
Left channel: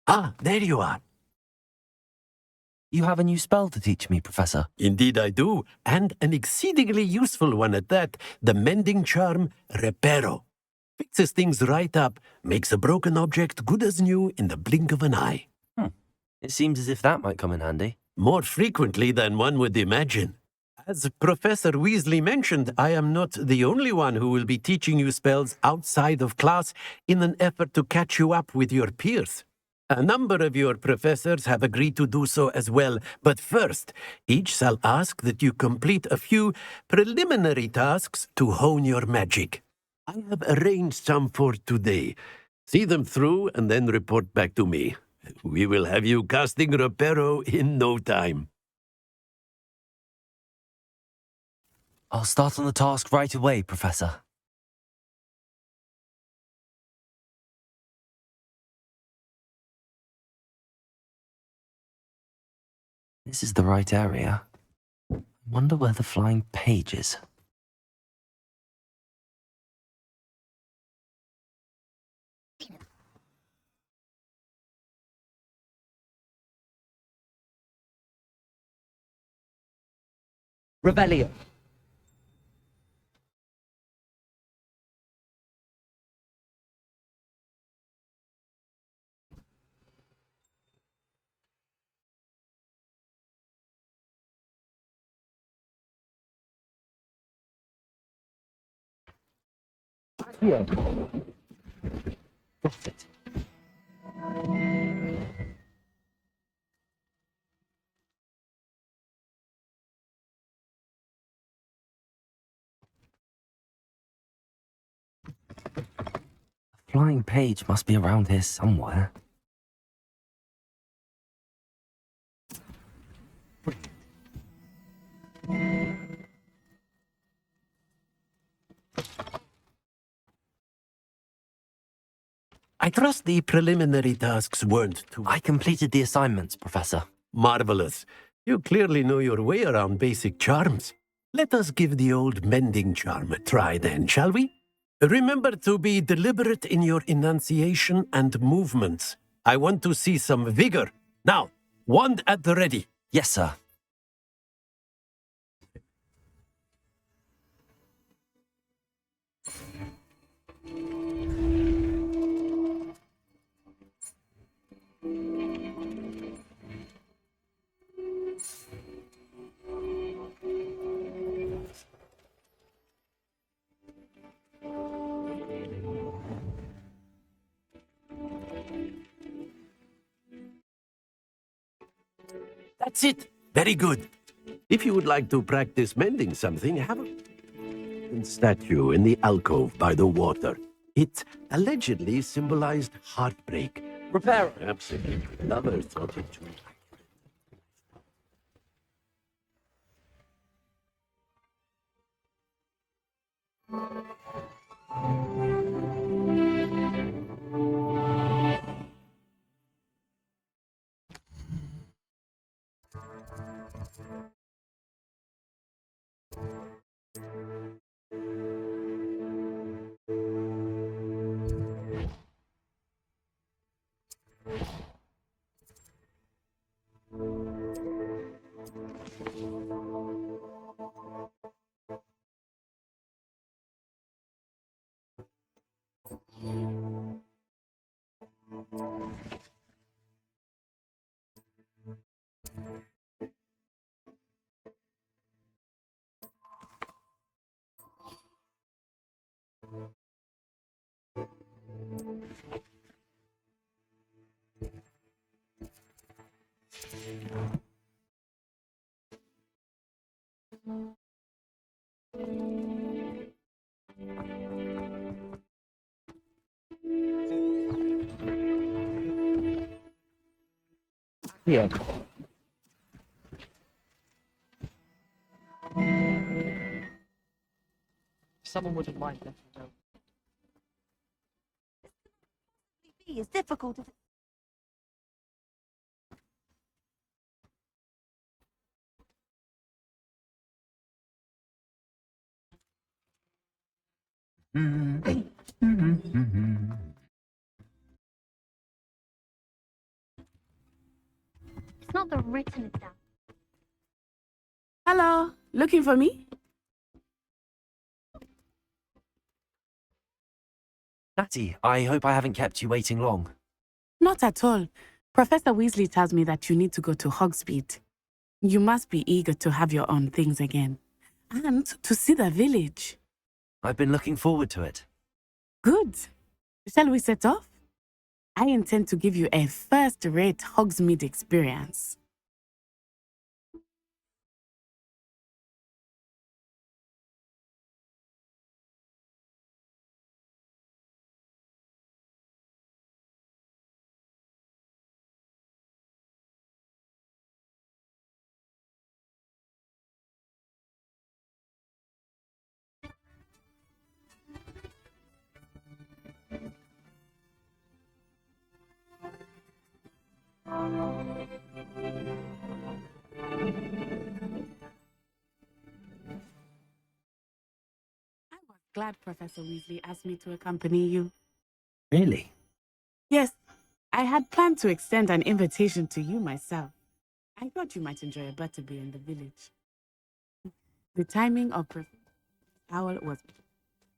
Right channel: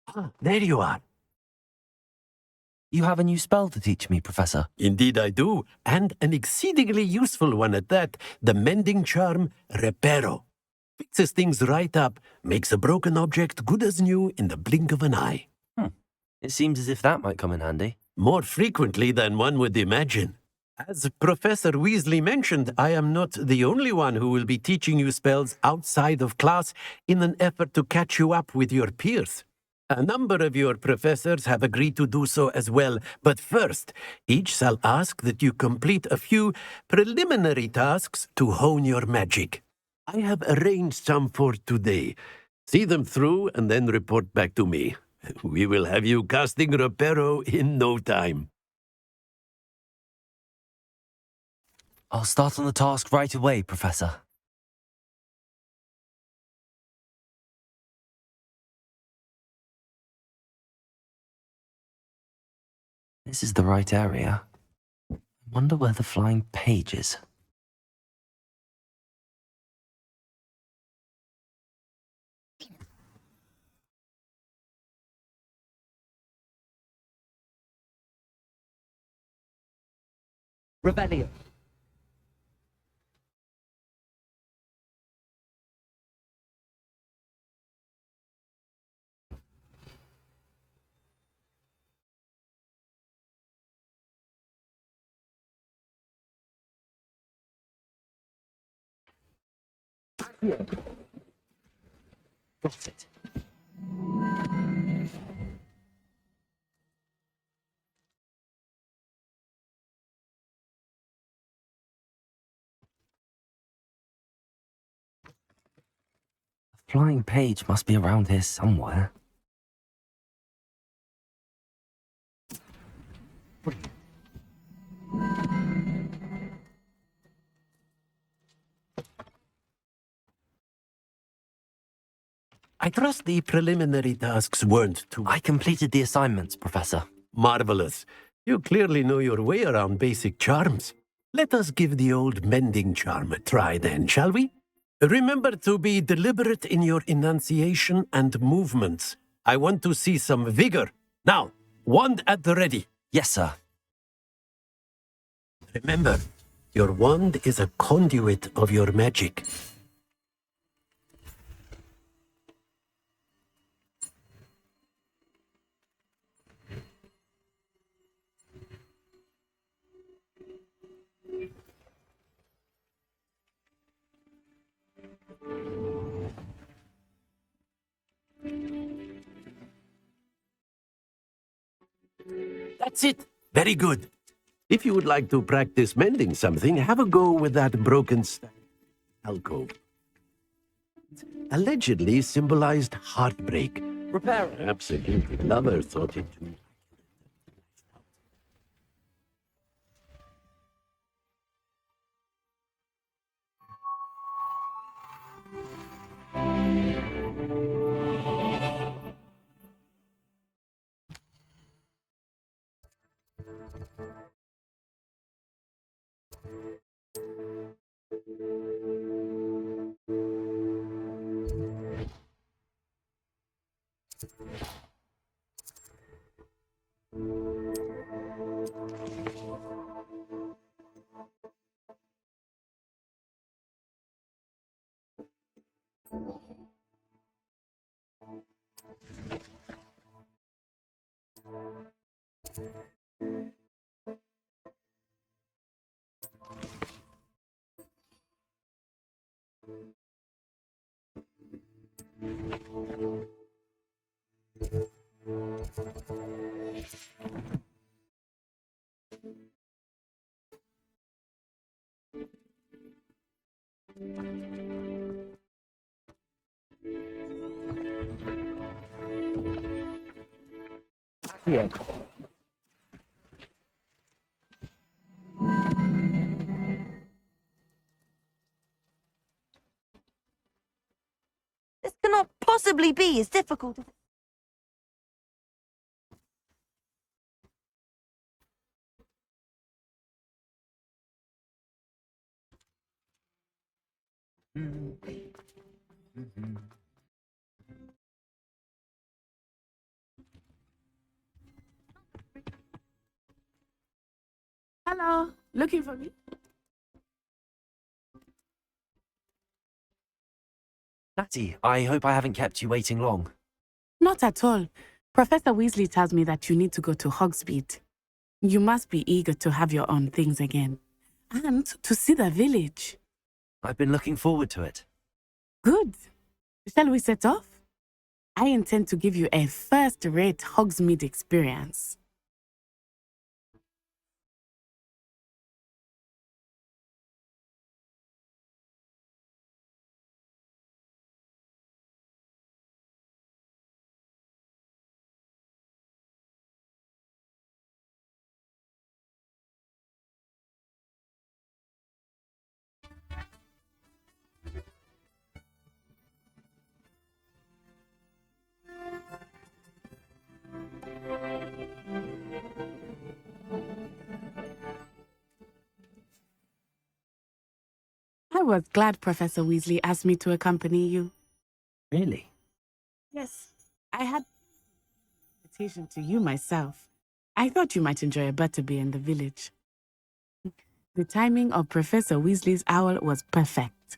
Ah, there you are. You have a new spell to teach me, Professor. Indeed I do, and an exceedingly useful one at that, the mending charm Reparo. Fixes things right up, makes a broken object good as new in the blink of an eye. It seems as if that might come in handy. More frequently than one would imagine. As Professor Weasley mentioned, I am not the only one who will be teaching you spells outside of class in an effort to catch you up with your peers. A number of your professors have agreed to do so as well, but first, each shall ask that you complete a few preliminary tasks to hone your magic. I have arranged some for today. See them through and then report back to me. We will have you casting Reparo in no time. I'll start on the task right away, Professor. This is the right area. I wonder where the flying page is. Rebellion. Yeah. Got it. A flying page must be around here somewhere. I trust the preliminary tasks weren't too... I completed the assignments, Professor. Marvelous. You clearly know your way around basic charms. Let us give the old mending charm a try then, shall we? Remember to be deliberate in your enunciation and movements. I want to see some vigor. Now, wand at the ready. Yes, sir. Remember, your wand is a conduit of your magic. That's it. Very good. If you would like to practice mending something, have a go with that broken statue in the alcove by the water. It allegedly symbolized heartbreak. Repair. Absolutely. Lover thought it too. Yeah. Someone wouldn't mind letting me know. This cannot possibly be as difficult as... It's not the written exam. Hello, looking for me? Natty, I hope I haven't kept you waiting long. Not at all. Professor Weasley tells me that you need to go to Hogsmeade. You must be eager to have your own things again. And to see the village. I've been looking forward to it. Good. Shall we set off? I intend to give you a first-rate Hogsmeade experience. I was glad Professor Weasley asked me to accompany you. Really? Yes, I had planned to extend an invitation to you myself. I thought you might enjoy a butterbeer in the village. The timing of Professor Weasley's owl was perfect.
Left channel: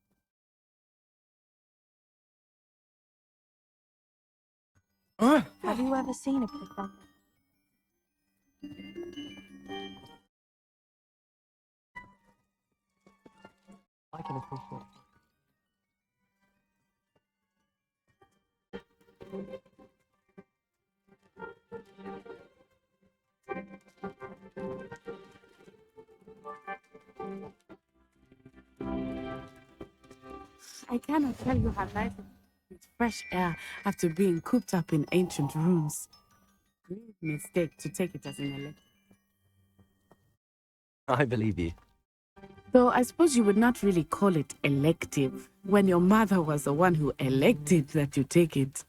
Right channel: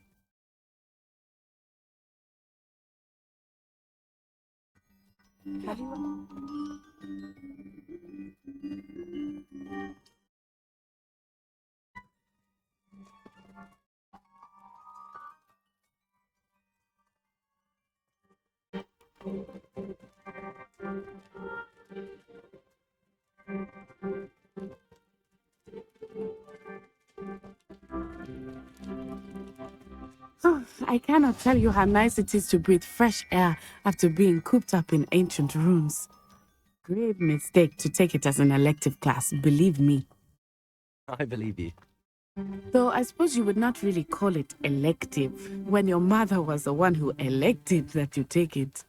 Have you ever seen a professor? I can appreciate it. Oh, I cannot tell you how nice it is to breathe fresh air after being cooped up in ancient rooms. Grave mistake to take it as an elective class, believe me. I believe you. Though I suppose you would not really call it elective when your mother was the one who elected that you take it.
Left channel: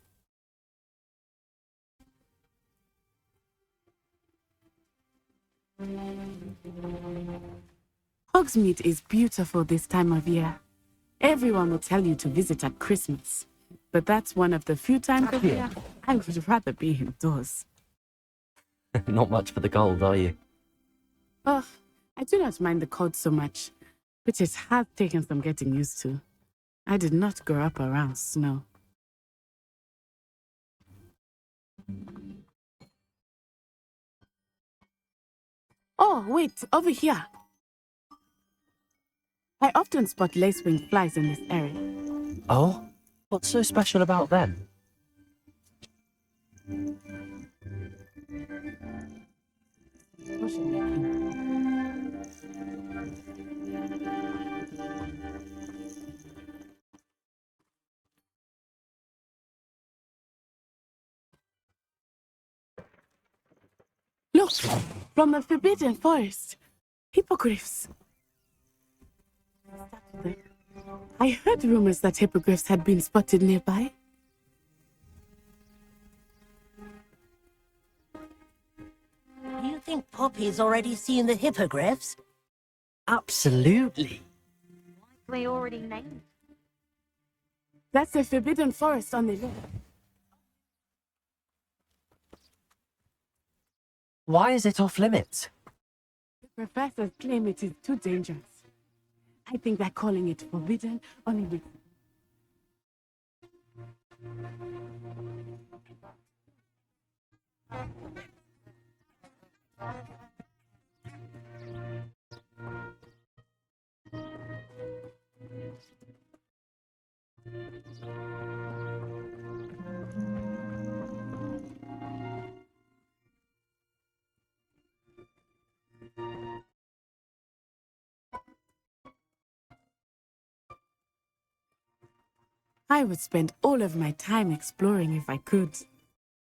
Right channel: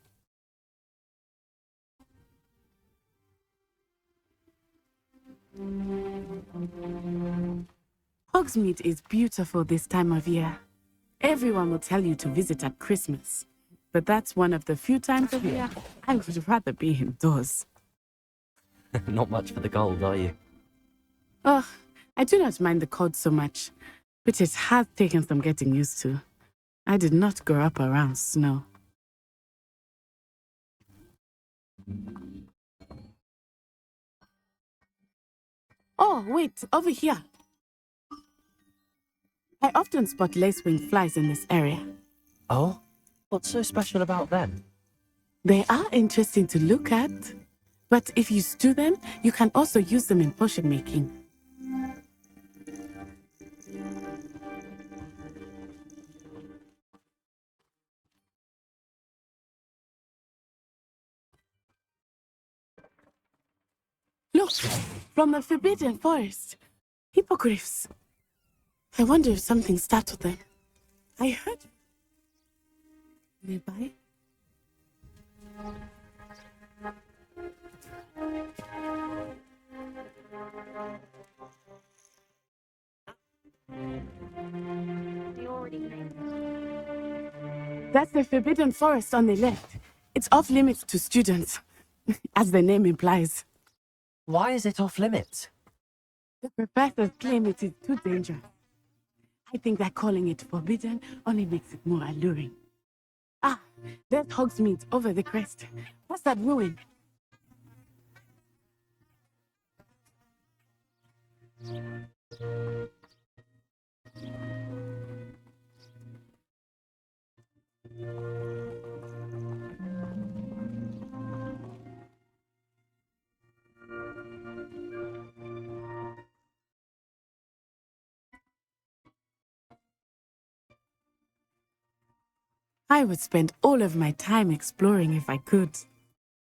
Hogsmeade is beautiful this time of year. Everyone will tell you to visit at Christmas, but that's one of the few times of year I would rather be indoors. Not much for the cold, are you? Oh, I do not mind the cold so much, but it has taken some getting used to. I did not grow up around snow. Oh, wait, over here. I often spot lacewing flies in this area. Oh? What's so special about them? They are interesting to look at, but if you stew them, you can also use them in potion making. Look, from the Forbidden Forest. Hippogriffs. I wonder if something startled them. I heard rumors that hippogriffs had been spotted nearby. Do you think Poppy's already seen the hippogriffs? Absolutely. We already named it. That's the Forbidden Forest on the left. It's off limits to students, as the name implies. Why is it off limits? The professors claim it is too dangerous. I think that calling it forbidden only makes it more alluring. Ah, there's Hogsmeade over the crest. What's that ruin? I would spend all of my time exploring if I could.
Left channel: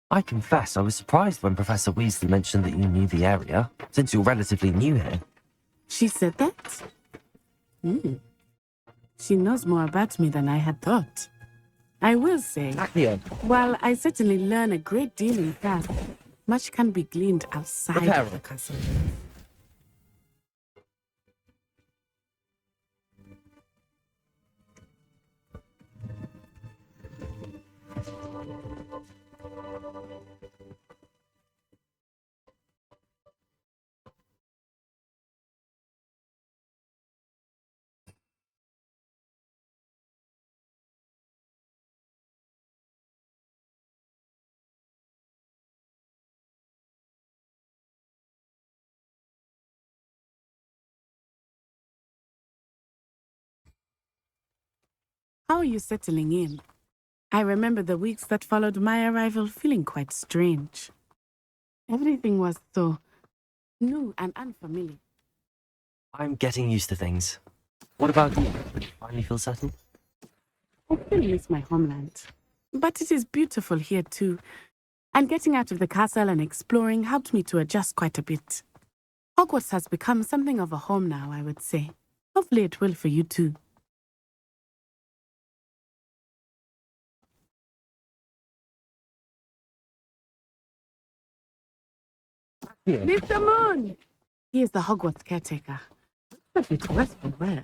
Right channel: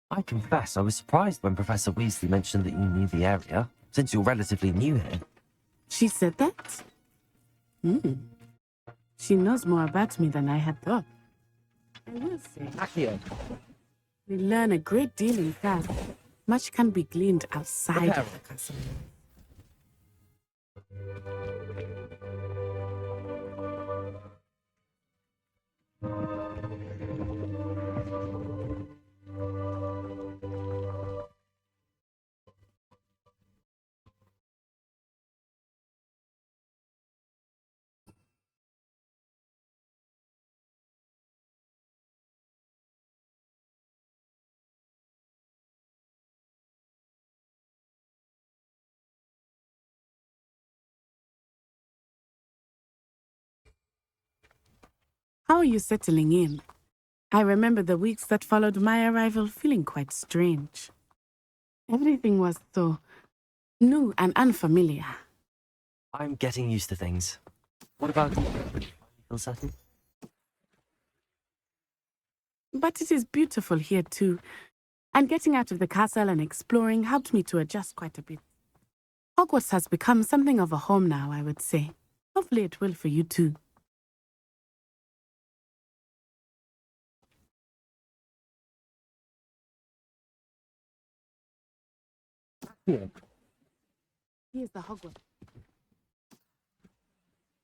I confess I was surprised when Professor Weasley mentioned that you knew the area, since you're relatively new here. She said that? She knows more about me than I had thought. I will say, while I certainly learn a great deal in class, much can be gleaned outside of the castle. How are you settling in? I remember the weeks that followed my arrival feeling quite strange. Everything was so new and unfamiliar. I'm getting used to things. What about you? Did you finally feel settled? I still miss my homeland. But it is beautiful here too. And getting out of the castle and exploring helped me to adjust quite a bit. Hogwarts has become something of a home now, I would say. Hopefully it will for you too. Mr. Moon! He is the Hogwarts caretaker. A bit worse for wear.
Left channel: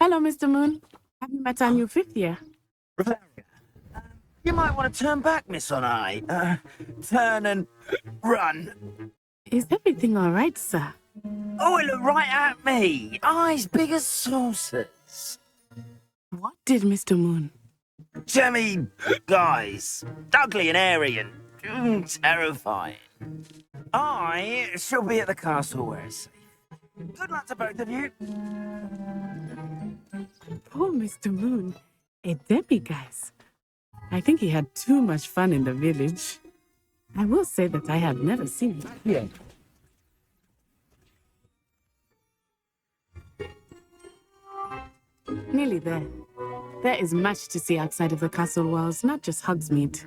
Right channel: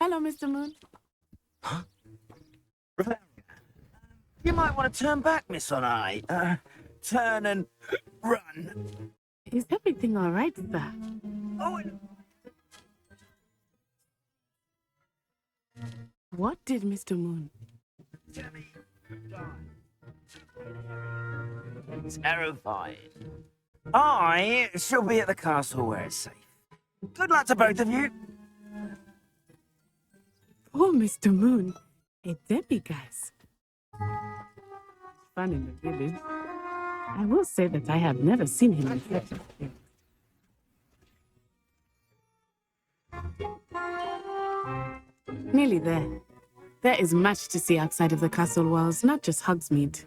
Hello, Mr. Moon. Have you met our new fifth year? You might want to turn back, Miss Onai. Turn and run. Is everything all right, sir? Oh, it looked right at me. Eyes big as saucers. What did Mr. Moon? Jemmy, guys. Ugly and airy and terrifying. I shall be at the castle where it's safe. Good luck to both of you. Poor Mr. Moon. A Debbie, guys. I think he had too much fun in the village. I will say that I have never seen him here. Nearly there. There is much to see outside of the castle walls, not just Hogsmeade.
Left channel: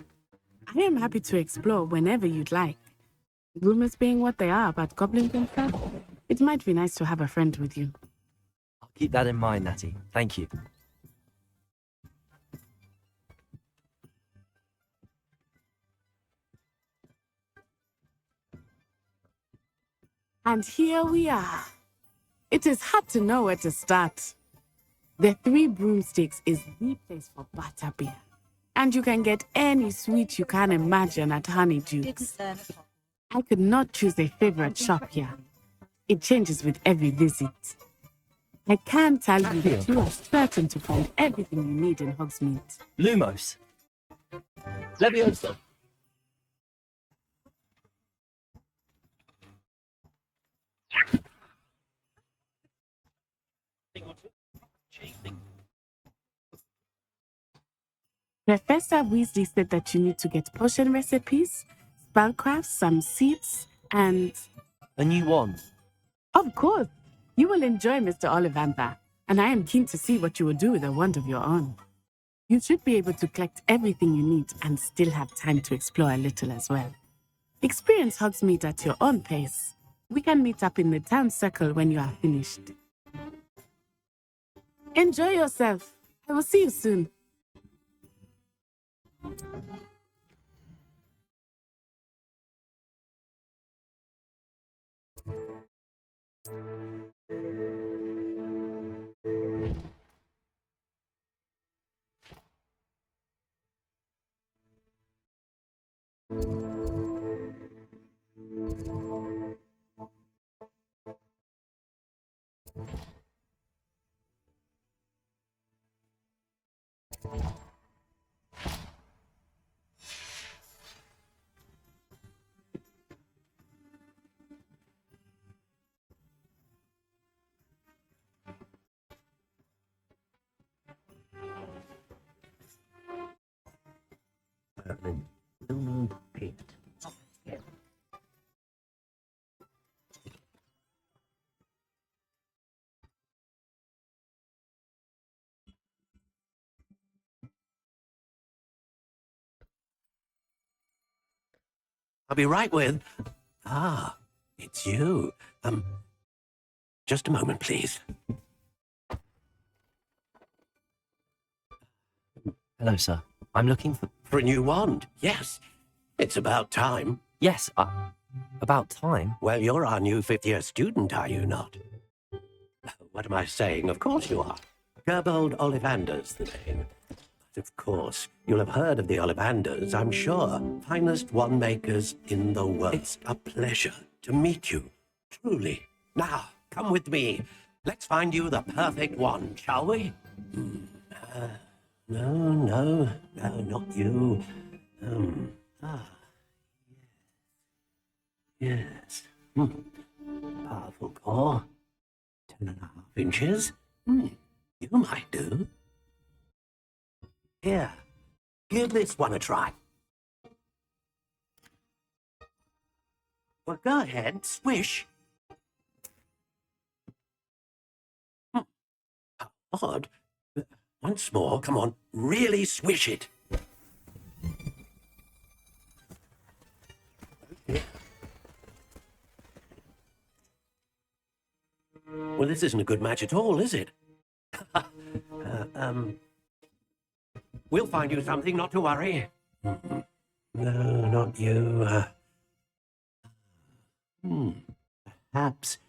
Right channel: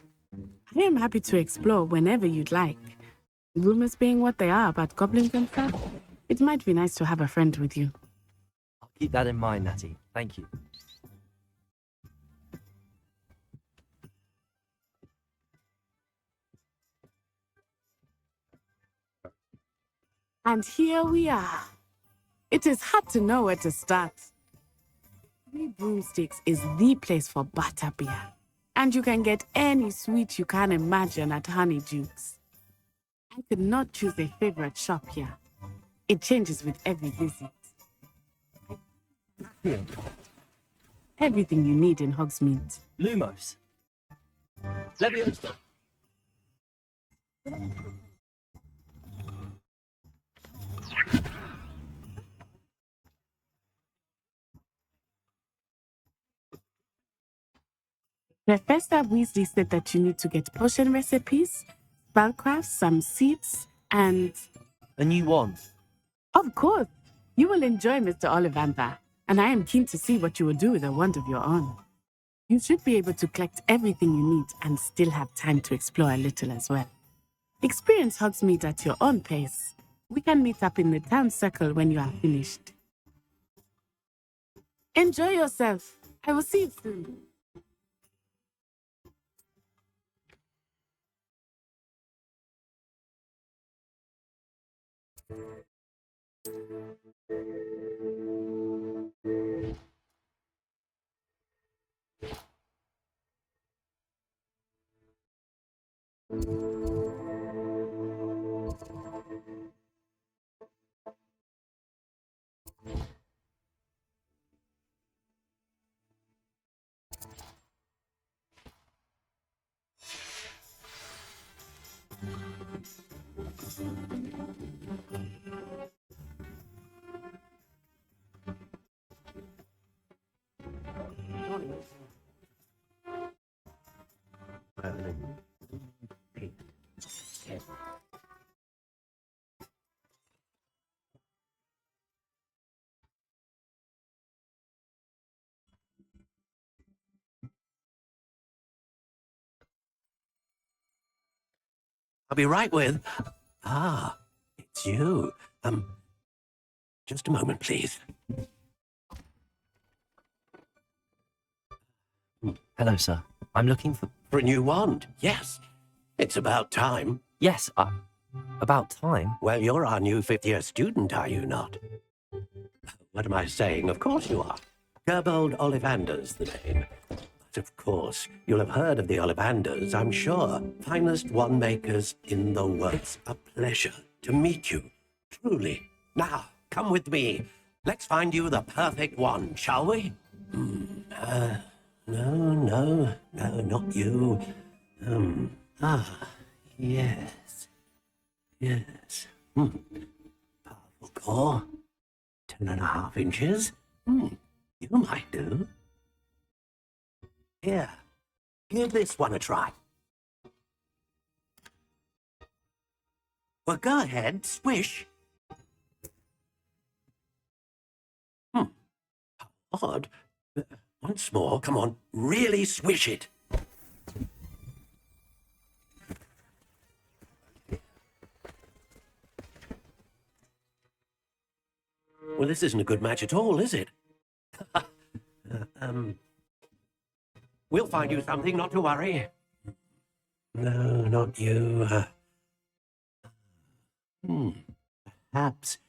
I am happy to explore whenever you'd like. Rumors being what they are about goblins and stuff, it might be nice to have a friend with you. I'll keep that in mind, Natty. Thank you. And here we are. It is hard to know where to start. The Three Broomsticks is the place for butterbeer. And you can get any sweet you can imagine at Honeydukes. I could not choose a favorite shop here. It changes with every visit. I can tell you that you are certain to find everything you need in Hogsmeade. Lumos. Leviosa. Professor Weasley said that you need to get potion recipes, spellcrafts, some seeds, and... A new wand. Of course! You will enjoy Mr. Ollivander, and I am keen to see what you will do with a wand of your own. You should be able to collect everything you need and still have time to explore a little as well. Experience Hogsmeade at your own pace. We can meet up in the town circle when you are finished. Enjoy yourself. I will see you soon. I'll be right with... Ah, it's you. Just a moment, please. Hello, sir. I'm looking for... For a new wand, yes. It's about time. Yes, about time? Well, you're our new fifth-year student, are you not? What am I saying? Of course you are. Gerbold Ollivander's the name. But of course, you'll have heard of the Ollivanders, I'm sure. Finest wand makers in the world. It's a pleasure to meet you, truly. Now, come with me. Let's find you the perfect wand, shall we? No, not you. Yes. Powerful core. 10.5 inches. You might do. Here, give this one a try. Well, go ahead, swish. How odd. Once more, come on, really swish it. Well, this isn't a good match at all, is it? We'll find you something, not to worry. No, not you. Perhaps.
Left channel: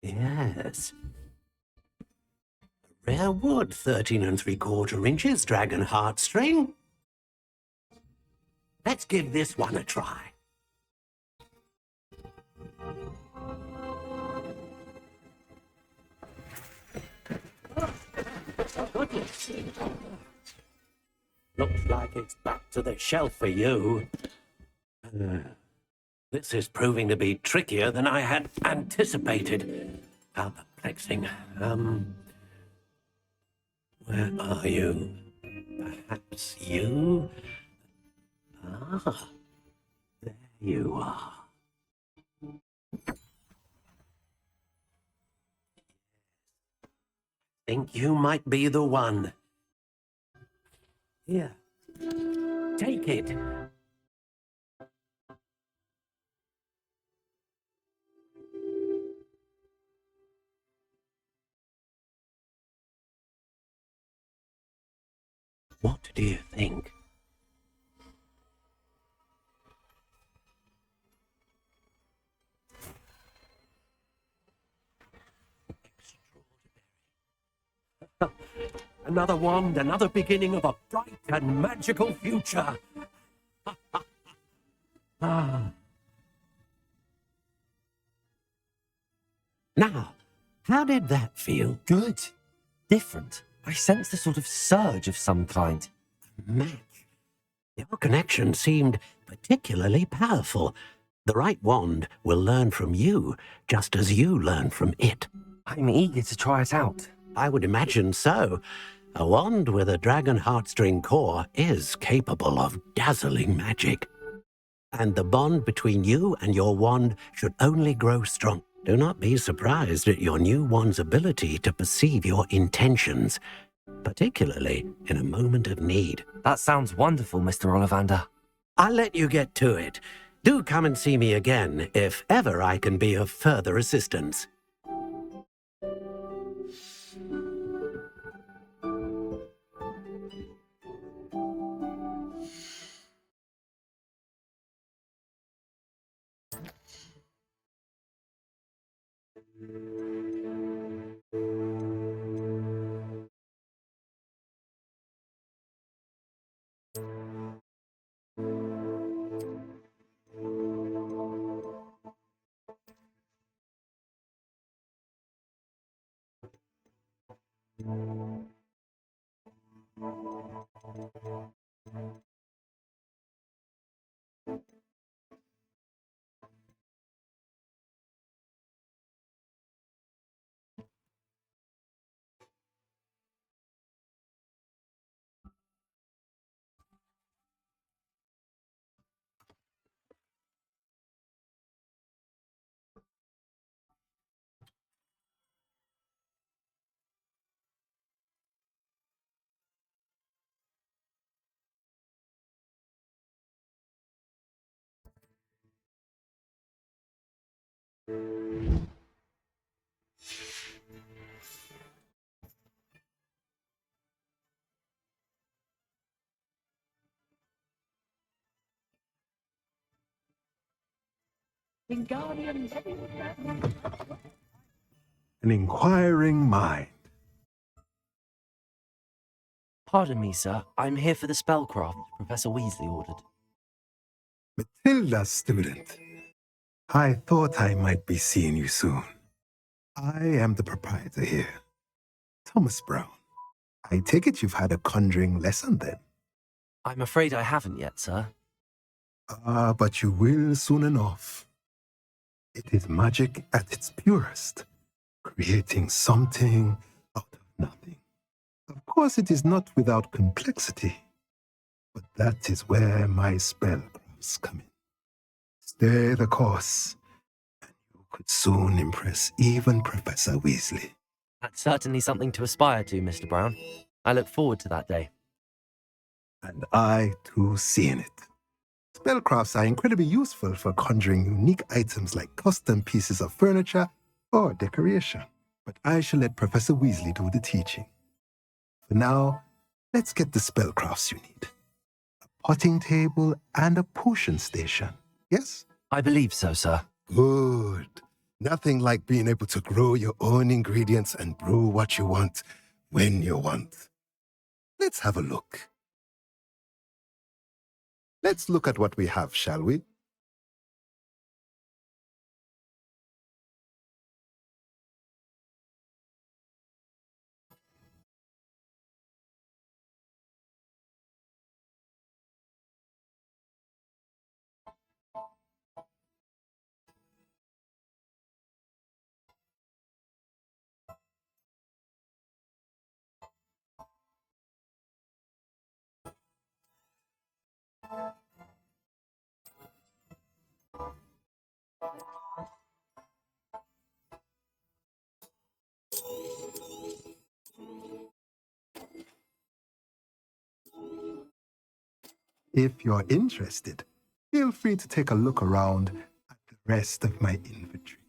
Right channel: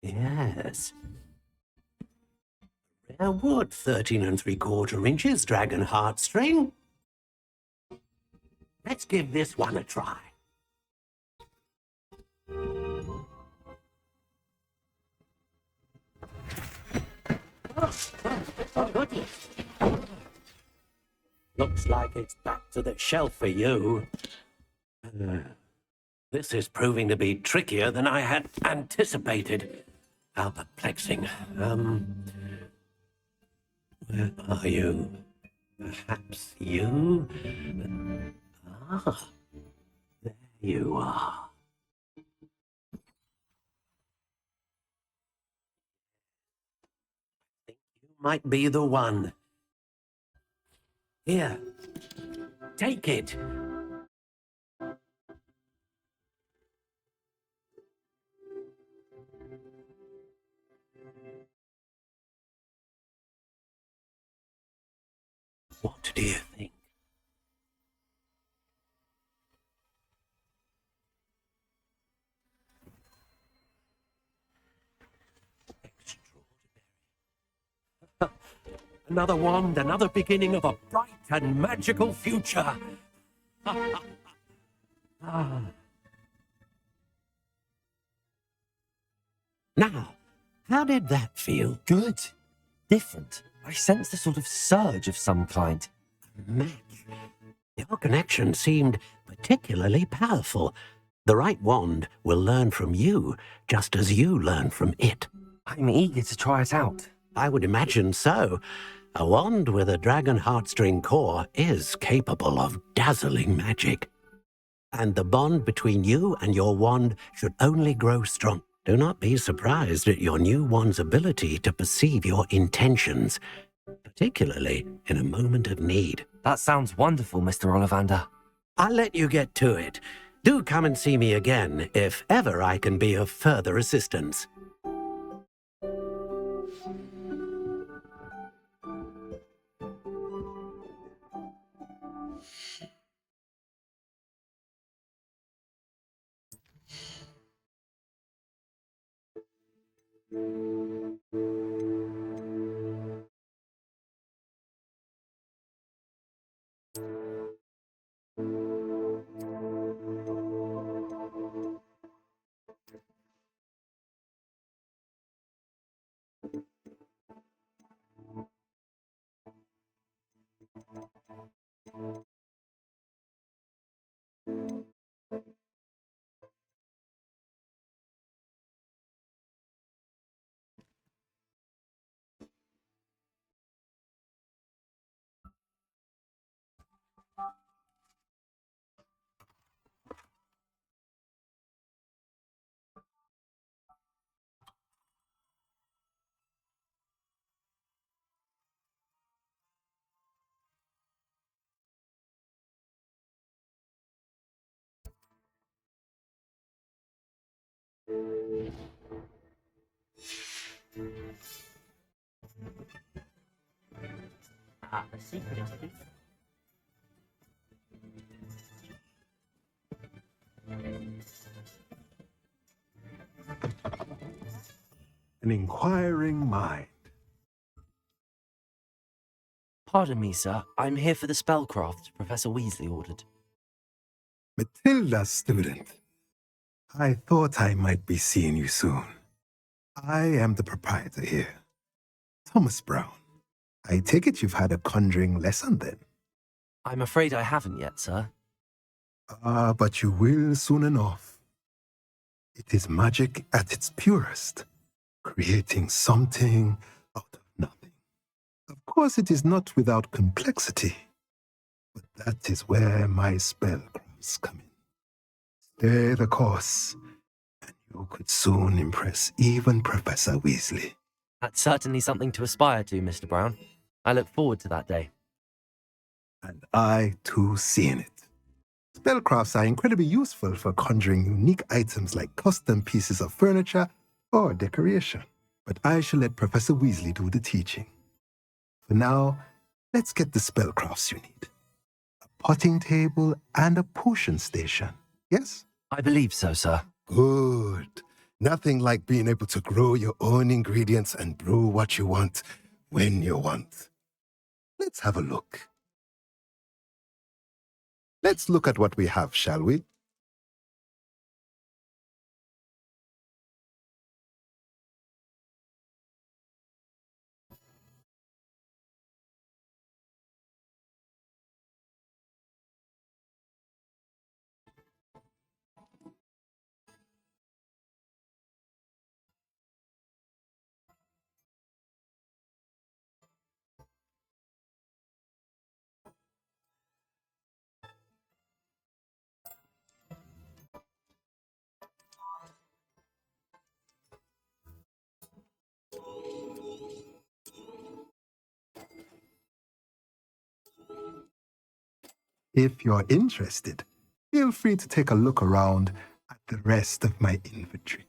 Yes. Rare wood, 13 3/4 inches, dragon heartstring. Let's give this one a try. Oh, goodness. Looks like it's back to the shelf for you. This is proving to be trickier than I had anticipated. How perplexing. Where are you? Perhaps you? Ah, there you are. Think you might be the one. Here, take it. What do you think? Another wand, another beginning of a bright and magical future. Ah. Now, how did that feel? Good. Different. I sensed a sort of surge of some kind. Match. Your connection seemed particularly powerful. The right wand will learn from you, just as you learn from it. I'm eager to try it out. I would imagine so. A wand with a dragon heartstring core is capable of dazzling magic. And the bond between you and your wand should only grow strong. Do not be surprised at your new wand's ability to perceive your intentions, particularly in a moment of need. That sounds wonderful, Mr. Ollivander. I'll let you get to it. Do come and see me again if ever I can be of further assistance. The secret is An inquiring mind. Pardon me, sir. I'm here for the spellcraft Professor Weasley ordered. Matilda's student. I thought I might be seeing you soon. I am the proprietor here, Thomas Brown. I take it you've had a conjuring lesson then? I'm afraid I haven't yet, sir. But you will soon enough. It is magic at its purest, creating something out of nothing. Of course, it is not without complexity, but that is where my spellcrafts come in. Stay the course, and you could soon impress even Professor Weasley. That's certainly something to aspire to, Mr. Brown. I look forward to that day. And I, too, seeing it. Spellcrafts are incredibly useful for conjuring unique items like custom pieces of furniture or decoration. But I shall let Professor Weasley do the teaching. For now, let's get the spellcrafts you need. A potting table and a potion station, yes? I believe so, sir. Good. Nothing like being able to grow your own ingredients and brew what you want when you want. Let's have a look. Let's look at what we have, shall we? If you're interested, feel free to take a look around at the rest of my inventory.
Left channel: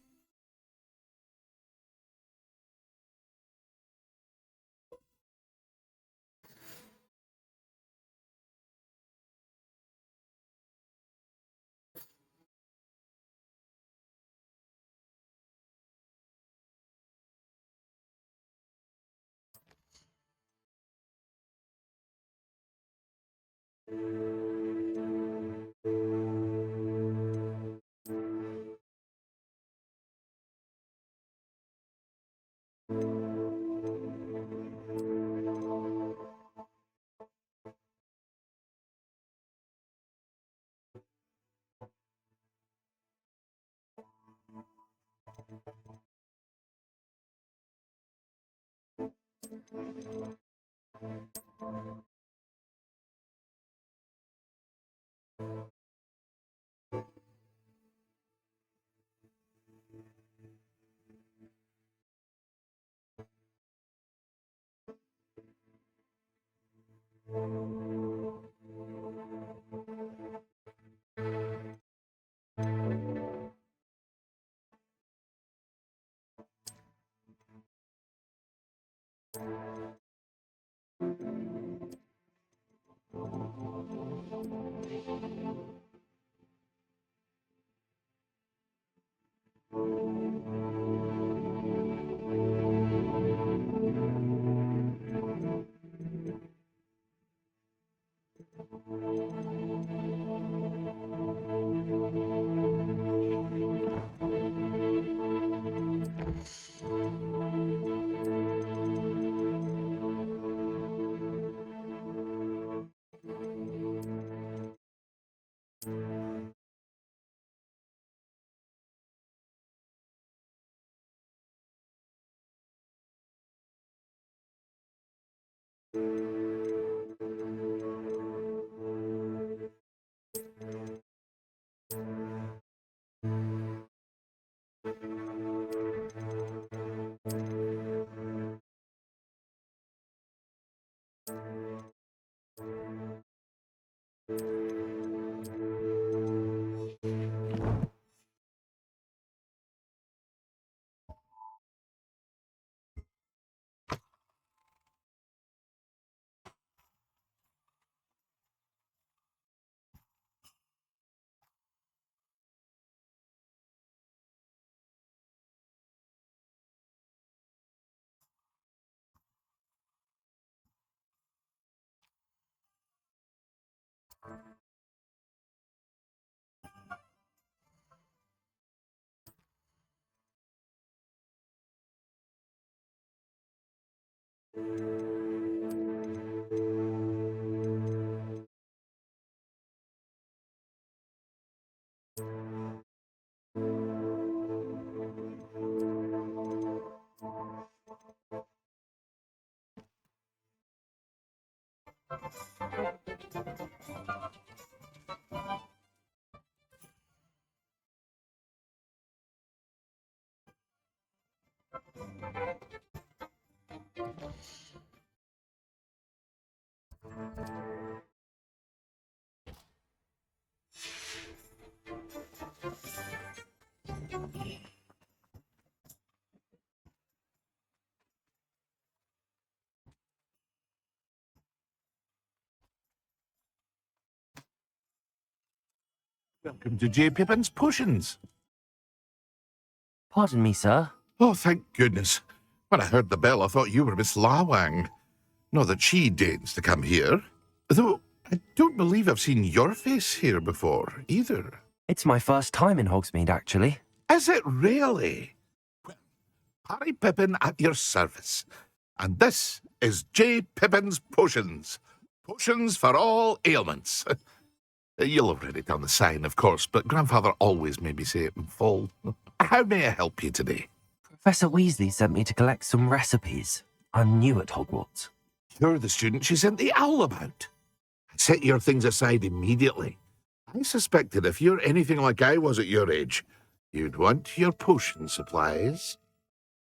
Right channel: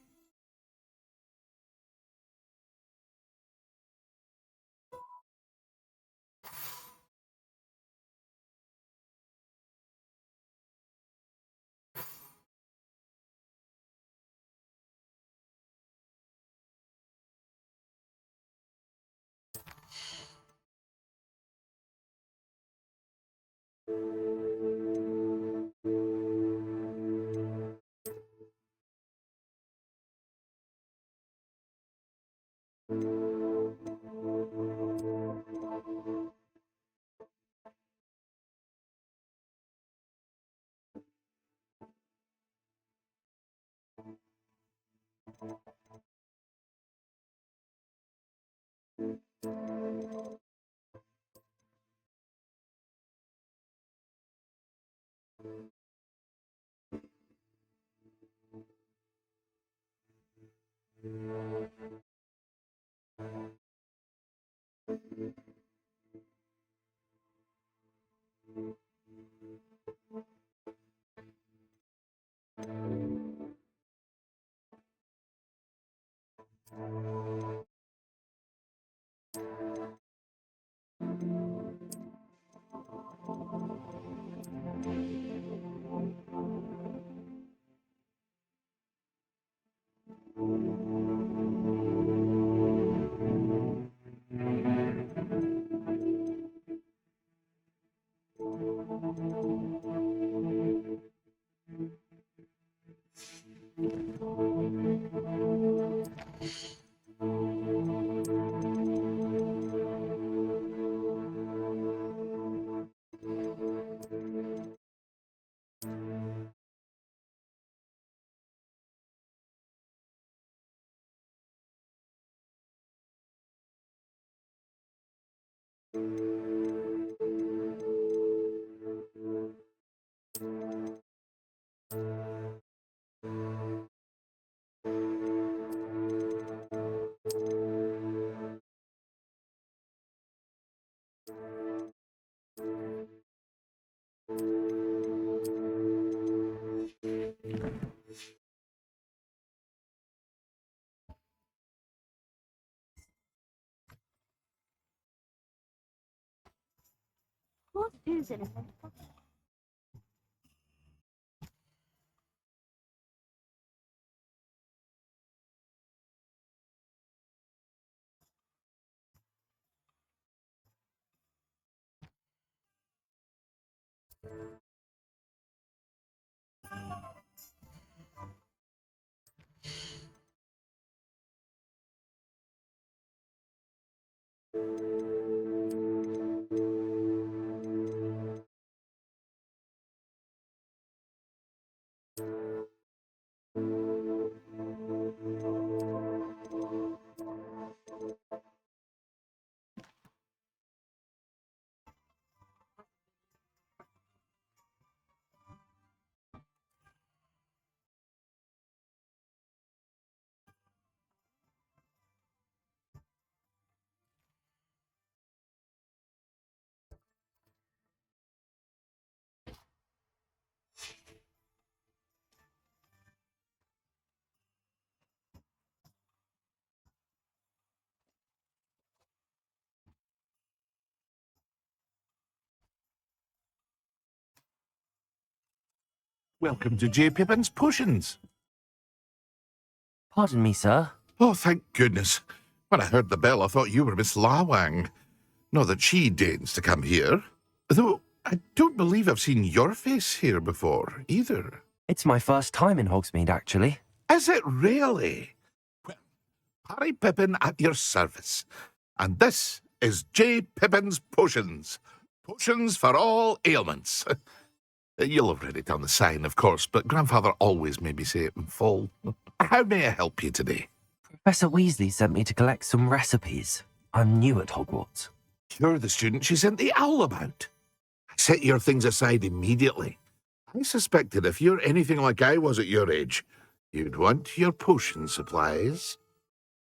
What is it? Welcome to J. Pippin's Potions. Pardon me, sir. Oh, thank goodness. When I heard the bell, I thought you were Miss Lawang. Not that she deigns to come here. Though I don't believe I've seen your face here before, either. It's my first time in Hogsmeade, actually. Is it really? Well, Harry Pippin at your service. And this is J. Pippin's Potions. Potions for all ailments. You'll have read it on the sign, of course, but Grandfather always made me say it in full. How may I help you today? Professor Weasley sent me to collect some recipes. I'm new at Hogwarts. You're the student she sent the owl about. Set your things aside immediately. I suspected if you're anything like I was at your age, you'd want your potion supplies.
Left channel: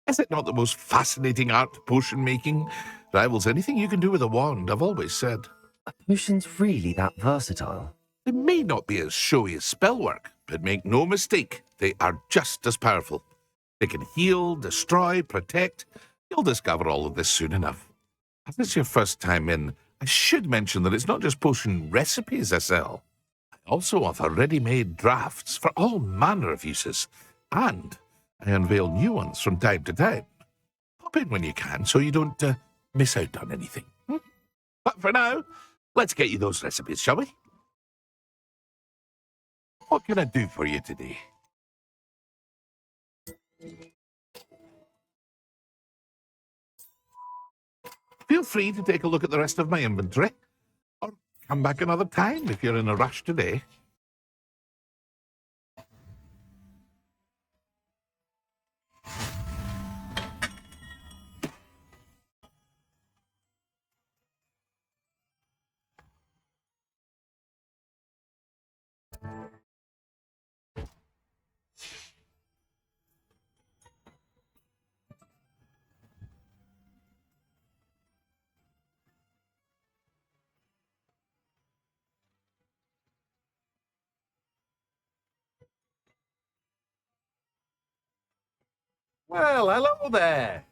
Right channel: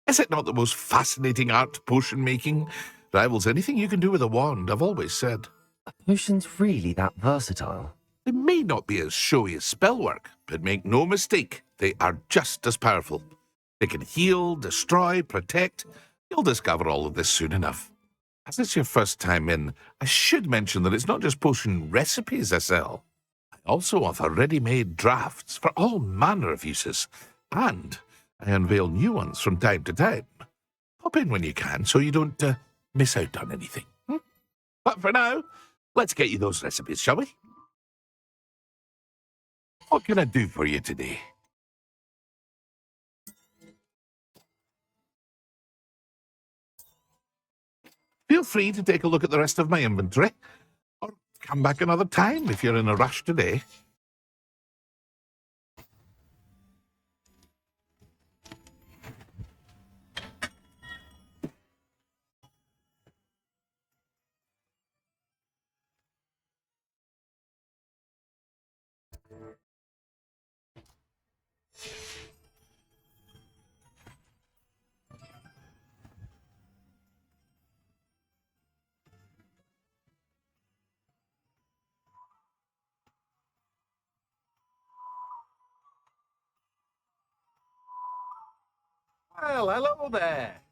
Is it not the most fascinating art, potion making? Rivals anything you can do with a wand, I've always said. Are potions really that versatile? They may not be as showy as spellwork, but make no mistake, they are just as powerful. They can heal, destroy, protect. You'll discover all of this soon enough. As it's your first time in, I should mention that it's not just potion recipes I sell. I also offer ready-made drafts for all manner of uses, and I unveil new ones from time to time. Pop in when you can so you don't miss out on anything. But for now, let's get you those recipes, shall we? What can I do for you today? Feel free to take a look at the rest of my inventory, or come back another time if you're in a rush today. Well, hello there.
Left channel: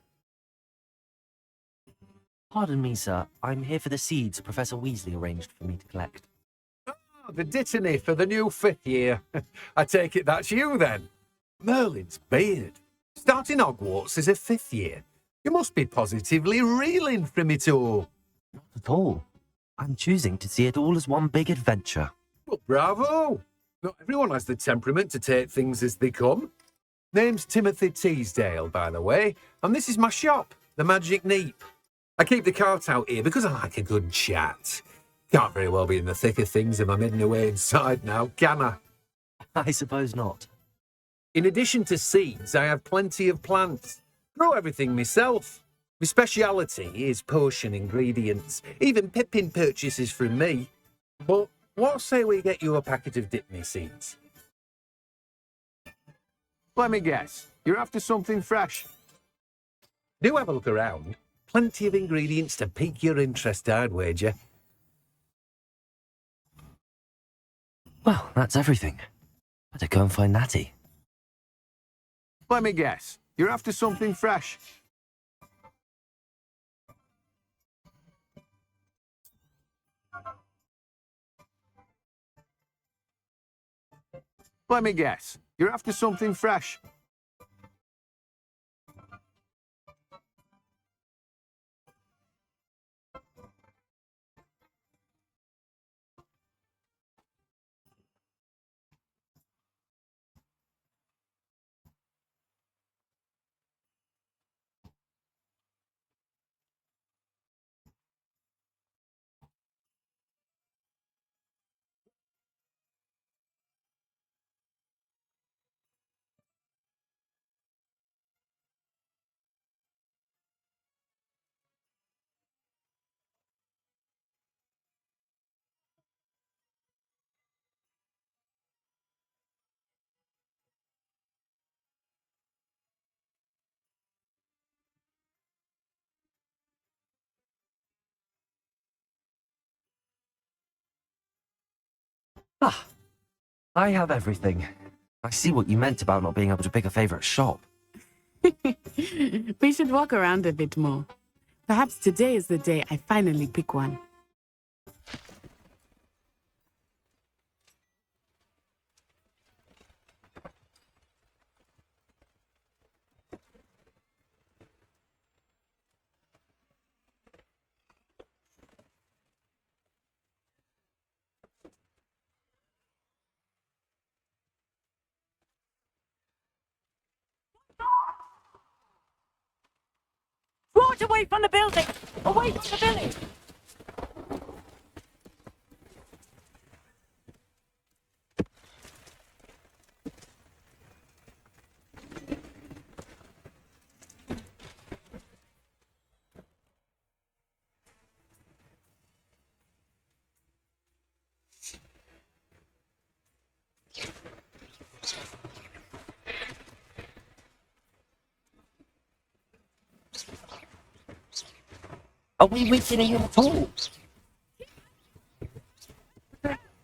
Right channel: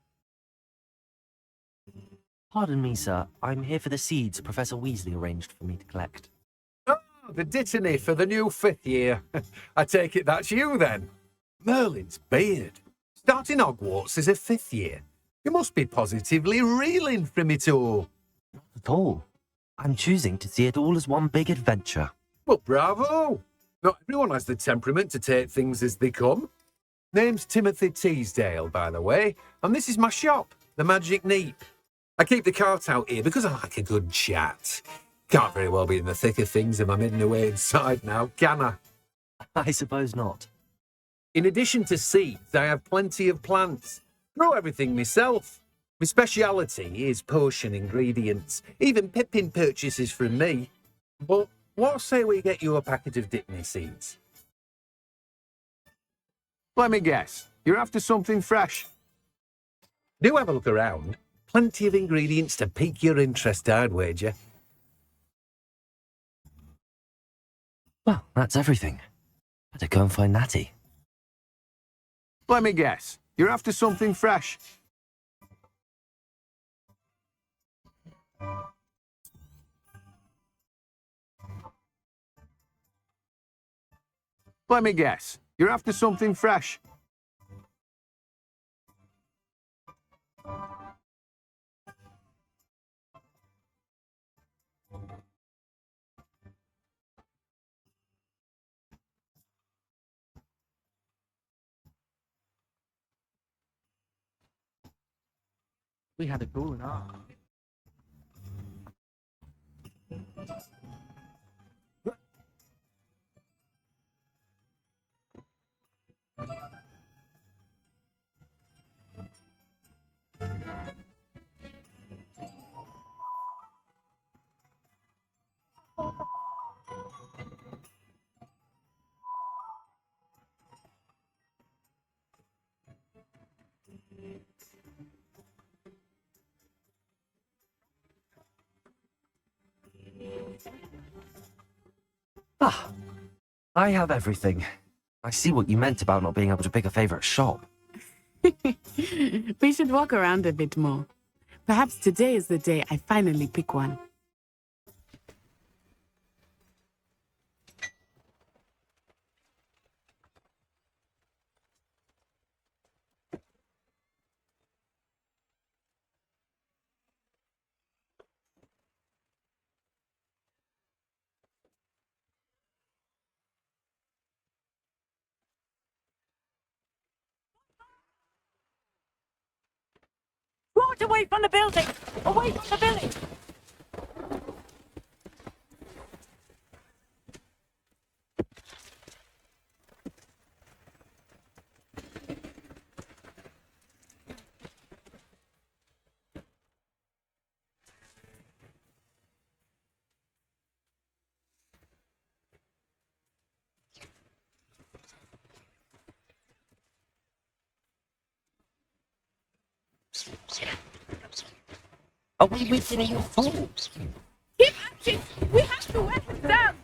Pardon me, sir. I'm here for the seeds Professor Weasley arranged for me to collect. Oh, the dittany for the new 5th year. I take it that's you, then. Merlin's beard. Starting Hogwarts as a 5th year. You must be positively reeling from it all. Not at all. I'm choosing to see it all as one big adventure. Well, bravo. Not everyone has the temperament to take things as they come. Name's Timothy Teasdale, by the way, and this is my shop, the Magic Neep. I keep the cart out here because I like a good chat. Can't very well be in the thick of things if I'm hidden away inside now, can I? I suppose not. In addition to seeds, I have plenty of plants. Grow everything myself. My speciality is potion ingredients. Even Pippin purchases from me. But what say we get you a packet of Dipney seeds? Let me guess. You're after something fresh. Do have a look around. Plenty of ingredients to pique your interest, I'd wager. Well, that's everything. Better go and find Natty. Let me guess. You're after something fresh. Let me guess. You're after something fresh. We had a goal now. Ah, I have everything. I see what you meant about not being able to pick a favourite shop. We should walk around a bit more. Perhaps today is the day I finally pick one. away from the building! Away from the village! Are we weakening your fall? Keep acting! We have to wear him down!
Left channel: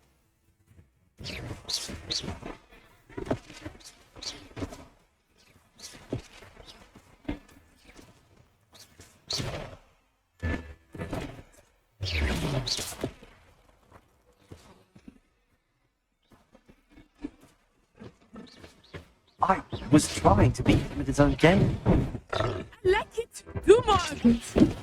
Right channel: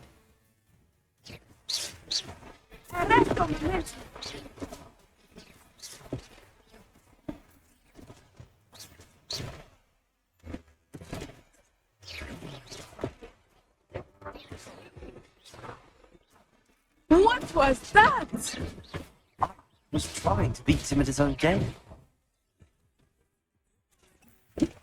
What was that? I was trying to beat him at his own game. Like it! Do more of it!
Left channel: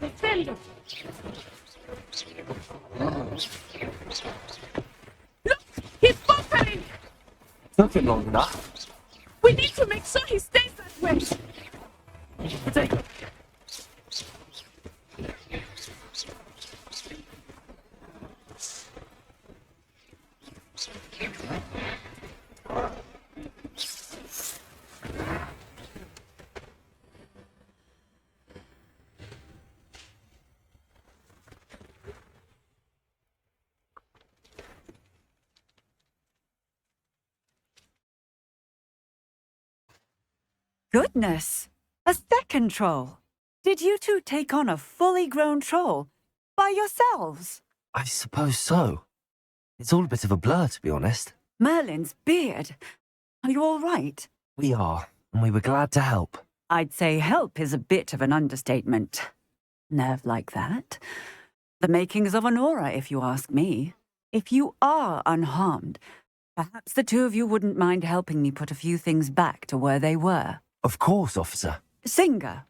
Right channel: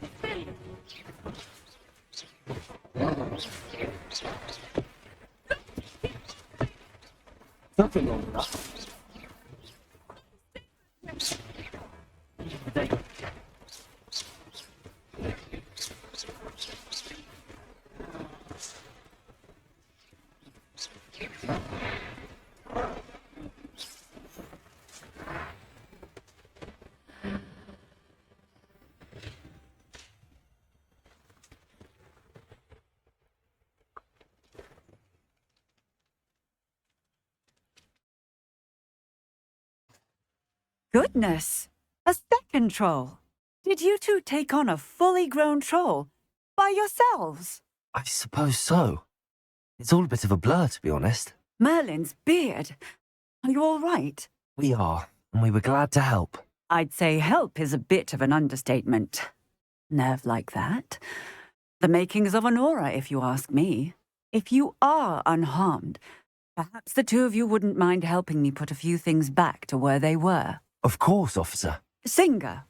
Defender! Look! He's buffering! Took him long enough. We need to make sure he stays that way! Take it. Goodness! A second troll! Did you two take on a fully grown troll? By yourselves? I suppose so. It's all a bit of a blur, to be honest. Merlin's beard! Are you all right? We are, and we were glad to help. I'd say help is a bit of an understatement. Nerve like that. The makings of an aura, if you ask me. If you are unharmed, perhaps the two of you wouldn't mind helping me put a few things back to where they were. Of course, officer. Singer.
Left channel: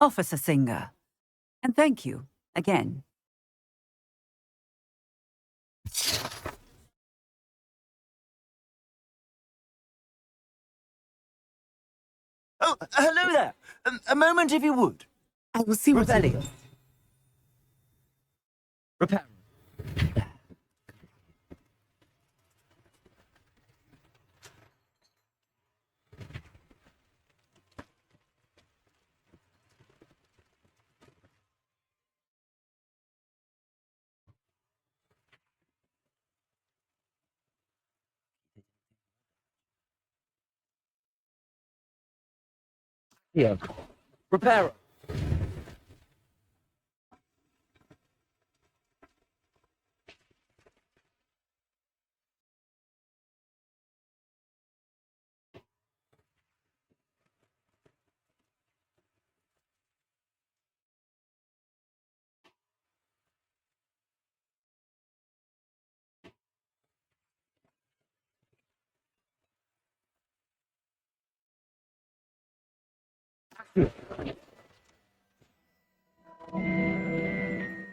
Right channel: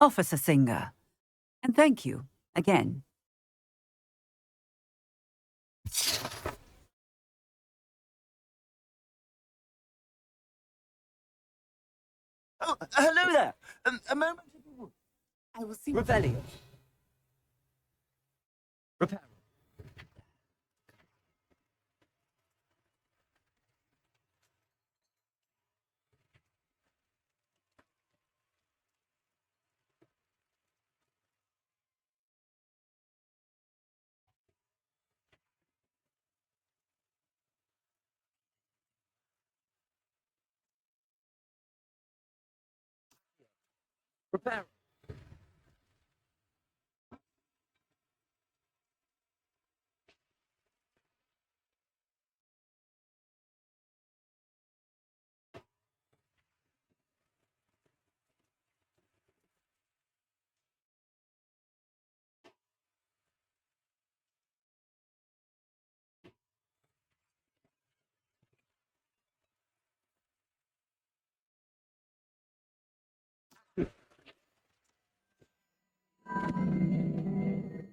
Officer Singer. And thank you, again. Oh, hello there. A moment, if you would. I will see what... Revelio. Repair. Yeah. Repair.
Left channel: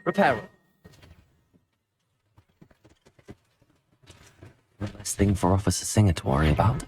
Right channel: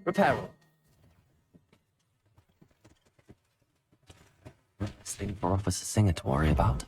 Repair. One less thing for Officer Singer to worry about.